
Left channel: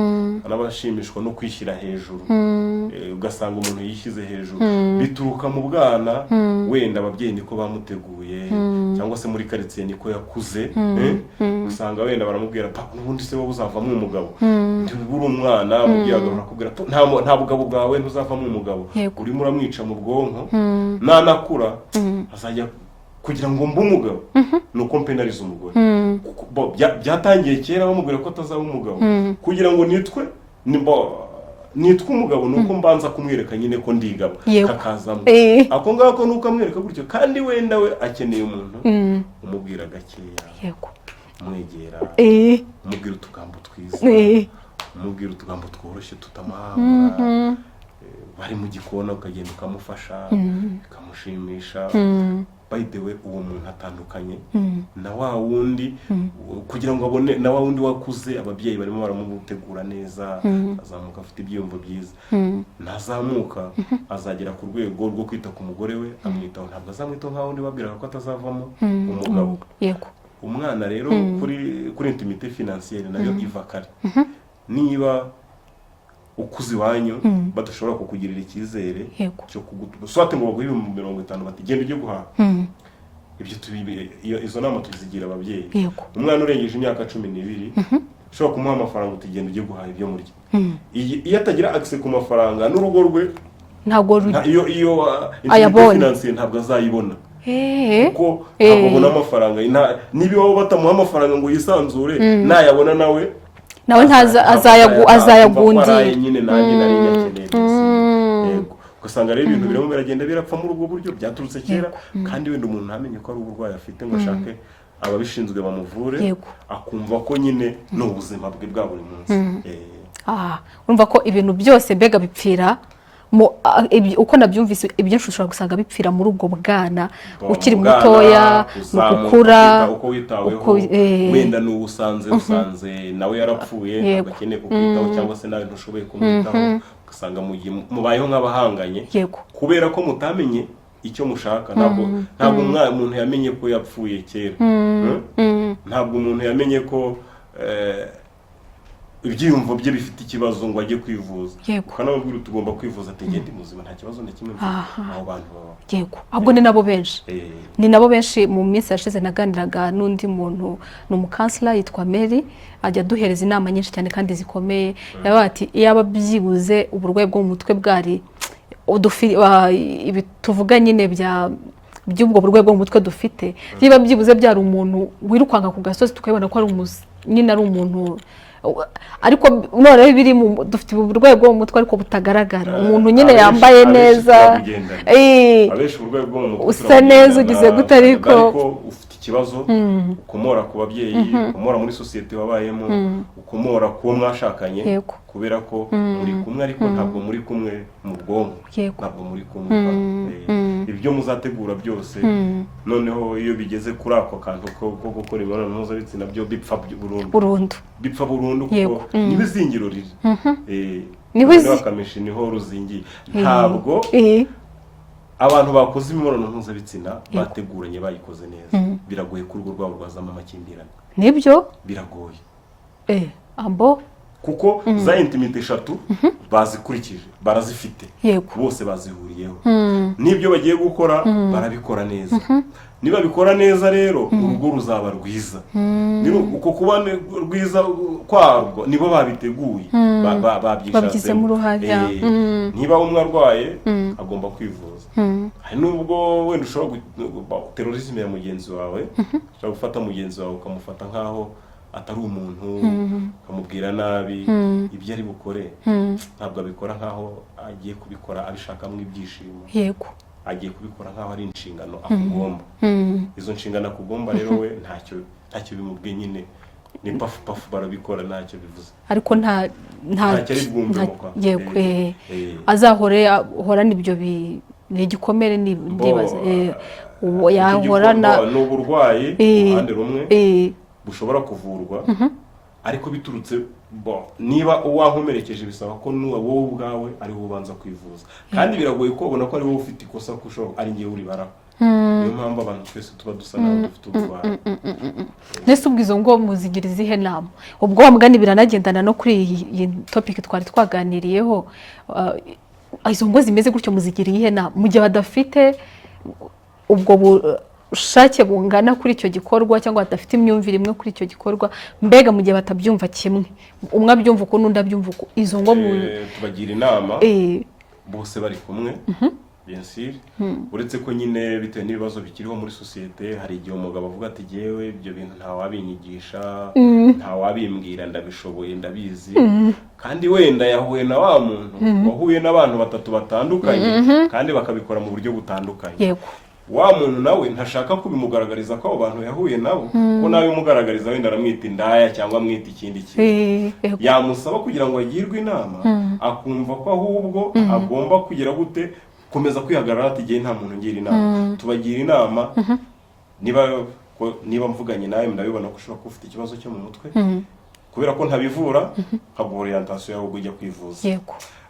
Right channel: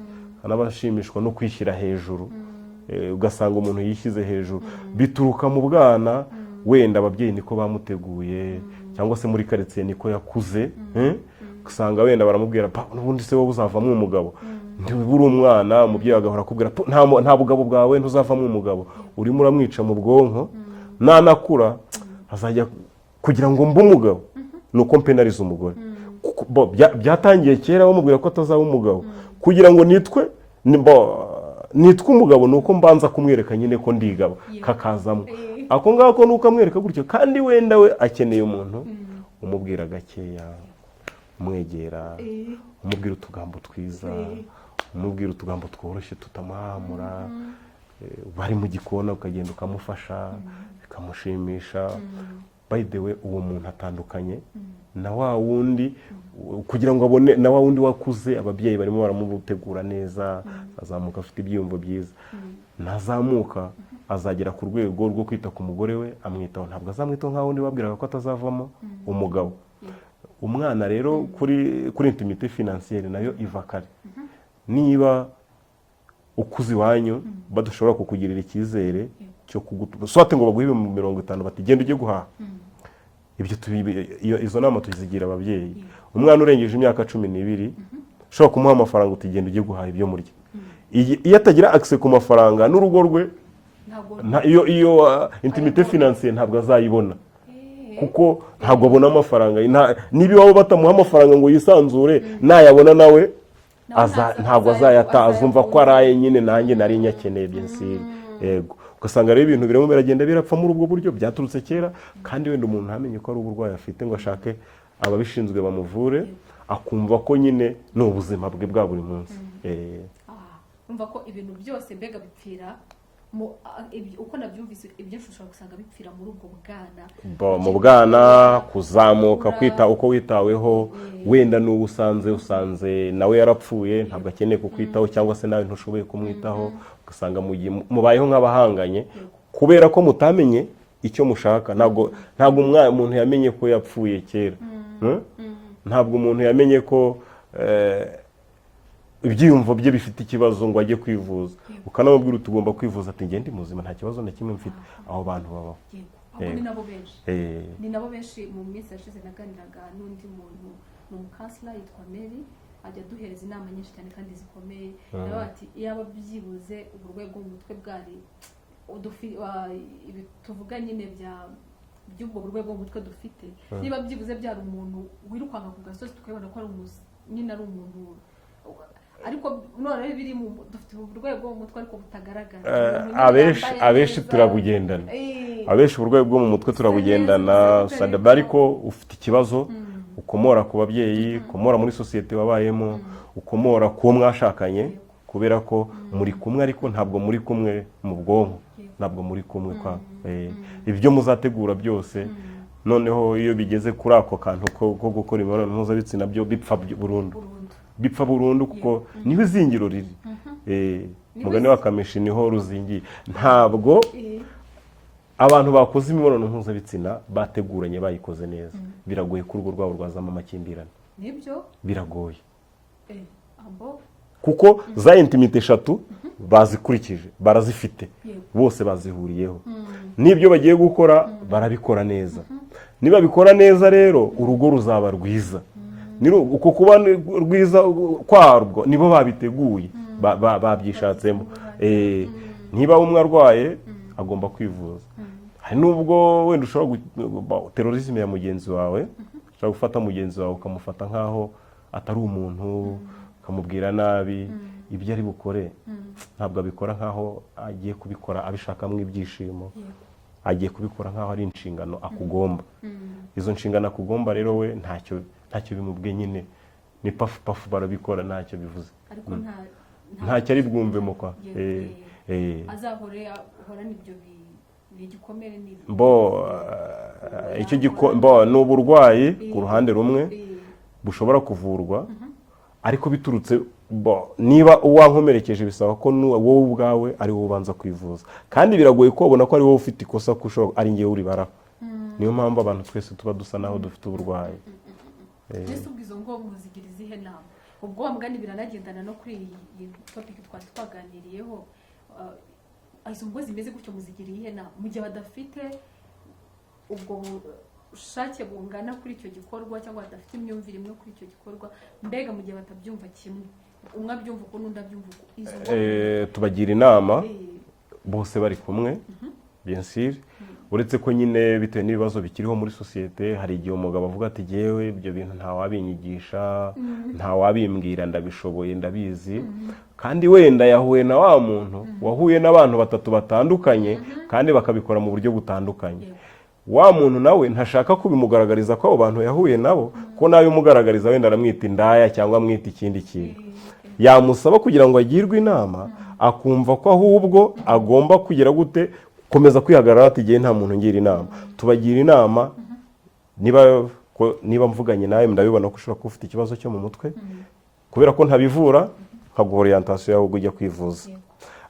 n'abashimishwa no kwishyira hejuru. Ugasanga umuntu yishyize hejuru, bituruka mu bwana, wenda ababyeyi niko bamuteguye, cyangwa se muri quartier niko yakuze. Usanga wenda baramubwira n'ubundi se wowe uzavamo umugabo, ntiburi umwana, umubyeyi agahora akubwira nta bugabo bwawe ntuzavamo umugabo, urimo uramwica mu bwonko, nanakura azajya kugira ngo mbe umugabo nuko mpenariza umugore. Byatangiye kera bamubwira ko atazaba umugabo, kugira ngo nitwe umugabo nuko mbanza kumwereka nyine ko ndigabo hakazamo ako ngako nuko amwereka gutyo. Kandi wenda we akeneye umuntu umubwira gakeya, umwegera, umubwira utugambo twiza, umubwira utugambo tworoshye tutamuhangura. Bari mu gikona ukagenda ukamufasha bikamushimisha. By the way, uwo muntu atandukanye na wa wundi, kugira ngo abone na wa wundi wakuze, ababyeyi barimo baramutegura neza, azamuka afite ibyiyumvo byiza. Nazamuka azagera ku rwego rwo kwita ku mugore we, amwitaho, ntabwo azamwitaho nka wundi wabwiraga ko atazavamo umugabo. Umwana rero kuri intimité financière nayo iva kare. Niba ukuzi wanyu badashobora kukugirira icyizere cyo kugutuba, swate ngo baguhe 50 bati genda ujye guhaha, ibyo izo nama tuzigira ababyeyi. Umwana urengeje imyaka 12 ushobora kumuha amafaranga utigenda ujye guhaha ibyo murya. Iyo atagira access ku mafaranga n'urugo rwe ntabwo iyo intimité financière ntabwo azayibona, kuko ntabwo abona amafaranga. Niba waba batamuha amafaranga ngo yisanzure, nayabona nawe azayagundira nyine nanjye nari nyakeneye desi. Yego. Ugasanga rero ibintu birimo biragenda birapfa muri ubwo buryo byaturutse kera, kandi wenda umuntu ntamenye ko ari uburwayi afite ngo ashake ababishinzwe bamuvure, akumva ko nyine ni ubuzima bwe bwa buri munsi. Urumva ko ibintu byose mbega bipfira uko nabyumvise, ibyinshi ushobora gusanga bipfira muri ubwo bwana ukiri mutoya, gukura, uko witaweho. Wenda n'ubu usanze nawe yarapfuye, ntabwo akeneye kukwitaho, cyangwa se nawe ntushoboye kumwitaho. Ugasanga mubayeho nk'abahanganye kubera ko mutamenye icyo mushaka. Ntabwo umuntu yamenye ko yapfuye kera, ntabwo umuntu yamenye ko ibyiyumvo bye bifite ikibazo ngo ajye kwivuza. Ukanamubwira tugomba kwivuza, ati ngende muzima nta kibazo na kimwe mfite. Abo bantu baba ahubwo ni nabo benshi. Mu minsi yashize naganiraga n'undi muntu, ni umukansela yitwa Mary, ajya duhereza inama nyinshi cyane kandi zikomeye. Yabaye ati iyaba byibuze uburwayi bwo mu mutwe bwari ibi tuvuga nyine by'ubwo burwayi bwo mu mutwe dufite, niba byibuze byari umuntu wirukanka ku gasozi tukabona ko ari nyine ari umuntu ariko noneho biri dufite uburwayi bwo mu mutwe ariko butagaragara umuntu nyine yambaye neza abenshi uburwayi bwo mu mutwe usa neza ugize gute ariko ufite ikibazo ukomora ku babyeyi ukomora muri sosiyete wabayemo ukomora ku mwashakanye kubera ko muri kumwe ariko ntabwo muri kumwe mu bwonko ntabwo muri kumwe ibyo muzategura byose noneho iyo bigeze kuri ako kantu ko gukora imibonano mpuzabitsina byo bipfa burundu kuko niba izingiro riri niba akamishi niho ruzingiye ntabwo abantu bakoze imibonano mpuzabitsina bateguranye bayikoze neza biragoye ko urugo rwabo rwazamo amakimbirane nibyo biragoye ambo kuko za intimite eshatu bazikurikije barazifite bose bazihuriyeho n'ibyo bagiye gukora barabikora neza niba bikora neza rero urugo ruzaba rwiza uko kuba rwiza kwarwo nibo babiteguye babyishatsemo niba umwe arwaye agomba kwivuza hari n'ubwo wenda ushobora terorisme ya mugenzi wawe ushobora gufata mugenzi wawe ukamufata nk'aho atari umuntu ukamubwira nabi ibyo ari bukore ntabwo abikora nk'aho agiye kubikora abishakamo ibyishimo agiye kubikora nk'aho ari inshingano akugomba izo nshingano akugomba rero we ntacyo bimubwiye nyine ni pafu barabikora ntacyo bivuze ariko ntacyo ari bwumvemo kwa ahorana ibyo ni igikomere ndibaza yahorana ni uburwayi uruhande rumwe bushobora kuvurwa ariko biturutse niba uwankomerekeje bisaba ko wowe ubwawe ari wowe ubanza kwivuza kandi biragoye ko ubona ko ari wowe ufite ikosa ko ari ngewe uribara niyo mpamvu abantu twese tuba dusa naho dufite uburwayi ndetse ubwizo ngo muzigira izihe nama ubwo wa mugani biranagendana no kuri iyi topic twari twaganiriyeho izo ngo zimeze gutyo muzigira iyihe nama mu gihe badafite ubwo ushake bungana kuri icyo gikorwa cyangwa badafite imyumvire imwe kuri icyo gikorwa mbega mu gihe batabyumva kimwe umwe abyumva uko n'undi abyumva uko izo ngo tubagira inama bose bari kumwe bien sûr uretse ko nyine bitewe n'ibibazo bikiriho muri sosiyete hari igihe umugabo avuga ati jewe ibyo bintu nta wabinyigisha nta wabimbwira ndabishoboye ndabizi kandi wenda yahuye na wa muntu wahuye n'abantu batatu batandukanye kandi bakabikora mu buryo butandukanye wa muntu nawe ntashaka kubimugaragariza ko abo bantu yahuye nabo ko nawe umugaragariza wenda aramwita indaya cyangwa amwita ikindi kintu yamusaba kugira ngo agirwe inama akumva ko ahubwo agomba kugira gute komeza kwihagarara ati gihe nta muntu ngira inama tubagira inama niba mvuganye nawe ndabibona ko ushobora kuba ufite ikibazo cyo mu mutwe kubera ko ntabivura nkaguha orientation yawe ujya kwivuza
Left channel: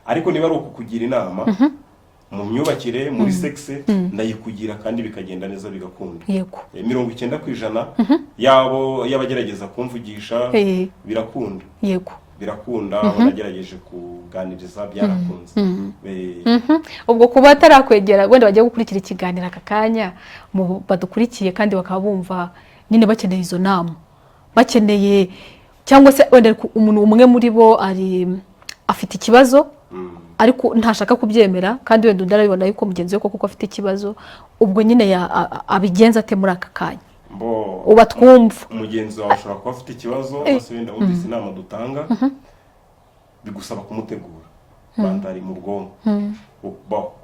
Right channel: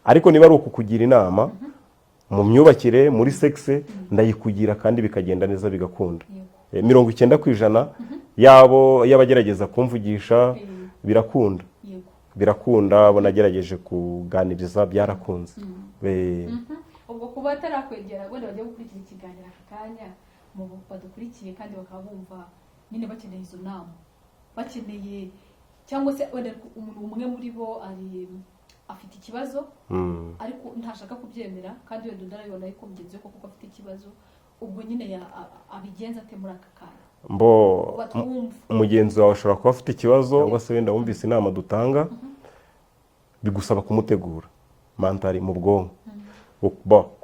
ariko niba ari ukukugira inama mu myubakire muri sexe ndayikugira kandi bikagenda neza bigakunda 90% yabo yabagerageza kumvugisha birakunda birakunda banagerageje kuganiriza byarakunze ubwo kuba atarakwegera wenda bagiye gukurikira ikiganiro aka kanya badukurikiye kandi bakaba bumva nyine bakeneye izo nama bakeneye cyangwa se wenda umuntu umwe muri bo afite ikibazo ariko ntashaka kubyemera kandi wenda ndarabibona yuko mugenzi we koko afite ikibazo ubwo nyine abigenza ate muri aka kanya uba twumva umugenzi wawe ashobora kuba afite ikibazo bose wenda wumvise inama dutanga bigusaba kumutegura mentali mu bwonko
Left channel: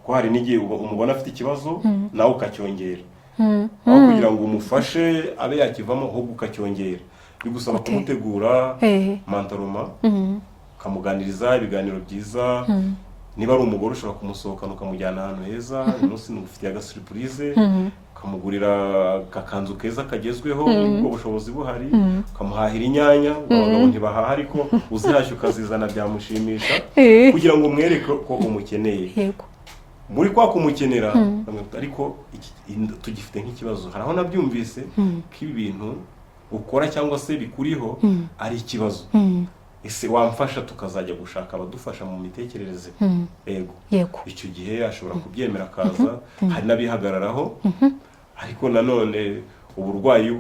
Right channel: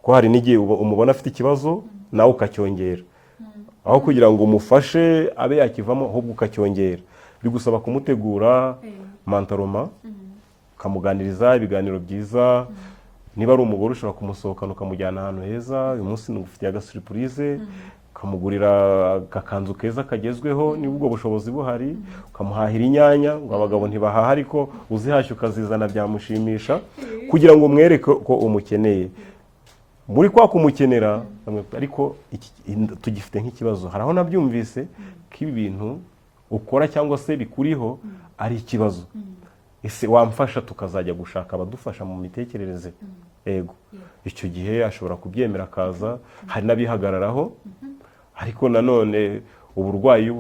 ko hari n'igihe umubona afite ikibazo nawe ukacyongera aho kugira ngo umufashe abe yakivamo ahubwo ukacyongera bigusaba kumutegura mentaloma ukamuganiriza ibiganiro byiza niba ari umugore ushobora kumusohokana ukamujyana ahantu heza uyu munsi ufitiye agasurprise ukamugurira akakanzu keza kagezweho ubwo bushobozi buhari ukamuhahira inyanya abagabo ntibahaha ariko uzihashye ukazizana byamushimisha kugira ngo umwereke ko umukeneye muri kwa kumukenera ariko tugifite nk'ikibazo hari aho nabyumvise ko ibi bintu ukora cyangwa se bikuriho ari ikibazo ese wamfasha tukazajya gushaka abadufasha mu mitekerereze yego icyo gihe ashobora kubyemera akaza hari n'abihagararaho ariko nanone uburwayi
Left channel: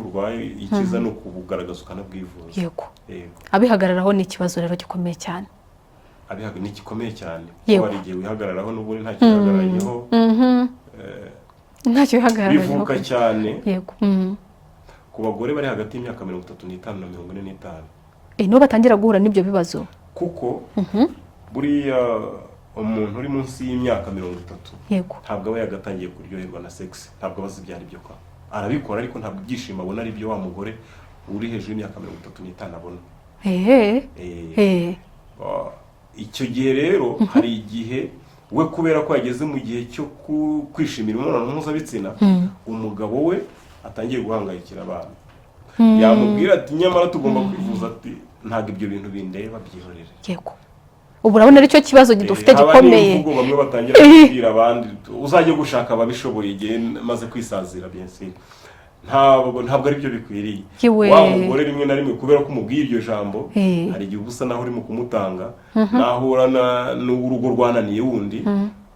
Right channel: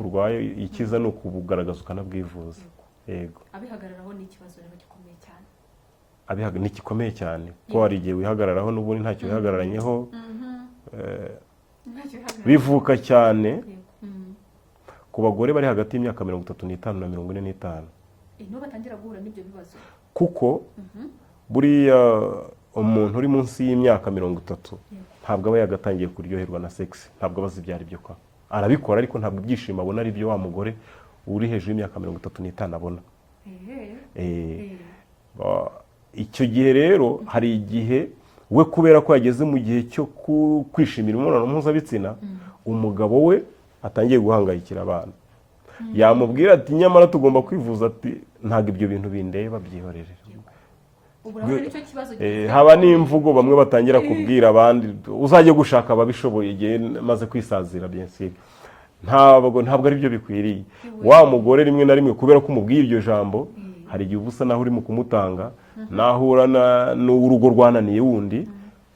ikiza ni ukubugaragaza ukanabwivuza yego abihagararaho ni ikibazo rero gikomeye cyane ni gikomeye cyane kuko hari igihe wihagararaho n'ubundi ntacyo wihagararanyeho bivuka cyane yego ku bagore bari hagati y'imyaka 35 na 45 nibo batangira guhura n'ibyo bibazo kuko buriya umuntu uri munsi y'imyaka 30 ntabwo aba yagatangiye kuryoherwa na sex, ntabwo abazi ibyo ari byo kwa arabikora ariko ntabwo ibyishimo abona ari byo wa mugore uri hejuru y'imyaka 35 abona. Icyo gihe rero hari igihe we kubera ko yageze mu gihe cyo kwishimira imibonano mpuzabitsina, umugabo we atangiye guhangayikira abana, yamubwira ati nyamara tugomba kwivuza, ati ntabwo ibyo bintu bindeba byihorere. Yego, ubu urabona aricyo kibazo dufite gikomeye. Ubwo bamwe batangira kubwira abandi uzajye gushaka ababishoboye igihe maze kwisazira bien sûr. Ntabwo ari byo bikwiriye. Wa mugore rimwe na rimwe kubera ko umubwira iryo jambo, hari igihe ubusa naho urimo kumutanga, nahura n'urugo rwananiye wundi,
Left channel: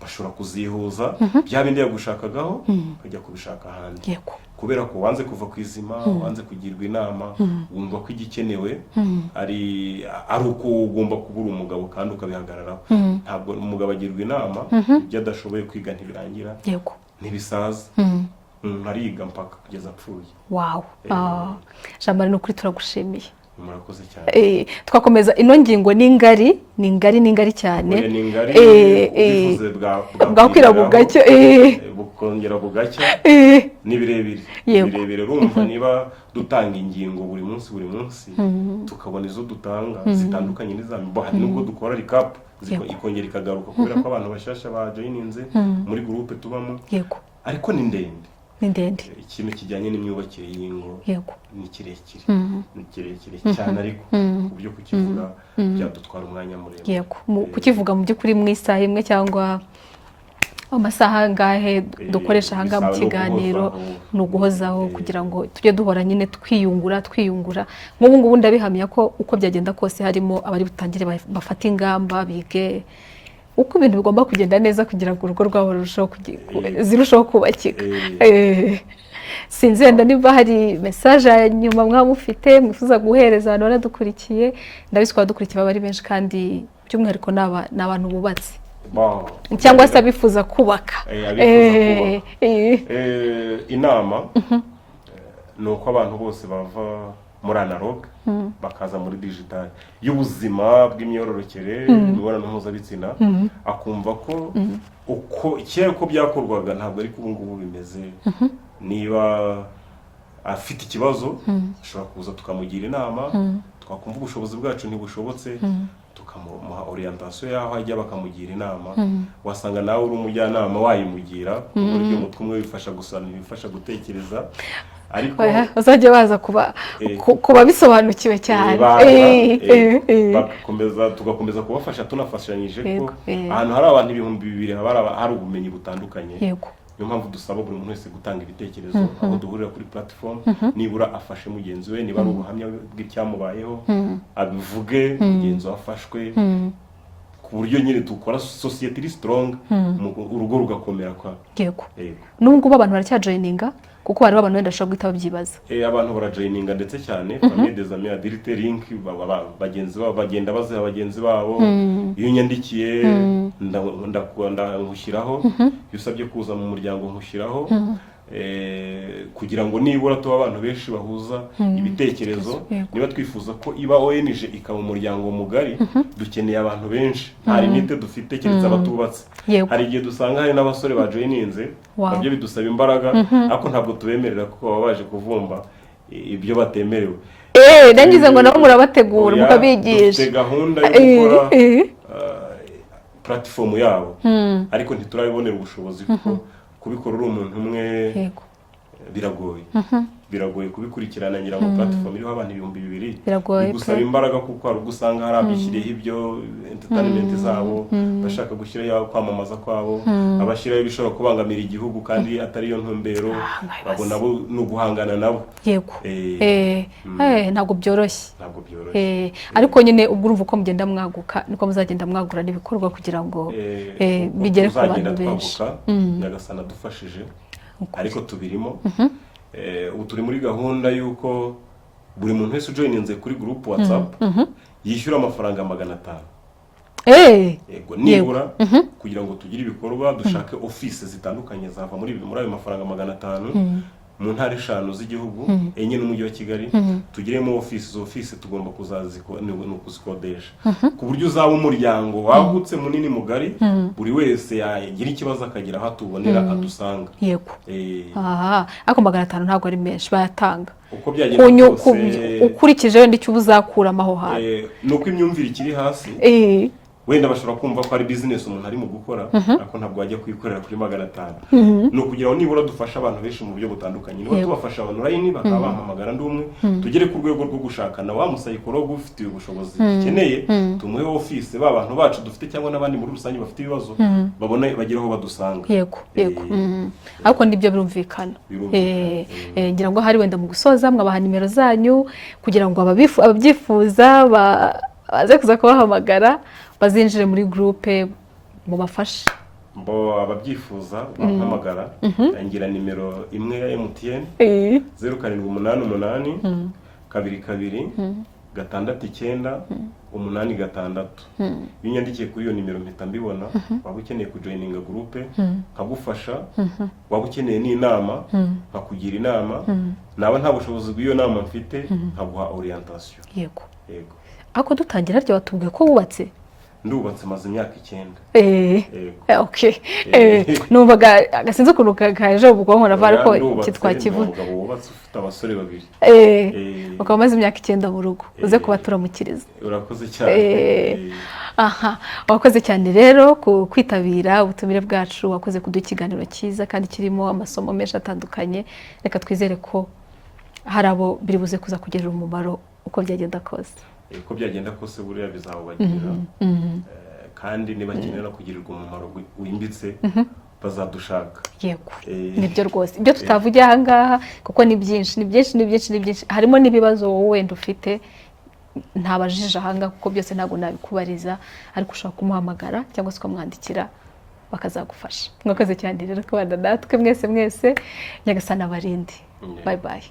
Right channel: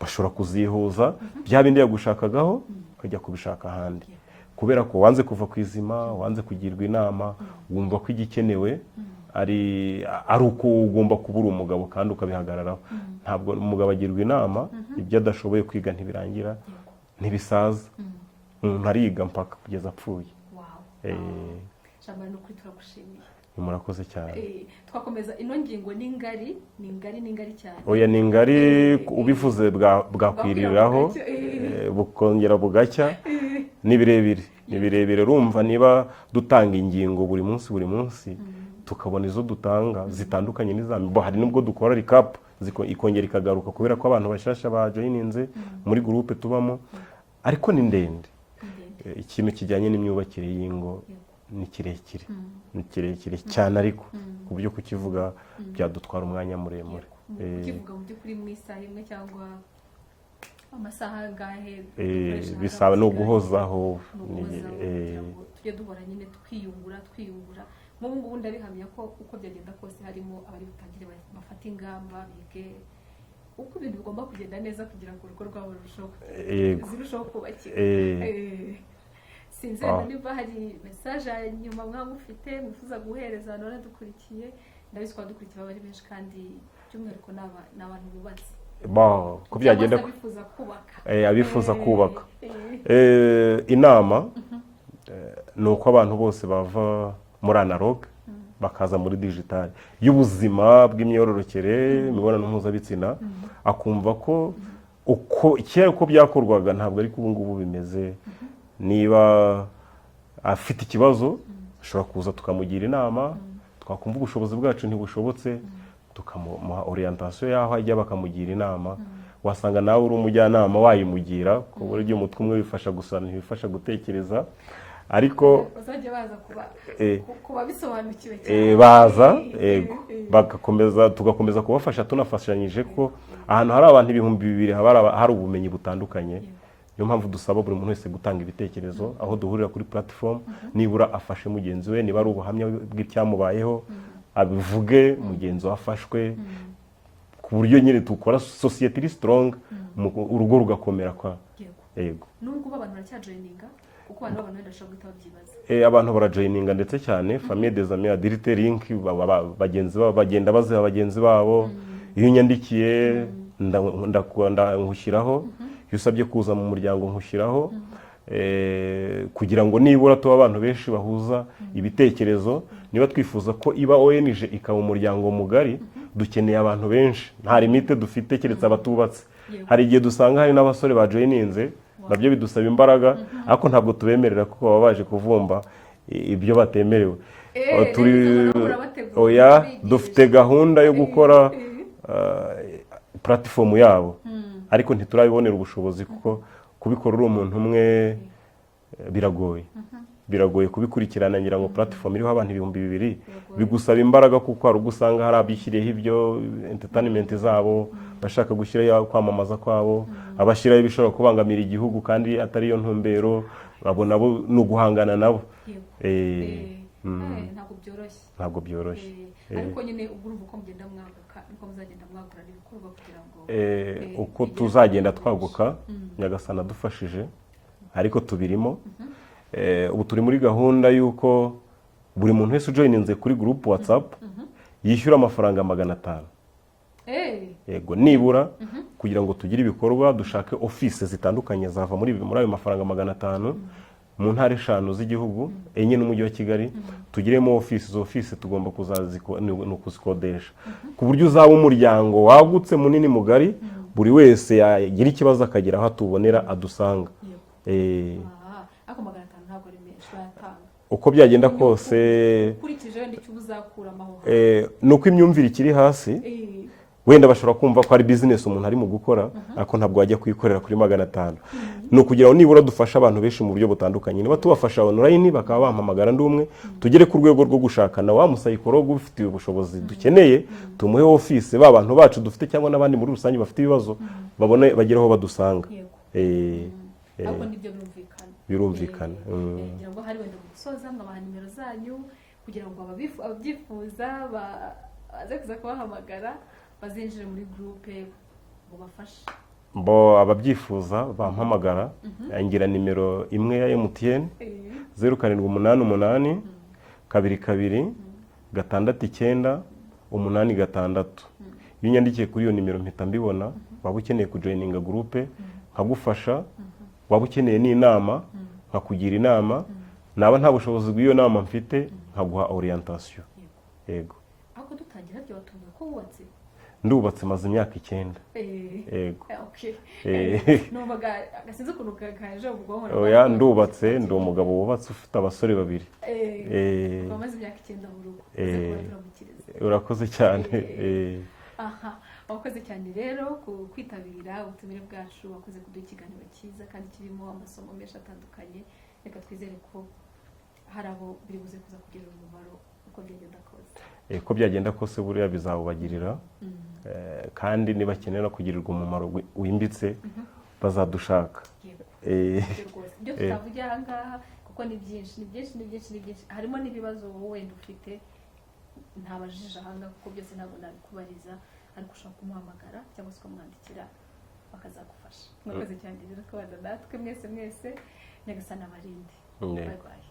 bashobora kuzihuza bya bindi yagushakagaho ukajya kubishaka ahandi. Kubera ko wanze kuva ku izima, wanze kugirwa inama, wumva ko igikenewe ari uko ugomba kubura umugabo kandi ukabihagararaho. Ntabwo umugabo agirwa inama, ibyo adashoboye kwiga ntibirangira, ntibisaza. Ntariga mpaka kugeza apfuye. Wow. Jamari n'ukuri turagushimiye. Murakoze cyane. Twakomeza ino ngingo ni ngari cyane. Oya ni ngari ubivuze bwakwira bugacya bukongera bugacya ni birebire rumva niba dutanga ingingo buri munsi tukabona izo dutanga zitandukanye n'izambo, hari nubwo dukora recap ikongera ikagaruka kubera ko abantu bashasha bajoininze muri groupe tubamo, ariko ni ndende. Ikintu kijyanye n'imyubakire y'ingo ni kirekire cyane, ariko ku byo kukivuga byadutwara umwanya muremure. Kukivuga mu by'ukuri mu isaha imwe cyangwa amasaha ngahe dukoresha hanga mu kiganiro ni uguhozaho kugira ngo tujye duhora nyine twiyungura. Nk'ubu ngubu ndabihamya ko uko byagenda kose harimo abari butangire bafata ingamba, bige uko ibintu bigomba kugenda neza kugira ngo urugo rwabo zirushaho kubakika. Sinzi wenda niba hari message nyuma mwamufite mwifuza guhereza abantu baradukurikiye, ndabizi ko badukurikiye baba ari benshi kandi by'umwihariko ni abantu bubatse cyangwa se abifuza kubaka. Inama ni uko abantu bose bava muri analog bakaza muri digital y'ubuzima bw'imyororokere imibonano mpuzabitsina, akumva ko uko kera uko byakorwaga ntabwo ari ubu ngubu bimeze. Niba afite ikibazo ashobora kuza tukamugira inama, twakumva ubushobozi bwacu ntibushobotse tukamuha orientation yaho ajya bakamugira inama. Wasanga nawe uri umujyanama wayimugira ku buryo umutwe umwe bifasha gutekereza, ariko bazajya baza kuba bisobanukiwe cyane, tugakomeza kubafasha tunafashanyije ko ahantu hari abantu 2,000 hari ubumenyi butandukanye. Niyo mpamvu dusaba buri muntu wese gutanga ibitekerezo aho duhurira kuri platform, nibura afashe mugenzi we, niba ari ubuhamya bw'icyamubayeho abivuge, mugenzi wafashwe, ku buryo nyine dukora society strong, urugo rugakomera kwa. Nubwo abantu baracyajoininga kuko hari abantu wenda bashobora guhita babyibaza. Abantu barajoininga ndetse cyane famille des amis adultes link, bagenzi babo bagenda baziha bagenzi babo. Iyo nyandikiye ndakunda nkushyiraho, iyo usabye kuza mu muryango nkushyiraho, kugira ngo nibura tuba abantu benshi bahuza ibitekerezo. Niba twifuza ko iba ONG ikaba umuryango mugari, dukeneye abantu benshi, nta limite dufite keretse abatubatse. Hari igihe dusanga hari n'abasore bajoininze, nabyo bidusaba imbaraga, ariko ntabwo tubemerera ko baba baje kuvumba ibyo batemerewe. Nangize ngo nabo murabategura mukabigisha. Dufite gahunda yo gukora platform yabo, ariko ntiturabibonera ubushobozi kuko kubikora uri umuntu umwe biragoye kubikurikirana. Ngira ngo platform iriho abantu 2,000 bigusaba imbaraga kuko hari ugusanga hari abishyiriyeho ibyo entertainment zabo, bashaka gushyiraho kwamamaza kwabo, abashyiraho ibishobora kubangamira igihugu kandi atari yo ntumbero, babona bo no guhangana nabo. Ntabwo byoroshye. Ariko nyine ubwo urumva uko mugenda mwaguka niko muzagenda mwagura n'ibikorwa kugira ngo bigere ku bantu benshi. Nyagasana dufashije, ariko tubirimo. Ubu turi muri gahunda y'uko buri muntu wese ujoininze kuri group WhatsApp yishyura amafaranga 500. Yego, nibura kugira ngo tugire ibikorwa dushake office zitandukanye zava muri ayo mafaranga 500. mu ntara 5 z'igihugu enye n'umujyi wa Kigali tugiremo office. Izo office tugomba kuzikodesha ku buryo uzaba umuryango wagutse munini mugari buri wese yagira ikibazo akagira aho atubonera adusanga. Yego. Aha, ako 500 ntabwo ari menshi bayatanga. Uko byagenda kose ukurikije wenda icyo uzakuramo aho hantu. Nuko imyumvire ikiri hasi. Wenda bashobora kumva ko ari business umuntu ari mu gukora ariko ntabwo wajya kuyikorera kuri 500. No kugira ngo nibura dufasha abantu benshi mu buryo butandukanye. Niba tubafasha online bakaba bampamagara ndumwe tugere ku rwego rwo gushakana wa musayikologo ufite ubushobozi dukeneye tumuhe office abantu bacu dufite cyangwa nabandi muri rusange bafite ibibazo babone bageraho badusanga. Yego. Ariko nibyo birumvikana. Ngira ngo hari wenda mu gusoza mwabaha nimero zanyu kugira ngo ababyifuza baze kuza kubahamagara bazinjire muri groupe mu bafashe. Ababyifuza bampamagara ngira nimero imwe ya MTN 0788 22 669 86. Binyandikiye kuri iyo nimero mpita mbibona. Waba ukeneye kujoininga groupe nkagufasha, waba ukeneye n'inama nkakugira inama, naba nta bushobozi bw'iyo nama mfite nkaguha orientation. Yego. Ako dutangira ryo watubwiye ko wubatse? Ndubatse maze imyaka 9. Okay. Numvaga agasinze ukuntu kaje ubwonko navara ko kitwa kivu. Umugabo wubatse ufite abasore 2. Ukaba maze imyaka 9 mu rugo. Uze kubaturamukiriza. Urakoze cyane. Aha, wakoze cyane rero kwitabira ubutumire bwacu, wakoze kudukiganiro cyiza kandi kirimo amasomo menshi atandukanye. Reka twizere ko hari abo biri buze kuza kugerera umumaro uko byagenda kose. Uko byagenda kose buriya bizabagirira kandi nibakenera kugirirwa umumaro wimbitse bazadushaka. Yego. Nibyo rwose ibyo tutavugiye aha ngaha kuko ni byinshi harimo n'ibibazo wowe wenda ufite ntabajije aha ngaha kuko byose ntabwo nabikubariza ariko ushaka kumuhamagara cyangwa se ukamwandikira bakazagufasha. Mwakoze cyane rero kubana natwe mwese Nyagasana abarinde. Bye bye.